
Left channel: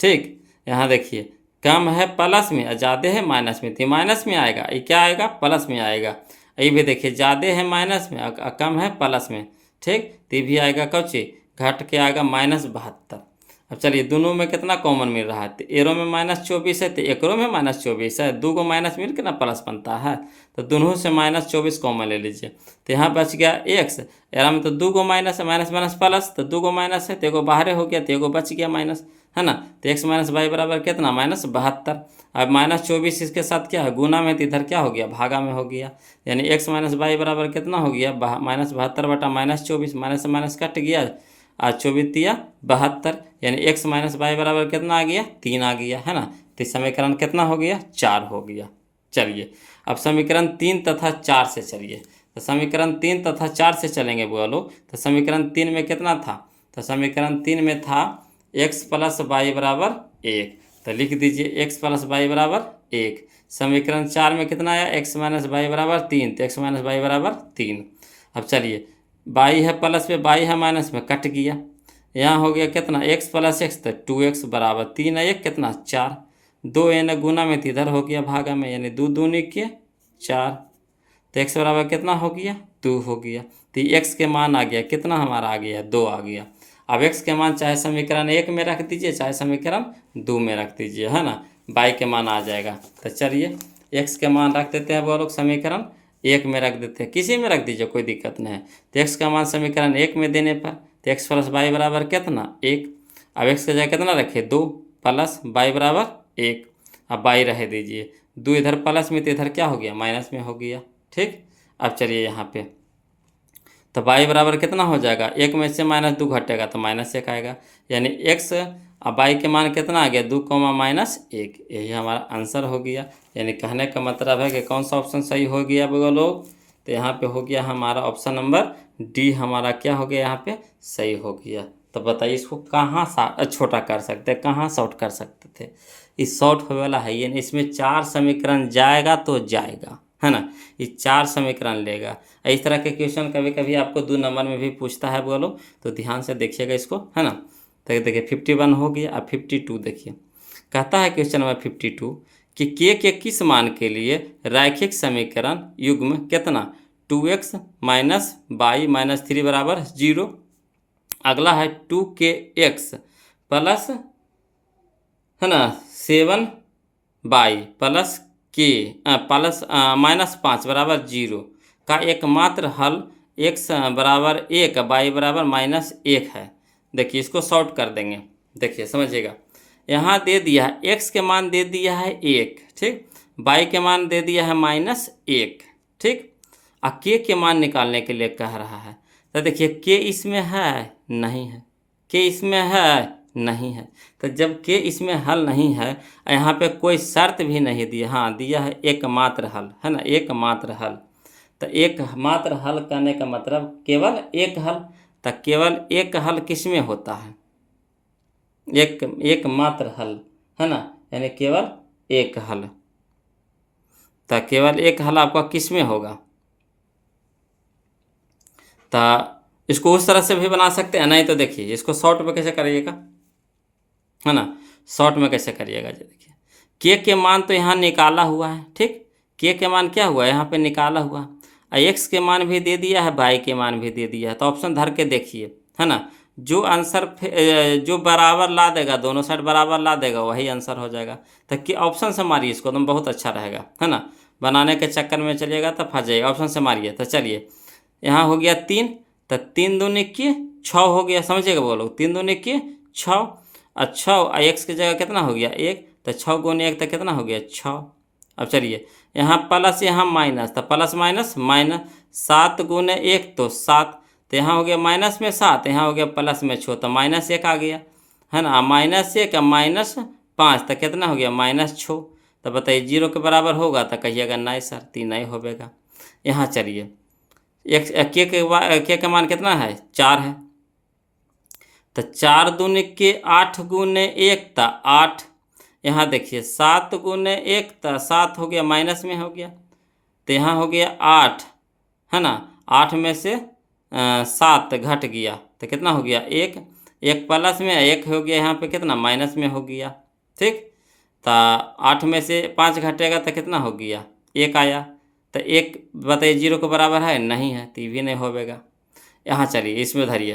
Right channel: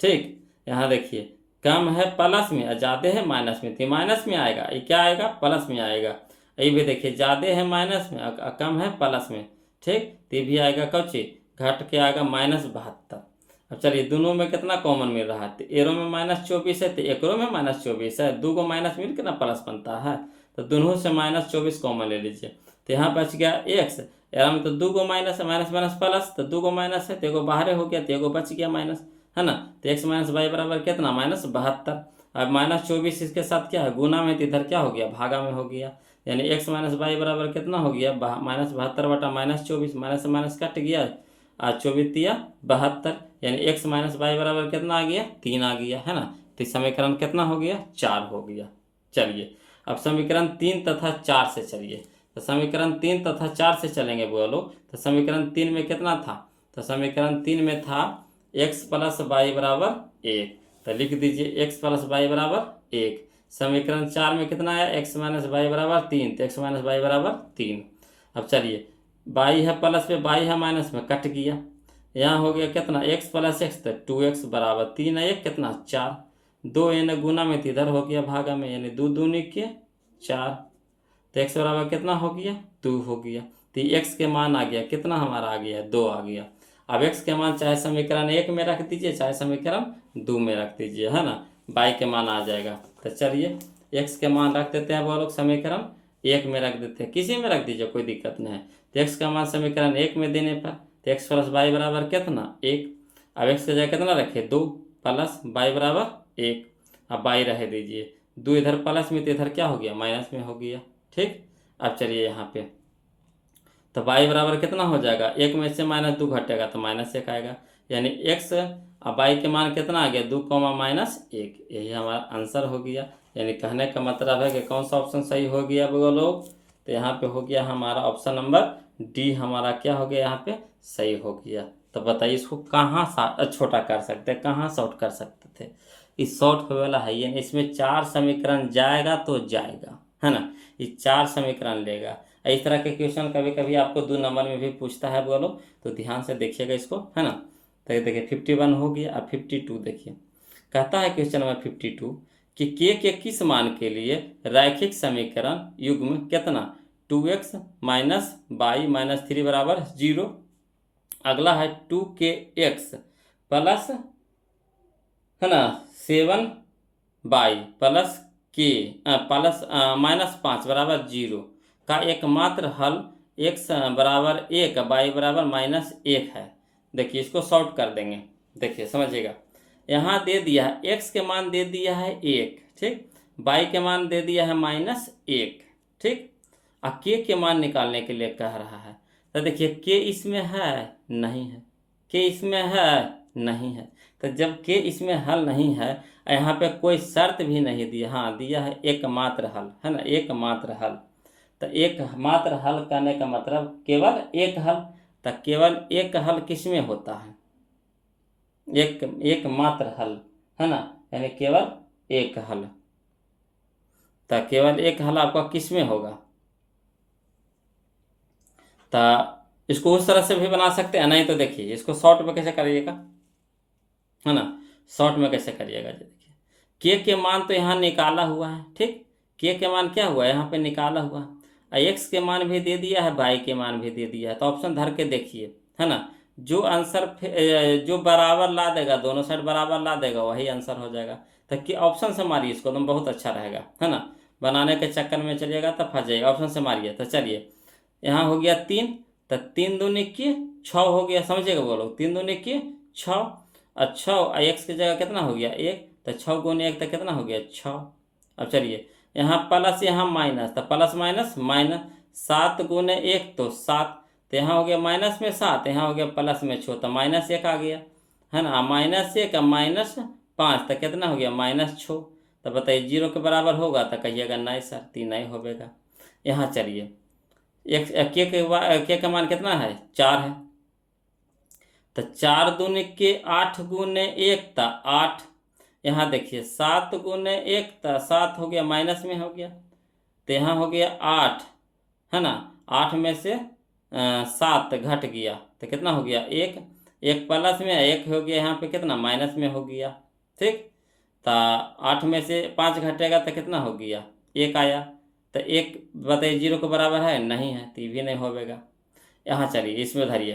ठीक। यहाँ देखिए कम है प्लस में और ज़्यादा है माइनस में, तो माइनस में आएगा, ये क्या आएगा, प्लस में आएगा। ये भी देखिए ज़्यादा है माइनस में और कम है प्लस में, ठीक। तो ये भी आएगा कौची, घट के आएगा -72। अब चलिए दोनों में कितना कॉमन मिल रहा है, तो एरो में -24 है तो एकरो में -24 है, दो को माइनस मिल के ना प्लस बनता है। तो दोनों से -24 कॉमन ले लीजिए। तो यहाँ बच गया x, एरा में तो 2 को माइनस है, माइनस माइनस प्लस, तो 2 को माइनस है तो एगो बाहर हो गया, तो एगो बच गया माइनस, है ना। तो x माइनस वाई बराबर कितना, -72। अब -24 इसके साथ क्या है, गुना में, तो इधर क्या हो गया, भागा में हो गया। यानी x माइनस वाई बराबर कितना हो गया, -72 बटा -24, माइनस से माइनस कट गया, आज 24 तिया 72, यानी x माइनस वाई बराबर कितना आ गया, 3 आ गया, है ना। तो समीकरण कितना हो गया, 4 हो गया। चलिए अब समीकरण 3 तथा 4 से चलिए। तो समीकरण 3 तथा 4 से चलेंगे बोलो। तो समीकरण 3 में कितना था, तो समीकरण 3 में था x प्लस वाई बराबर 1, तो लिख दीजिए x प्लस वाई बराबर 1। समीकरण 4 में कितना आया, x माइनस वाई बराबर 3, तो x माइनस वाई बराबर 3। अब चलिए बाई है प्लस में, बाई है माइनस में, कट गया। यहाँ हो गया कितना, x प्लस एक्स, तो 2x बराबर 3 है 1 कितना 4, 2 यानी गुना में, तो इधर हो गया भागा में, यानी 2 दूनी के 4। तो x बराबर कितना हो गया, 2 हो गया। तो x के मान आ गया कितना, हमारा आ गया 2 आ गया। अब x के मान चाहे समीकरण 1 में रख दीजिए चाहे समीकरण 2 में रख दीजिए, है ना। y के मान आ जाएगा। तो चलिए x के मान रख देते हैं वो लोग, समीकरण 1 में रख देते हैं, किसी में रख दीजिए कोई दिक्कत नहीं है। तो x का मान समीकरण 1 में देने पर, तो x प्लस वाई बराबर कितना 1। अब x के जगह कितना रखे 2, प्लस वाई बराबर 1। अब वाई रह दीजिए, 2 इधर प्लस में तो इधर क्या हो गया, माइनस में हो गया, ठीक। अब चलिए यहाँ पे तो वाई बराबर कितना हो जाएगा, 1 में से -2 घटेगा तो -1 आएगा, यानी x अब वाई के मान कितना आ गया, 2 -1। यही हमारा आंसर हो गया। यानी कहने का मतलब है कि कौन सा ऑप्शन सही हो गया वो लोग, तो यहाँ पे हो गया हमारा ऑप्शन नंबर डी, हमारा क्या हो गया यहाँ पे सही हो गया। तो बताइए इसको कहाँ छोटा कर सकते हैं, कहाँ शॉर्ट कर सकते थे। इस शॉर्ट होने वाला है ये, इसमें 4 समीकरण जाएगा तो जाएगा, है ना। ये 4 समीकरण लेगा। इस तरह के क्वेश्चन कभी कभी आपको 2 नंबर में भी पूछता है बोलो, तो ध्यान से देखिएगा इसको, है ना। तो देखिए 51 हो गया। अब 52 देखिए, कहता है क्वेश्चन नंबर 52 कि के किस मान के लिए रैखिक समीकरण युग्म कितना 2x माइनस वाई माइनस 3 बराबर 0, अगला है 2kx प्लस, है ना, 7y प्लस के प्लस -5 बराबर 0 का एकमात्र हल x बराबर 1 y बराबर -1 है। देखिए इसको शॉर्ट कर देंगे, देखिए समझिएगा। यहाँ दे दिया है x के मान दे दिया है 1, ठीक, y के मान दे दिया है -1, ठीक, और k के मान निकालने के लिए कह रहा है। तो देखिए k इसमें है नहीं है, k इसमें है नहीं है। तो जब k इसमें हल नहीं है, यहाँ पे कोई शर्त भी नहीं दिया, हाँ दिया है एकमात्र हल, है ना, एकमात्र हल। तो एकमात्र हल कहने का मतलब केवल एक हल। तो केवल एक हल किसमें होता है? एकमात्र हल, है ना, यानी केवल एक हल। तो केवल एक हल आपका किसमें होगा? तो इसको उस तरह से भी बना सकते हैं, नहीं तो देखिए इसको शॉर्ट में कैसे करिएगा, है ना, शॉर्ट में कैसे करिएगा जी। देखिए के मान तो यहाँ निकाला हुआ है, ठीक, के मान क्या हुआ यहाँ पे निकाला हुआ, एक्स के मान भी दे दिया है, बाई के मान भी दे दिया है। तो ऑप्शन धर के देखिए, है ना, जो आंसर जो बराबर ला देगा, दोनों साइड बराबर ला देगा, वही आंसर हो जाएगा। तो कि ऑप्शन से मारिए इसको, तुम बहुत अच्छा रहेगा, है ना, बनाने के चक्कर में चलिएगा तो फंस जाइएगा। ऑप्शन से मारिए। तो चलिए यहाँ हो गया 3, तो 3 दूनी के 6 हो गया, समझिएगा बोलो, 3 दूनी के 6, और 6 एक्स की जगह कितना हो गया 1, तो 6 गुने 1 तो कितना हो गया 6। अब चलिए यहाँ प्लस यहाँ माइनस, तो प्लस माइनस माइनस, 7 गुने 1 तो 7, तो यहाँ हो गया माइनस में 7, यहाँ हो गया प्लस में 6, तो -1 आ गया, है ना, -1 -5 तो कितना हो गया -6। तो बताइए 0 के बराबर होगा? तो कहिएगा नहीं सर, 3 नहीं होगा। यहाँ चलिए के मान कितना है 4 है, तो 4 दूनी के 8 गुने 1 था 8, यहाँ देखिए 7 गुने 1 था 7 हो गया, माइनस में हो गया, तो यहाँ हो गया 8, है ना, 8 में से 7 घट गया तो कितना हो गया 1, 1 प्लस में 1 हो गया, यहाँ पे कितना माइनस में हो गया, ठीक। तो 8 में से 5 घटेगा तो कितना हो गया 1 आया। तो 1 बताइए 0 के बराबर है नहीं है, तो ये भी नहीं होगा। यहाँ चलिए इसमें धरिए,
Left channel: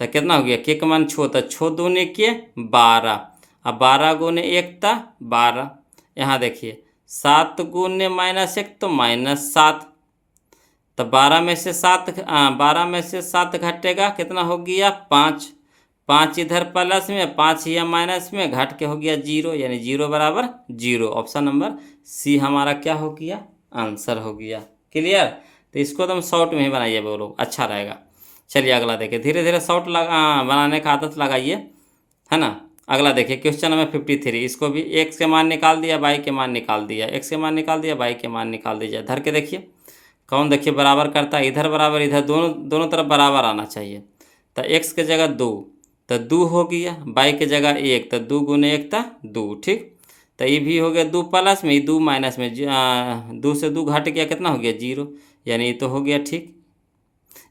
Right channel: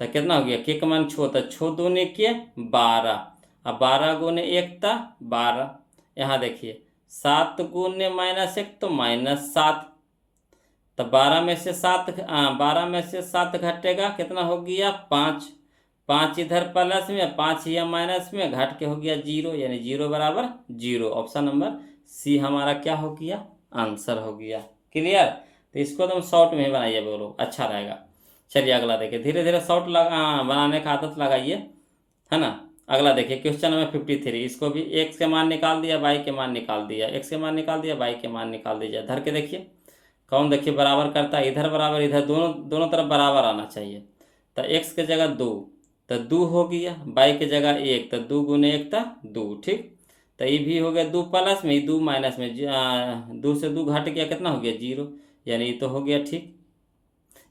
तो कितना हो गया के का मान 6, तो 6 दूने के 12, अब 12 गुने 1 था 12, यहाँ देखिए 7 गुने -1 तो -7, तो 12 में से 7 घटेगा कितना हो गया 5, 5 इधर प्लस में 5 या माइनस में घट के हो गया 0, यानी 0 बराबर 0। ऑप्शन नंबर सी हमारा क्या हो गया आंसर हो गया। क्लियर? तो इसको तुम शॉर्ट में ही बनाइए, बोलो अच्छा रहेगा। चलिए अगला देखिए, धीरे धीरे शॉर्ट बनाने का आदत लगाइए, है ना। अगला देखिए क्वेश्चन नंबर 53, इसको भी एक्स के मान निकाल दिया, बाई के मान निकाल दिया, एक्स के मान निकाल दिया, बाई के मान निकाल दीजिए। धर के देखिए कौन देखिए बराबर करता है, इधर बराबर इधर, दोनों तरफ बराबर आना चाहिए। तो एक्स के जगह 2 तो 2 हो गया, बाई के जगह 1 तो 2 गुने 1 था 2, ठीक। तो ये भी हो गया 2 प्लस में 2 माइनस में 2 से 2 घट गया कितना हो गया 0, यानी ये तो हो गया ठीक।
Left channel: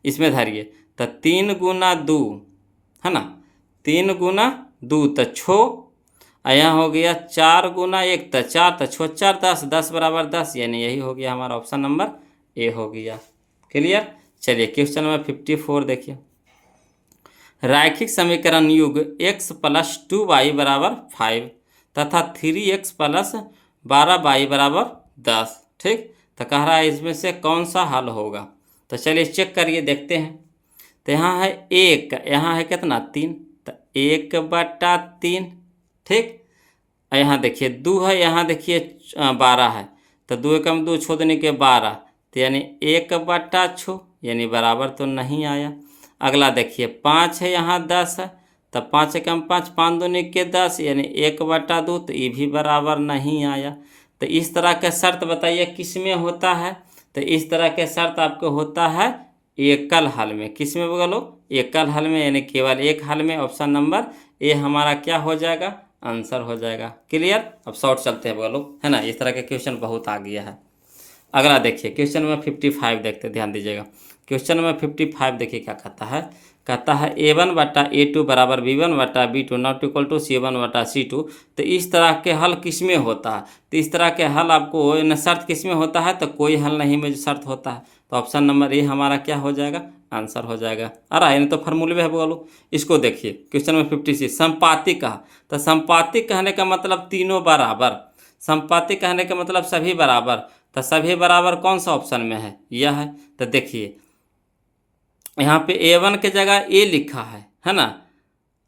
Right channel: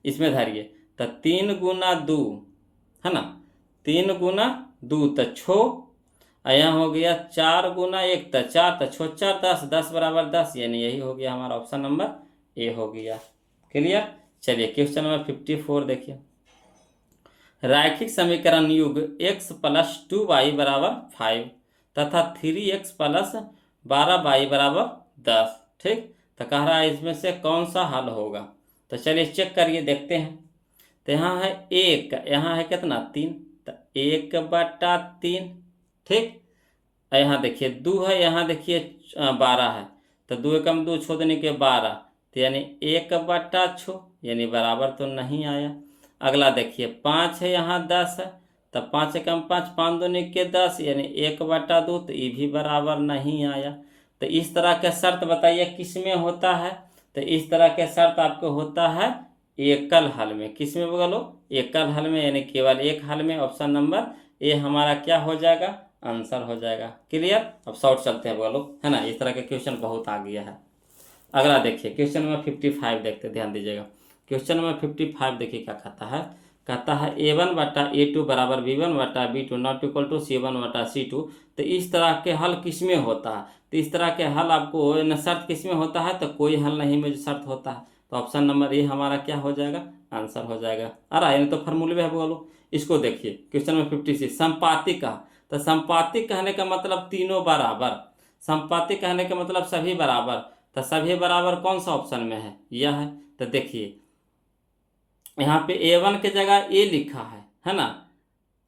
इसमें धरिए तो 3 गुना 2, है ना, 3 गुना 2 तो 6, यहाँ हो गया 4 गुना 1 तो 4, तो 6 4 10, 10 बराबर 10, यानी यही हो गया हमारा ऑप्शन नंबर ए हो गया। क्लियर? चलिए क्वेश्चन नंबर 54 देखिए, रैखिक समीकरण युग x + 2y = 5 तथा 3x + 12y = 10, ठीक। तो कह रहा है इसमें से कौन सा हल होगा। तो चलिए चेक करिए, देखते हैं। तो यहाँ है 1, यहाँ है कितना 3, तो 1/3, ठीक। यहाँ देखिए 2 है, यहाँ देखिए 12 है, तो 2 एकम 2 छो देने के 12, तो यानी 1/6, यानी बराबर तो नहीं आया। अगला देखिए 5 है, यहाँ 10 है, तो 5 एकम 5, 5 दूनी के 10, यानी 1/2, तो ये भी बराबर नहीं आया। तो इस तरह के शर्त बताइए किस में होता है। तो इस तरह के शर्त आपको होता है एकल हल में। किस में बोलो? एकल हल में, यानी केवल एक हल में। ऑप्शन नंबर ए हमारा क्या हो जाएगा आंसर हो जाएगा। क्लियर? अब शॉर्ट चलते हैं बोलो, है ना, इस तरह के क्वेश्चन बहुत आ गया है। अगला देखिए क्वेश्चन नंबर 55 देखते, ध्यान दीजिएगा। क्वेश्चन नंबर 55 देखिए क्या कहता है। कहता है a1/a2 = b1/b2 not equal to c1/c2। तो इस तरह के हल किस में होता है? तो इस तरह के हल आपको न शर्त किस में होता है, तो कोई हल नहीं में जो शर्त होता है। तो ऑप्शन नंबर ए हमारा क्या हो जाएगा आंसर हो जाएगा। आ रहा है, यानी तो फार्मूले में है बोलो। इसको देखिए क्वेश्चन नंबर 56, संपाती कहा। तो संपाती कहने का मतलब तीनों बराबर, संपाती कहने का मतलब सभी बराबर। तो सभी बराबर कौन सा ऑप्शन में है, यह है। तो देखिए यहाँ पे A1 के जगह A लिखा है ना,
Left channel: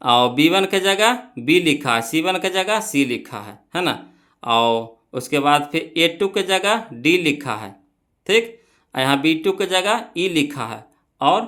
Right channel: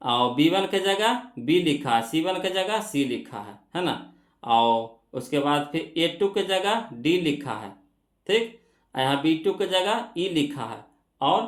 और B1 के जगह B लिखा है, C1 के जगह C लिखा है ना, और उसके बाद फिर A2 के जगह D लिखा है, ठीक। और यहाँ B2 के जगह E लिखा है, और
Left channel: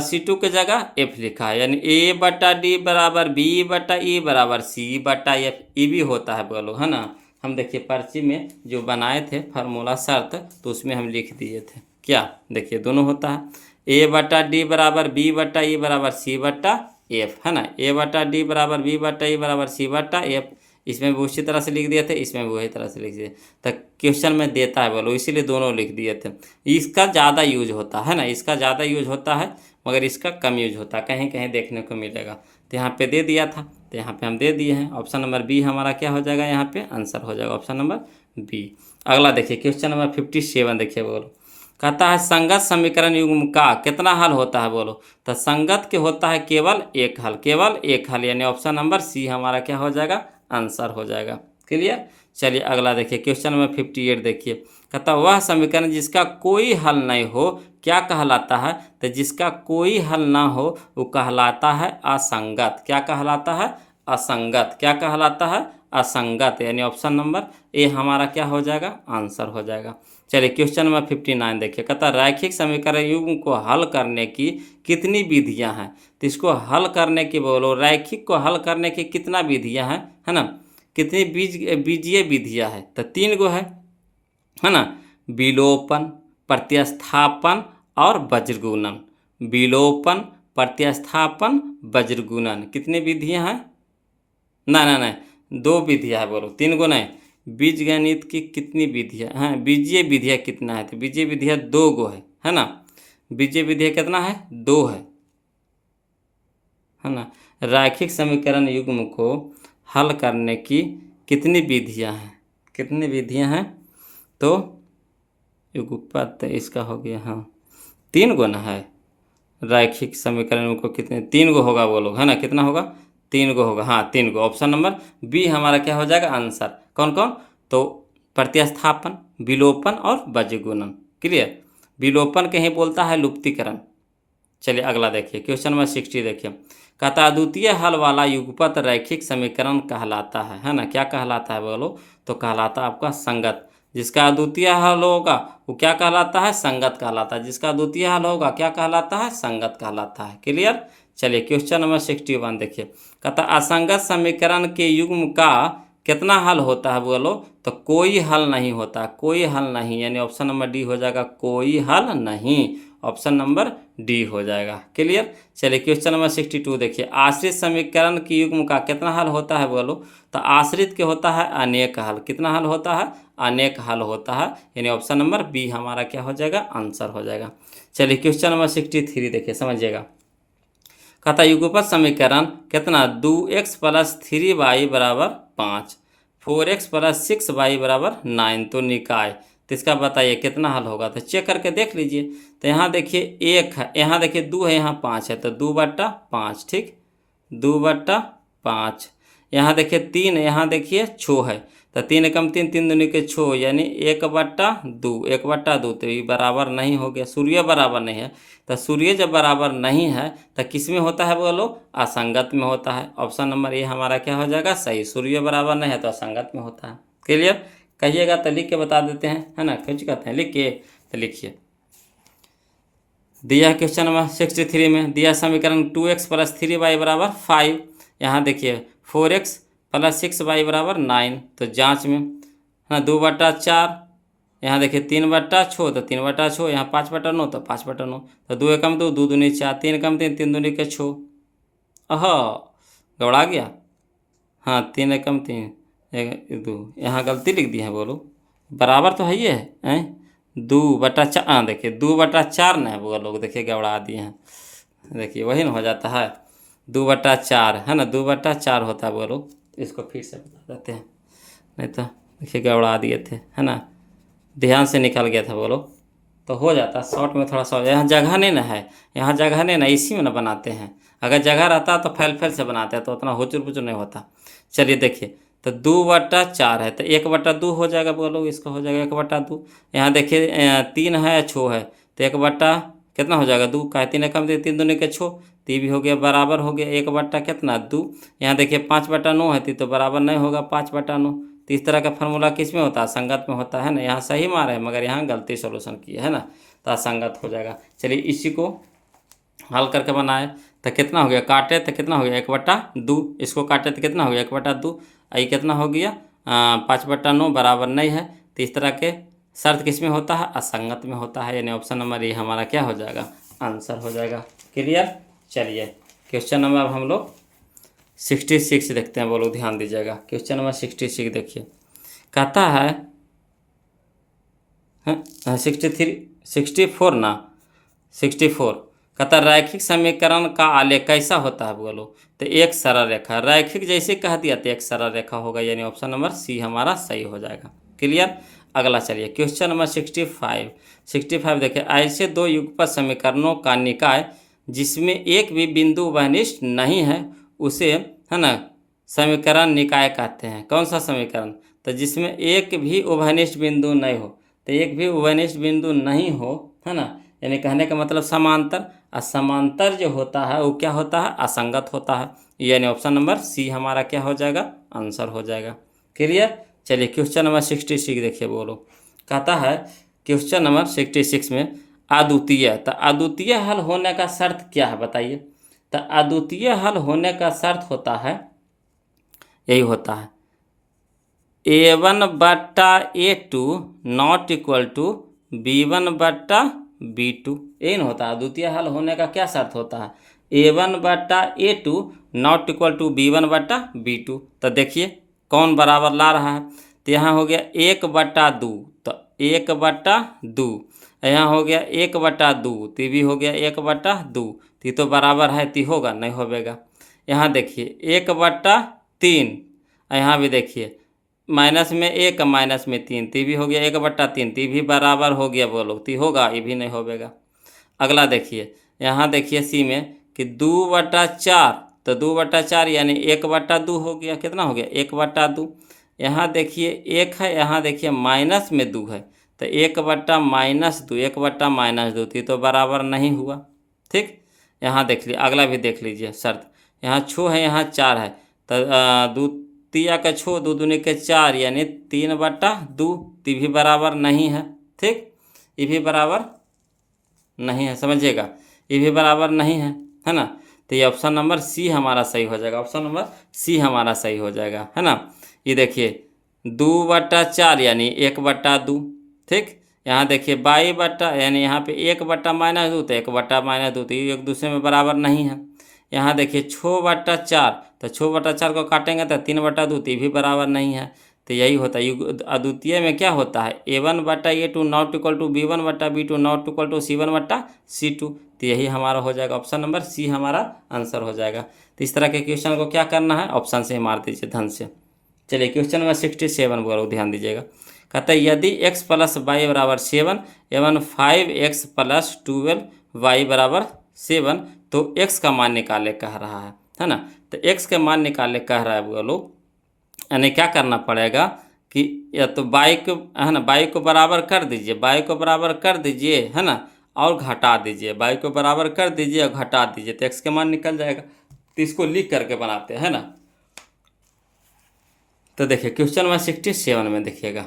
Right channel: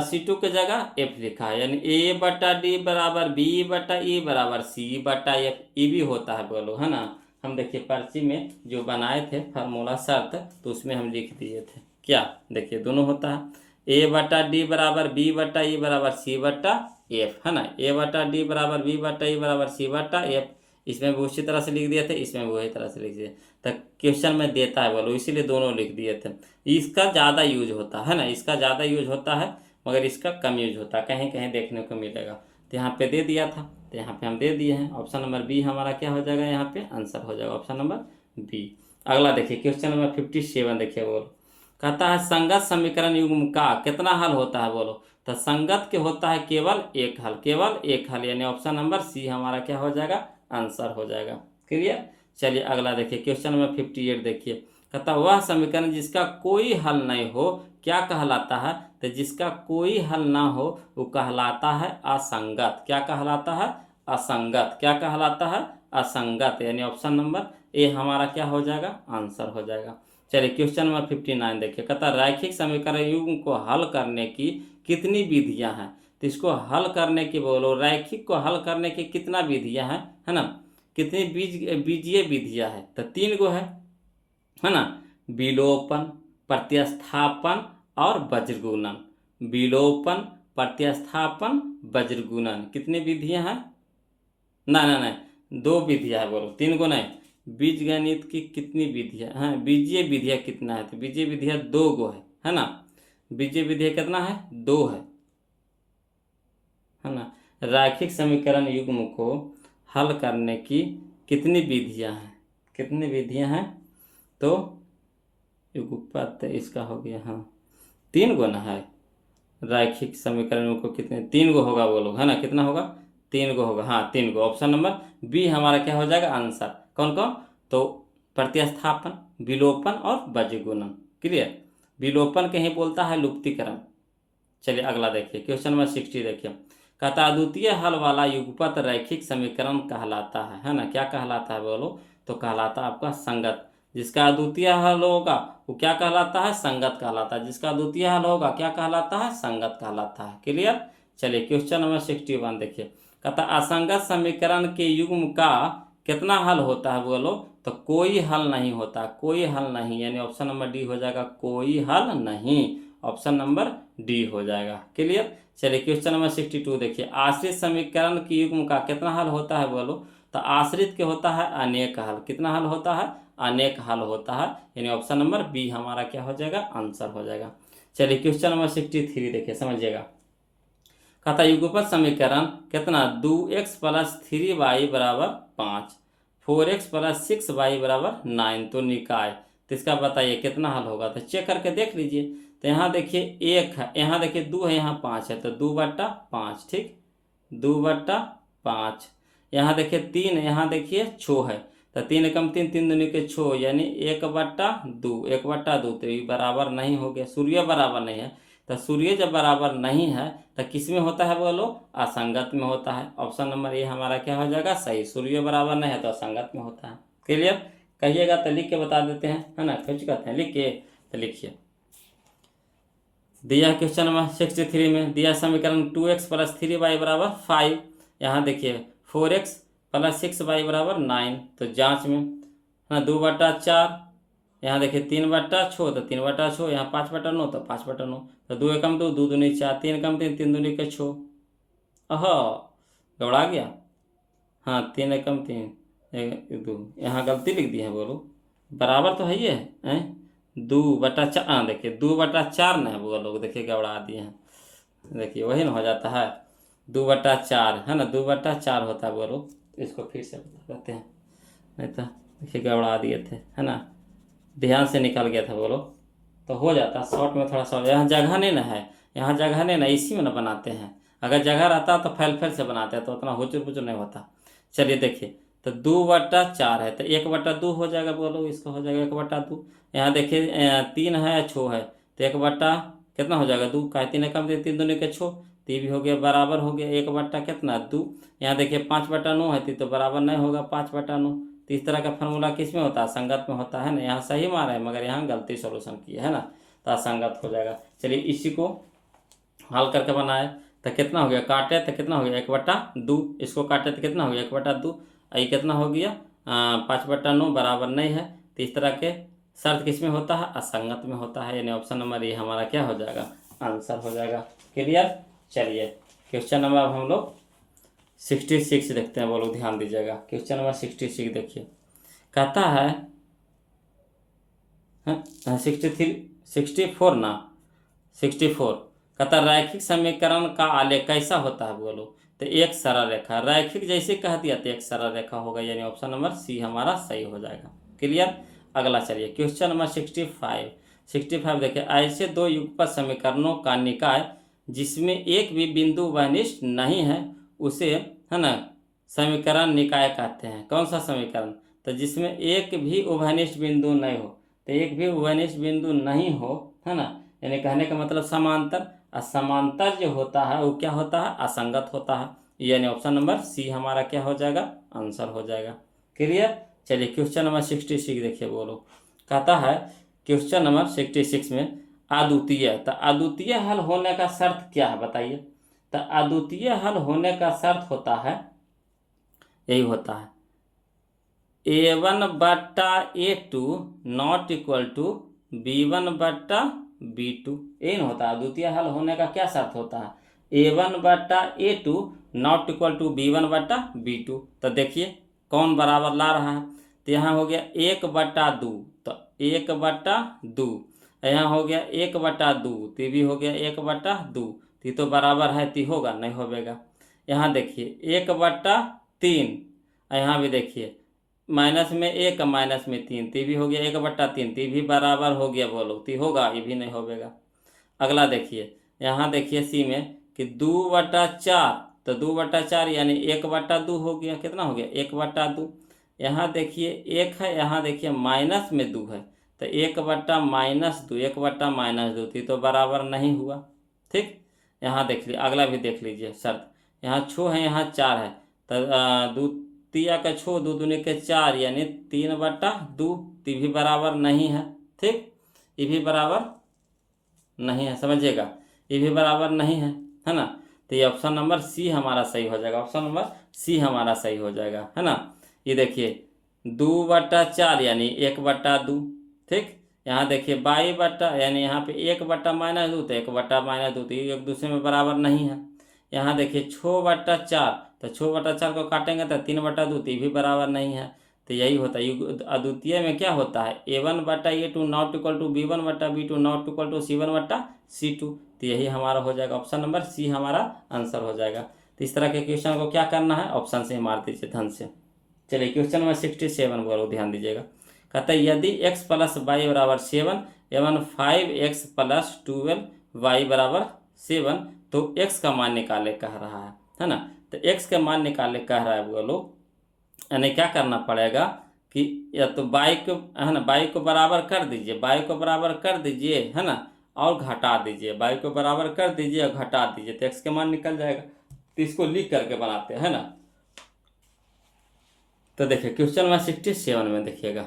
C2 के जगह F लिखा है, यानी A/D बराबर B/E बराबर C/F, ये भी होता है बोलो, है ना। हम देखिए पर्ची में जो बनाए थे फार्मूला शर्त, तो उसमें हम लिख दिए थे क्या, देखिए दोनों होता है। A/D बराबर B/E बराबर C/F, है ना। A/D बराबर B/E बराबर C/F, इसमें भी उसी तरह से लिख दिए थे, इसमें भी वही तरह से लिख दिए। तो क्वेश्चन में देता है बोलो, इसीलिए दोनों लिख दिए थे। इसका ज़्यादा यूज होता है ना, इसका ज़्यादा यूज होता है, मगर इसका कम यूज होता है, कहीं कहीं देखने को मिलेगा। तो यहाँ पे दे दिया था, तो यहाँ पे हम दे दिए हैं। ऑप्शन नंबर बी हमारा क्या हो जाएगा, यहाँ पे आंसर हो जाएगा ऑप्शन नंबर बी। अगला देखिए क्वेश्चन नंबर 57, देखिए बोलो, कहता है संगत समीकरण युग्म का कितना हल होता है बोलो। तो संगत के होता है केवल एक हल, केवल एक हल, यानी ऑप्शन नंबर सी हमारा क्या हो जाएगा, आंसर हो जाएगा। क्लियर। चलिए अगला देखिए क्वेश्चन नंबर 58, देखिए कहता वह समीकरण जिसका कोई हल नहीं हो क्या कहलाता है। तो जिसका कोई हल ना हो वो कहलाता है असंगत। क्या कहलाता है, असंगत। क्या कहलाता है, असंगत, यानी ऑप्शन नंबर ए हमारा क्या हो जाएगा, आंसर हो जाएगा। चलिए क्वेश्चन नंबर 59 देखिए, कहता रैखिक समीकरण युग्म को हल करने की कितनी विधियां हैं। तो इसको हल करने की बोलो, रैखिक को हल करने की कितना विधियां हैं, है ना, कितनी बीजीय विधियां हैं। तो 3 गो है ना, विलोपन, प्रतिस्थापन और वज्रगुणन। विलोपन, प्रतिस्थापन, वज्रगुणन, कितनी विधियां हैं, ना ना ना 2 विधियां है बोलो, 3 गो नहीं। बीज गणित की कितनी विधियां हैं, बीजीय विधियां कितना है। तो बीजीय विधियां 2 गो है ना। बीजीय विधियां कितना है, 2 है ना। रैखिक समीकरण युग्म को हल करने की कितनी विधियां हैं, कितनी विधियां हैं। तो युगपत इसका हो गया, हाँ 3 गो ना है। रैखिक समीकरण को कितने, 3 गो होगा बोलो, है ना, कितना होगा, 3 गो होगा, हाँ 3 गो। ऑप्शन नंबर बी हमारा क्या हो जाएगा, आंसर। कौन कौन, तो प्रतिस्थापन, विलोपन और वज्रगुणन। क्लियर। विलोपन के ही बोलता है लुप्तीकरण। चलिए अगला देखिए क्वेश्चन नंबर 60 देखिए, कहता अद्वितीय हल वाला युगपत रैखिक समीकरण कहलाता है ना। क्या कहलाता है बोलो, तो कहलाता है आपका संगत। जिसका अद्वितीय हल होगा वो क्या कहलाता है, संगत कहलाता है। जिसका अद्वितीय हल होगा क्या कहलाता है, संगत कहलाता है। क्लियर। चलिए क्वेश्चन नंबर 61 देखिए, कहता असंगत समीकरण के युग्म का कितना हल होता है बोलो। तो कोई हल नहीं होता, कोई हल नहीं, यानी ऑप्शन नंबर डी हो जाएगा, कोई हल नहीं, ऑप्शन नंबर डी हो जाएगा। क्लियर। चलिए क्वेश्चन नंबर 62 देखिए, आश्रित समीकरण की युग्म का कितना हल होता है बोलो। तो आश्रित के होता है अनेक हल। कितना हल होता है, अनेक हल होता है, यानी ऑप्शन नंबर बी हमारा क्या हो जाएगा, आंसर हो जाएगा। चलिए क्वेश्चन नंबर 63 देखिए, समझिएगा। कहता युगपत समीकरण कितना, 2x + 3y बराबर 5, 4x + 6y बराबर 9, तो निकाय। तो इसका बताइए कितना हल होगा। तो चेक करके देख लीजिए। तो यहाँ देखिए 1 है, यहाँ देखिए 2 है, यहाँ 5 है, तो 2/5, ठीक, 2/5। यहाँ देखिए 3, यहाँ देखिए 6 है, तो 3 एकम 3, 3 दूनी के 6, यानी 1/2, 1/2, तो ये बराबर नहीं हो गया, सूर्य बराबर नहीं है। तो सूर्य जब बराबर नहीं है तो किस में होता है बोलो, असंगत में होता है। ऑप्शन नंबर ए हमारा क्या हो जाएगा, सही। सूर्य बराबर नहीं है तो असंगत में होता है। क्लियर। कहिएगा तो लिख के बता देते हैं, है ना, कुछ कहते हैं लिख के, तो लिखिए। दिया क्वेश्चन नंबर 63 में दिया समीकरण 2x + 3y बराबर 5। यहाँ देखिए 4x + 6y बराबर 9, तो जांच में, है ना, 2/4। यहाँ देखिए 3/6, तो 3/6, यहाँ 5/9, तो 5/9, तो 2 एकम 2, 2 दूनी 4, 3 एकम 3, 3 दूनी के 6। अह गौड़ा गया, हाँ 3 एकम 3, 2, यहाँ गलती लिख दी है बोलो, बराबर तो है ही है 2/4। हाँ देखिए 2/4 न है वो लोग, देखिए गड़बड़ा दिए हैं, देखिए वही ना हो जाता है, 2/4 है ना, 2/4 होता है वो लोग। इसको फिर से बता देते हैं, नहीं तो देखिए गड़बड़ा दिए थे, है ना, ध्यान से निकल गया था वो लोग, तो हो जाता। शॉर्ट में थोड़ा सा यहाँ जगह नहीं ना है, यहाँ जगह नहीं ना, इसी में ना बनाते हैं। अगर जगह रहता तो फैल फैल से बनाते हैं तो उतना हुचुर पुचुर नहीं होता। चलिए देखिए, तो 2/4 है तो 1/2 हो जाएगा, बोलो इसका हो जाएगा 1/2। यहाँ देखिए 3 है 6 है तो 1 कितना हो जाएगा 2 का, 3 कम दे 3 दूनी के 6, तो ये भी हो गया बराबर हो गया 1 कितना 2। यहाँ देखिए 5/9 है तो बराबर नहीं होगा 5/9। तो इस तरह का फार्मूला किस में होता है, संगत में होता है ना। यहाँ सही मारा है मगर यहाँ गलती सोल्यूशन किया है ना, तो असंगत हो जाएगा। चलिए इसी को हल करके बनाए तो कितना हो गया, काटे तो कितना हो गया 1/2, इसको काटे तो कितना हो गया 1/2, ये कितना हो गया 5/9 बराबर नहीं है। तो इस तरह के शर्त किस में होता है, असंगत में होता है, यानी ऑप्शन नंबर ये हमारा क्या हो जाएगा, आंसर हो जाएगा। क्लियर। चलिए क्वेश्चन नंबर अब हम लोग 66 देखते हैं, बोलो ध्यान दीजिएगा। क्वेश्चन नंबर 66 देखिए, कहता है 63 64 ना 64, कहता रैखिक समीकरण का आलेख कैसा होता है, बोलो। तो एक सरल रेखा, रैखिक जैसे कह दिया तो एक सरल रेखा होगा, यानी ऑप्शन नंबर सी हमारा सही हो जाएगा। क्लियर। अगला चलिए क्वेश्चन नंबर 65 देखिए, ऐसे दो युगपत समीकरणों का निकाय जिसमें एक भी बिंदु वनिष्ठ नहीं है उसे है ना समीकरण निकाय कहते हैं। कौन सा समीकरण, तो जिसमें एक भी उभयनिष्ठ बिंदु नहीं हो, तो एक भी उभयनिष्ठ बिंदु नहीं हो है ना, यानी कहने का मतलब समांतर। असमांतर जो होता है वो क्या होता है, असंगत होता है, यानी ऑप्शन नंबर सी हमारा क्या हो जाएगा, आंसर हो जाएगा। क्लियर। चलिए क्वेश्चन नंबर 66 देखिए, बोलो। कहता है क्वेश्चन नंबर 66 में अद्वितीय, तो अद्वितीय हल होने का शर्त क्या है बताइए। तो अद्वितीय हल होने का शर्त होता है, यही होता है A1/A2 not equal to B1/B2। यही ना होता है अद्वितीय हल होने का क्या शर्त होता है, A1/A2 not equal to B1/B2। तो देखिए कौन बराबर ला रहा है, तो यहाँ हो गया 1/2, तो 1/2, यहाँ हो गया 1/2, तो भी हो गया 1/2, तो बराबर है तो होगा नहीं होगा। यहाँ देखिए 1/3, यहाँ भी देखिए माइनस में 1 माइनस में 3, तो भी हो गया 1/3, तो भी बराबर हो गया, बोलो तो होगा, ये भी नहीं होगा। अगला देखिए, यहाँ देखिए सी में कि 2/4, तो 2/4 यानी 1/2 हो गया, कितना हो गया 1/2। यहाँ देखिए 1 है, यहाँ देखिए माइनस में 2 है, तो 1/-2, 1/-2, तो बराबर नहीं हुआ। ठीक। यहाँ देख लीजिए, अगला भी देख लीजिए शर्त, यहाँ 6 है यहाँ 4 है, तो 2 तिया का 6, 2 दूनी के 4 यानी 3/2, तो भी बराबर नहीं है। ठीक, ये भी बराबर नहीं है, समझिएगा, ये भी बराबर नहीं है ना। तो ये ऑप्शन नंबर सी हमारा सही हो जाएगा, ऑप्शन नंबर सी हमारा सही हो जाएगा, है ना। ये देखिए 2/4 यानी 1/2। ठीक। यहाँ देखिए 22 यानी यहाँ पे 1/-2, तो 1/-2, तो ये एक दूसरे में बराबर नहीं है। यहाँ देखिए 6/4, तो 6/4 को काटेंगे तो 3/2, तो ये भी बराबर नहीं है। तो यही होता है अद्वितीय में क्या होता है, A1/A2 not equal to B1/B2 not equal to C1/C2। तो यही हमारा हो जाएगा, ऑप्शन नंबर सी हमारा आंसर हो जाएगा। तो इस तरह के क्वेश्चन को क्या करना है, ऑप्शन से मार दीजिए धन से। चलिए क्वेश्चन नंबर 67 बोलो, ध्यान दीजिएगा। कहता है यदि x + y = 7 एवं 5x + 12y = 7 तो x का मान निकाले कह रहा है ना। तो x का मान निकाले कह रहा है, बोलो यानी क्या करना पड़ेगा कि या तो y को है ना, y को बराबर कर दीजिए, y को बराबर कर दीजिए है ना, और घटा दीजिए, y को बराबर कर दीजिए और घटा दीजिए, तो x का मान निकल जाएगा। तो इसको लिख करके बनाते हैं ना। तो देखिए क्वेश्चन नंबर 67 में देखिएगा,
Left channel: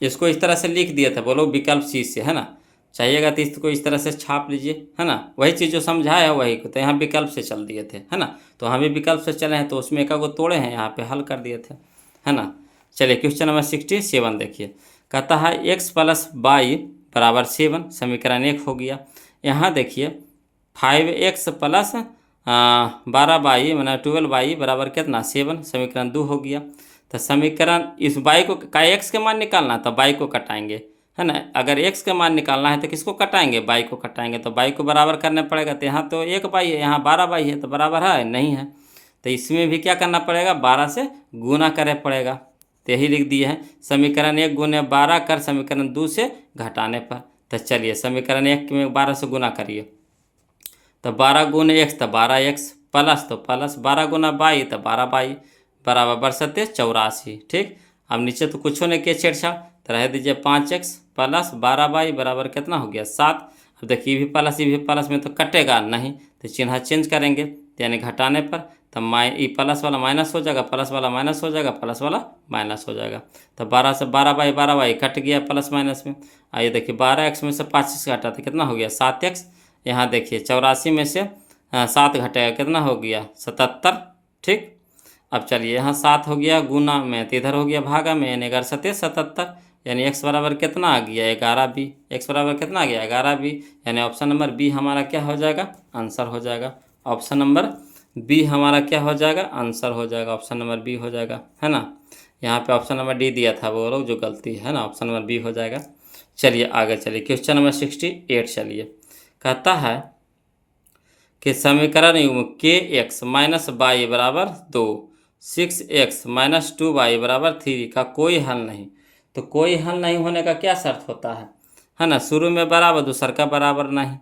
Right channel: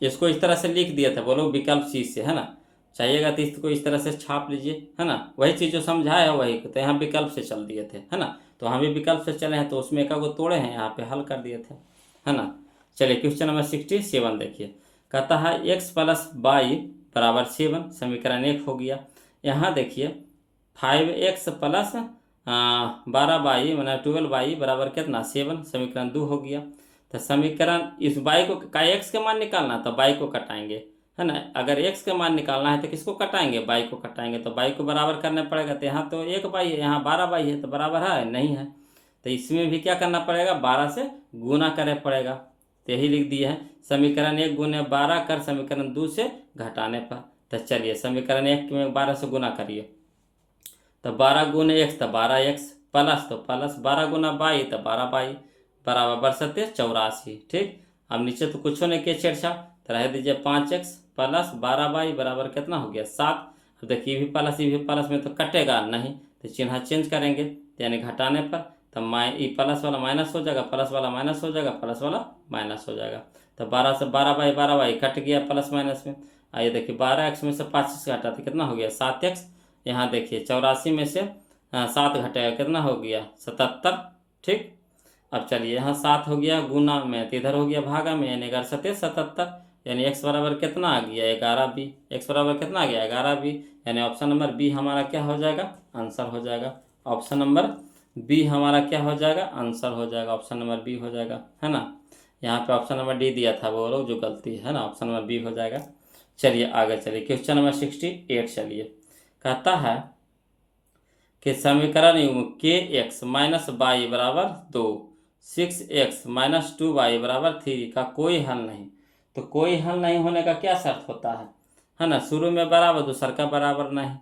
इसको इस तरह से लिख दिया था, बोलो विकल्प सी से, है ना। चाहिएगा तो इसको इस तरह से छाप लीजिए, है ना, वही चीज़ जो समझाया है वही तो यहाँ विकल्प से चल दिए थे, है ना। तो हम भी विकल्प से चले हैं तो उसमें एक को तोड़े हैं, यहाँ पे हल कर दिए थे, है ना। चलिए क्वेश्चन नंबर 67 देखिए, कहता है x + y = 7, समीकरण 1 हो गया। यहाँ देखिए 5x + 12y मैंने 12y बराबर कितना 7, समीकरण 2 हो गया। तो समीकरण इस y को का x के मान निकालना, तो y को कटाएंगे, है ना। अगर x का मान निकालना है तो किसको कटाएंगे, y को कटाएंगे, तो y को बराबर करना पड़ेगा। तो यहाँ तो 1y है, यहाँ 12y है, तो बराबर है नहीं है। तो इसमें भी क्या करना पड़ेगा, 12 से गुना करे पड़ेगा। तो यही लिख दिए हैं, समीकरण 1 × 12 कर समीकरण 2 से घटाने पर। तो चलिए समीकरण 1 में 12 से गुना करिए, तो 12 गुने x तो 12x प्लस तो प्लस 12 गुना बाई तो 12 बराबर बरसते 84। ठीक, अब नीचे तो कुछ नहीं किया छेड़छाड़, तो रह दीजिए 5x प्लस 12 बराबर कितना हो गया 7। अब देखिए ये भी प्लस में तो कटेगा नहीं, तो चिन्ह चेंज करेंगे, यानी घटाने पर तो ये प्लस वाला माइनस हो जाएगा, प्लस वाला माइनस हो जाएगा, प्लस वाला माइनस हो जाएगा। तो 12 से 12 कट गया प्लस माइनस में। आइए देखिए 12x में से 5x घटा तो कितना हो गया 7x। यहाँ देखिए 84 में से 7 घटेगा कितना हो गया 77। ठीक, अब चलिए यहाँ 7 हो गया गुना में, तो इधर हो गया भागा में, यानी 11 77, यानी x बराबर कितना आ गया 11b। x बराबर कितना आ गया 11b, यानी ऑप्शन नंबर बी हमारा क्या हो जाएगा आंसर हो जाएगा। ऑप्शन नंबर बी हमारा क्या हो जाएगा आंसर हो जाएगा, ऑप्शन नंबर बी हो जाएगा, है ना। यहाँ पे ऑप्शन नंबर डी दिया था वो लोग जो गलती है ना, ऑप्शन नंबर बी हो जाएगा। चलिए आगे चलिए क्वेश्चन नंबर 68। चलिए कहता है कि समीकरण युग्म के एक्स माइनस वाई बराबर 2, 6x माइनस 2y बराबर 3 का कोई हल नहीं। तो कोई हल नहीं होने का क्या शर्त होता है ना, शुरू में बराबर दूसर का बराबर नहीं,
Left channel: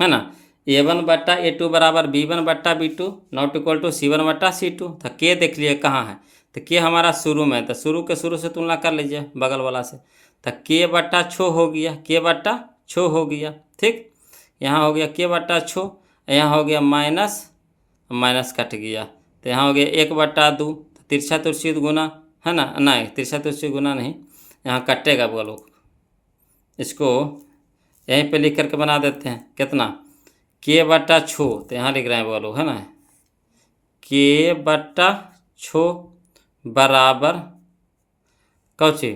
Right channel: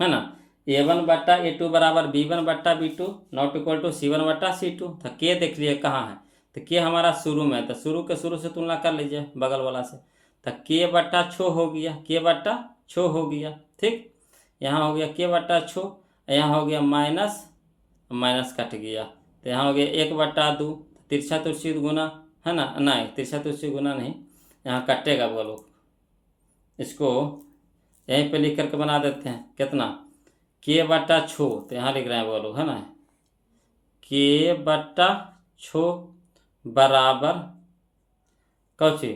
है ना। a1 बट्टा a2 बराबर b1 बट्टा b2 not equal to c1 बट्टा c2। तो के देख लिए कहाँ है, तो के हमारा शुरू में, तो शुरू के शुरू से तुलना कर लीजिए बगल वाला से, तो के बट्टा छो हो गया, के बट्टा छो हो गया। ठीक, यहाँ हो गया के बट्टा छो, यहाँ हो गया माइनस माइनस कट गया, तो यहाँ हो गया 1/2, तिरछा तुरछी गुना, है ना, नहीं तिरछा तुरछी गुना नहीं, यहाँ कटेगा बोलो, इसको यहीं पे लिख करके बना देते हैं कितना के बट्टा छो, तो यहाँ लिख रहे हैं बोलो, है ना, के बट्टा छो बराबर कौची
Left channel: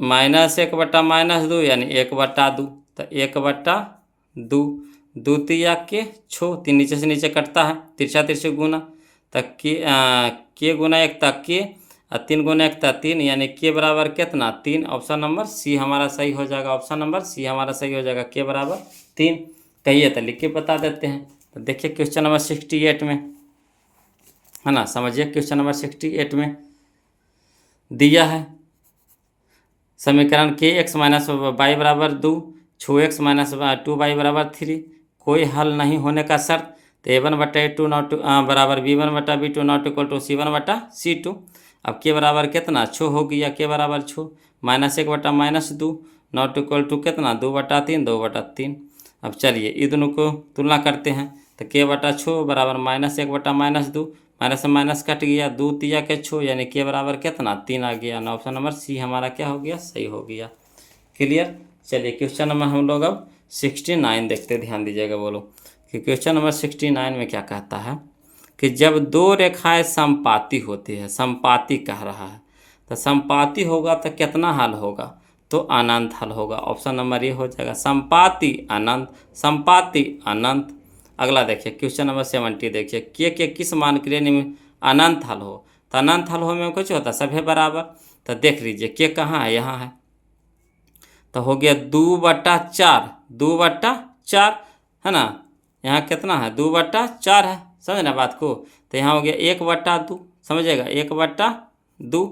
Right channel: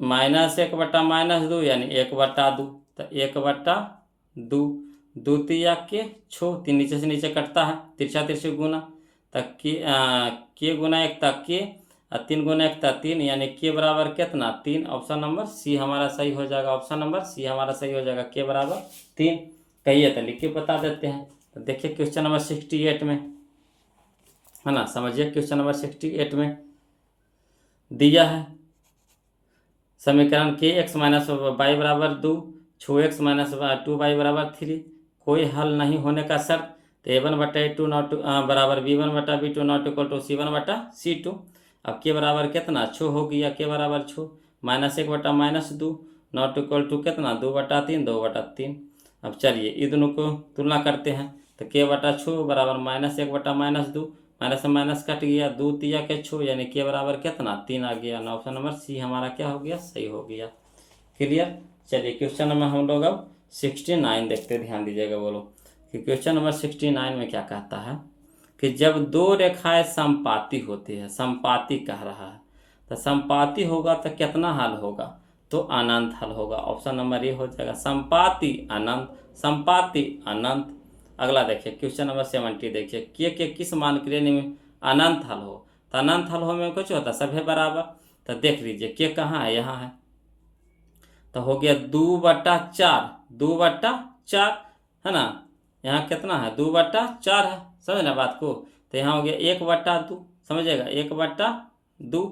-1/-2 यानी 1/2, तो 1/2 द्वितीया के छो, 3 नीचे से नीचे कटता है, तिरछा तिरछी गुना, तक के गुना 1 तक के, और 3 गुना 1 तक 3, यानी के बराबर कितना 3। ऑप्शन नंबर सी हमारा सही हो जाएगा, ऑप्शन नंबर सी हमारा सही हो जाएगा, के बराबर 3। कहिए तो लिख के बता देते हैं। तो देखिए क्वेश्चन नंबर 68 में, है ना, समझिए क्वेश्चन नंबर 68 में दिया है समीकरण के एक्स माइनस वाई बराबर 2, छो एक्स माइनस 2y बराबर 3, कोई हल नहीं होने का शर्त, तो a1/a2 नॉट बराबर b1/b2 not equal to c1/c2। अब के बराबर कितना छो हो गया, के बराबर छो, -1/-2 नॉट इक्वल टू कितना 2/3, 2/3। अब चलिए ये दोनों को तुलना करते हैं, तो के बटा छो बराबर -1/-2, माइनस से माइनस कट गया, 2 तिया के छो, यानी के बराबर कितना 3 आ गया, ना ऑप्शन नंबर सी हमारा क्या हो गया सही हो गया। क्लियर। चलिए क्वेश्चन नंबर हम लोग अब 69 देखते, ध्यान दीजिएगा बोलो कि क्वेश्चन नंबर 69 में क्या कहता है कि जब 2 रेखाएं समपाती होती है, समपाती कह रहा है, तो समपाती होगा तो कितना हल होगा, तो अनंत हल होगा। ऑप्शन नंबर ये हो जाएगा संपाति अनंत, संपाति अनंत। अगला देखिए क्वेश्चन नंबर 70 देखिए के किस मान के लिए निम्न अनंत हल हो, तो अनंत हल हो में कुछ होता है सभी बराबर, तो देख लीजिए के कहाँ है यहाँ है, तो हो गया 2/4, 2/4 है ना, यहाँ कितना है 2/4 है, समझना बात को, तो यहाँ हो गया 1/2, समझेगा 1/2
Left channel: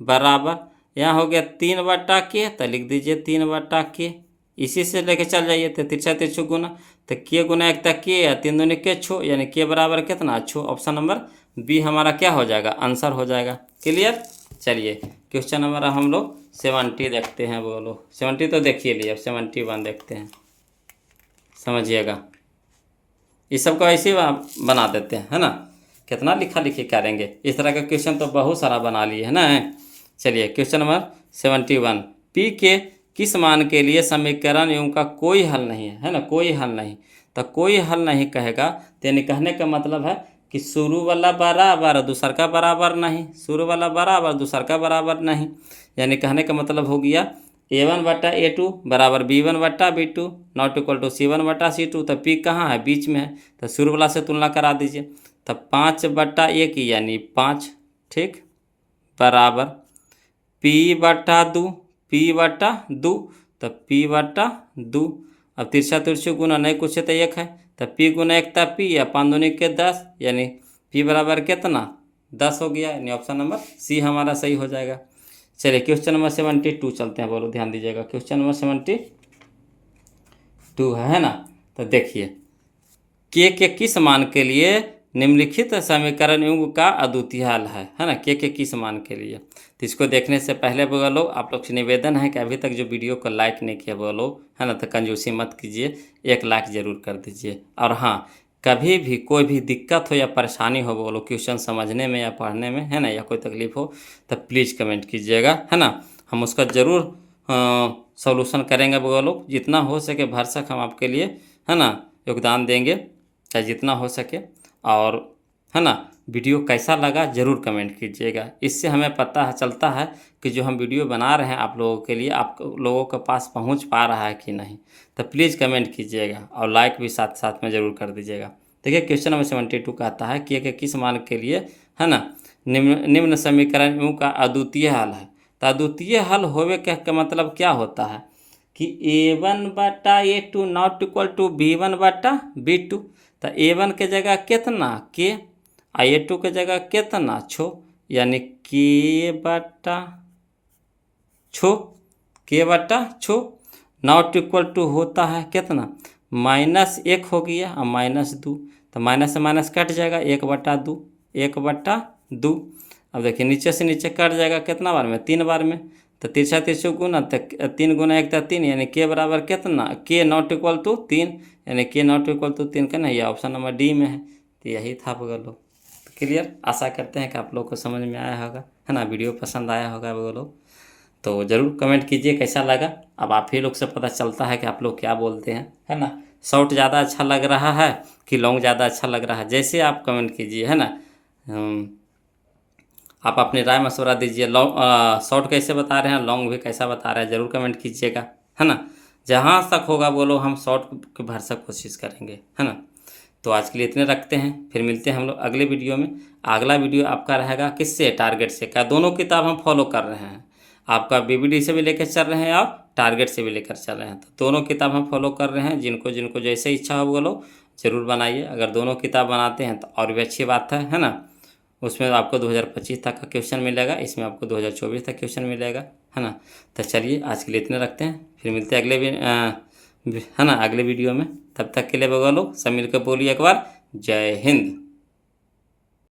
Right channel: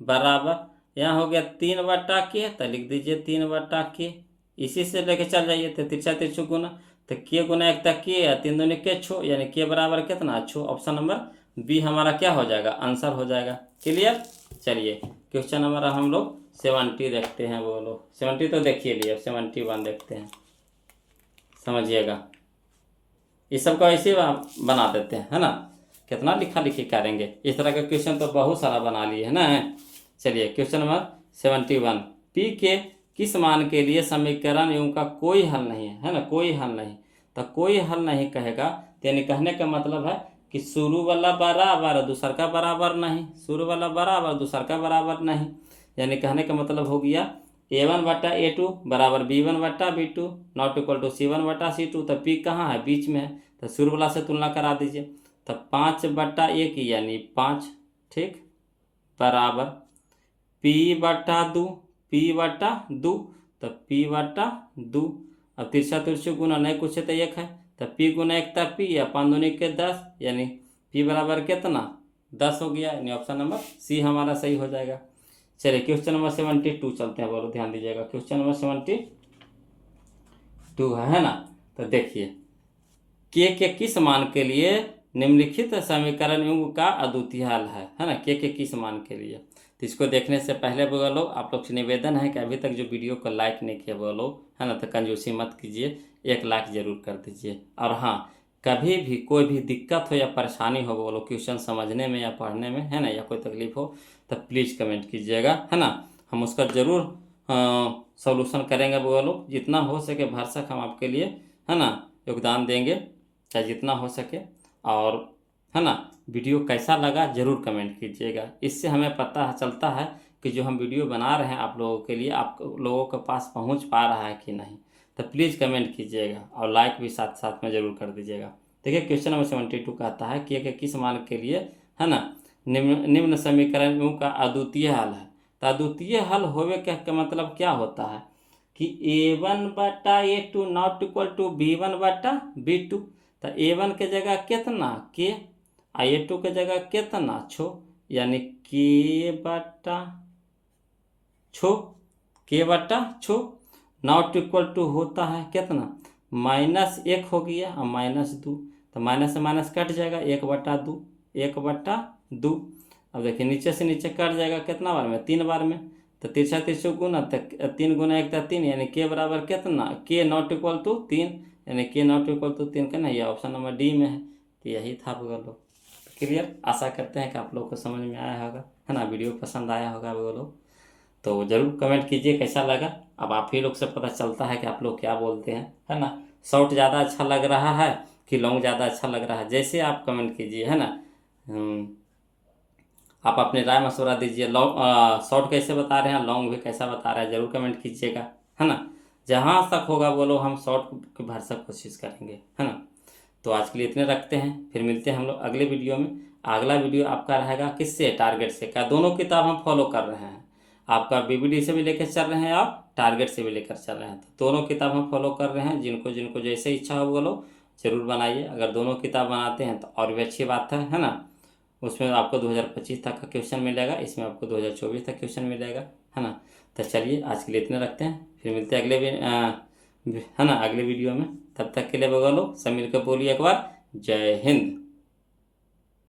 बराबर, यहाँ हो गया 3/k, तो लिख दीजिए 3/k, इसी से लेके चल जाइए, तो तिरछा तिरछू गुना, तो के गुना 1 तक के या 3 दूनी के छो, यानी के बराबर कितना छो। ऑप्शन नंबर बी हमारा क्या हो जाएगा आंसर हो जाएगा। क्लियर। चलिए क्वेश्चन नंबर हम लोग 70 देखते हैं, बोलो 70 तो देखिए लिए, अब 71 देखते हैं, समझिएगा इस सब को ऐसे ही बना देते हैं, है ना, कितना लिखा लिखी करेंगे, इस तरह का क्वेश्चन तो बहुत सारा बना लिए है ना। चलिए क्वेश्चन नंबर 71, पी के किस मान के लिए समीकरण एवं का कोई हल नहीं है ना, कोई हल नहीं, तो कोई हल नहीं कहेगा, यानी कहने का मतलब है कि शुरू वाला बराबर दूसर का बराबर नहीं, शुरू वाला बराबर दूसर का बराबर नहीं, यानी कहने का मतलब हो गया a1/a2 बराबर b1/b2 not equal to c1/c2। तो p कहाँ है बीच में है, तो शुरू वाला से तुलना करा दीजिए, तो 5/1 यानी 5, ठीक, बराबर p/2, p/2, तो p/2, अब तिरछा तिरछी गुना नहीं कुछ है तो 1 है, तो p गुना 1 था p, या 5 दूनी के 10, यानी p बराबर कितना 10 हो गया, यानी ऑप्शन नंबर सी हमारा सही हो जाएगा। चलिए क्वेश्चन नंबर 72 चलते हैं, बोलो ध्यान दीजिएगा। क्वेश्चन नंबर 72 है ना। तो देखिए के किस मान के लिए निम्नलिखित समीकरण युग का अद्वितीय हल है ना। के किस मान के लिए। तो इसको देखने से पहले वो लोग आप लोग से निवेदन है कि अभी तक जो वीडियो को लाइक नहीं किया वो लोग है ना, तो कंजूसी मत कीजिए, एक लाइक ज़रूर कर दीजिए। और हाँ, कभी भी कोई भी दिक्कत हो या परेशानी हो वो लोग क्वेश्चन समझने में या पढ़ने में है ना, या कोई तकलीफ हो तो प्लीज़ कमेंट कीजिएगा है ना, हम उसका ज़रूर सॉल्यूशन करेंगे। वो लोग जितना हो सके भरसक हम आपके लिए है ना योगदान देंगे, चाहे जितना हो सके। और है ना, वीडियो कैसा लगा ज़रूर कमेंट कीजिएगा, इससे हमें पता है चलता है कि जो हम वीडियो बना रहे हैं आप लोगों के लिए आप लोगों के पास पहुंच पा रहा है कि नहीं। तो प्लीज़ कमेंट कीजिएगा और लाइक भी साथ साथ में ज़रूर कर दीजिएगा। देखिए क्वेश्चन नंबर 72 कहता है कि किस मान के लिए है ना निम्न समीकरण यूँ का अद्वितीय हल है। तो अद्वितीय हल होवे का मतलब क्या होता है कि a1/a2 not equal to b1/b2। तो a1 के जगह कितना के, a2 के जगह कितना छो, यानी के बटा छो नॉट इक्वल टू होता है कितना -1 हो गया और -2। तो माइनस से माइनस कट जाएगा 1/2 1/2। अब देखिए नीचे से नीचे कट जाएगा कितना बार में 3 बार में। तो तिरछा तिरछा गुना तो 3 गुना 1 तो 3, यानी के बराबर कितना के नॉट इक्वल टू 3, यानी के नॉट इक्वल टू 3 का नहीं, ये ऑप्शन नंबर डी में है। तो यही था वो लोग। क्लियर, आशा करते हैं कि आप लोग को समझ में आया होगा है ना, वीडियो पसंद आया होगा वो लोग। तो ज़रूर कमेंट कीजिए कैसा लगा। अब आप ही लोग से पता चलता है कि आप लोग क्या बोलते हैं है ना, शॉर्ट ज़्यादा अच्छा लग रहा है कि लॉन्ग ज़्यादा अच्छा लग रहा है, जैसे आप कमेंट कीजिए है ना। आप अपनी राय मशवरा दीजिए, लॉन्ग शॉर्ट कैसे बता रहे हैं, लॉन्ग भी कैसा बता रहे हैं, ज़रूर कमेंट कीजिएगा है ना। जहाँ तक होगा बोलो हम शॉर्ट की भरसक कोशिश करेंगे है ना। तो आज के लिए इतने रखते हैं, फिर मिलते हैं हम लोग अगले वीडियो में। अगला वीडियो आपका रहेगा किससे, टारगेट से। क्या दोनों किताब हम फॉलो कर रहे हैं, आपका बीबीडी से भी लेकर चल रहे हैं और टारगेट से भी लेकर चल रहे हैं। तो दोनों किताब हम फॉलो कर रहे हैं, जिनको जिनको जैसे इच्छा हो वो लोग ज़रूर बनाइए। अगर दोनों किताब बनाते हैं तो और भी अच्छी बात है ना। उसमें आपको 2025 तक का क्वेश्चन मिलेगा, इसमें आपको 2024 तक क्वेश्चन मिलेगा है ना। तो चलिए आज के लिए इतने रखते हैं, फिर मिलते हैं अगले है ना अगले वीडियो में। तब तक के लिए बगल लोग सब मिलकर बोलिए एक बार जय हिंद।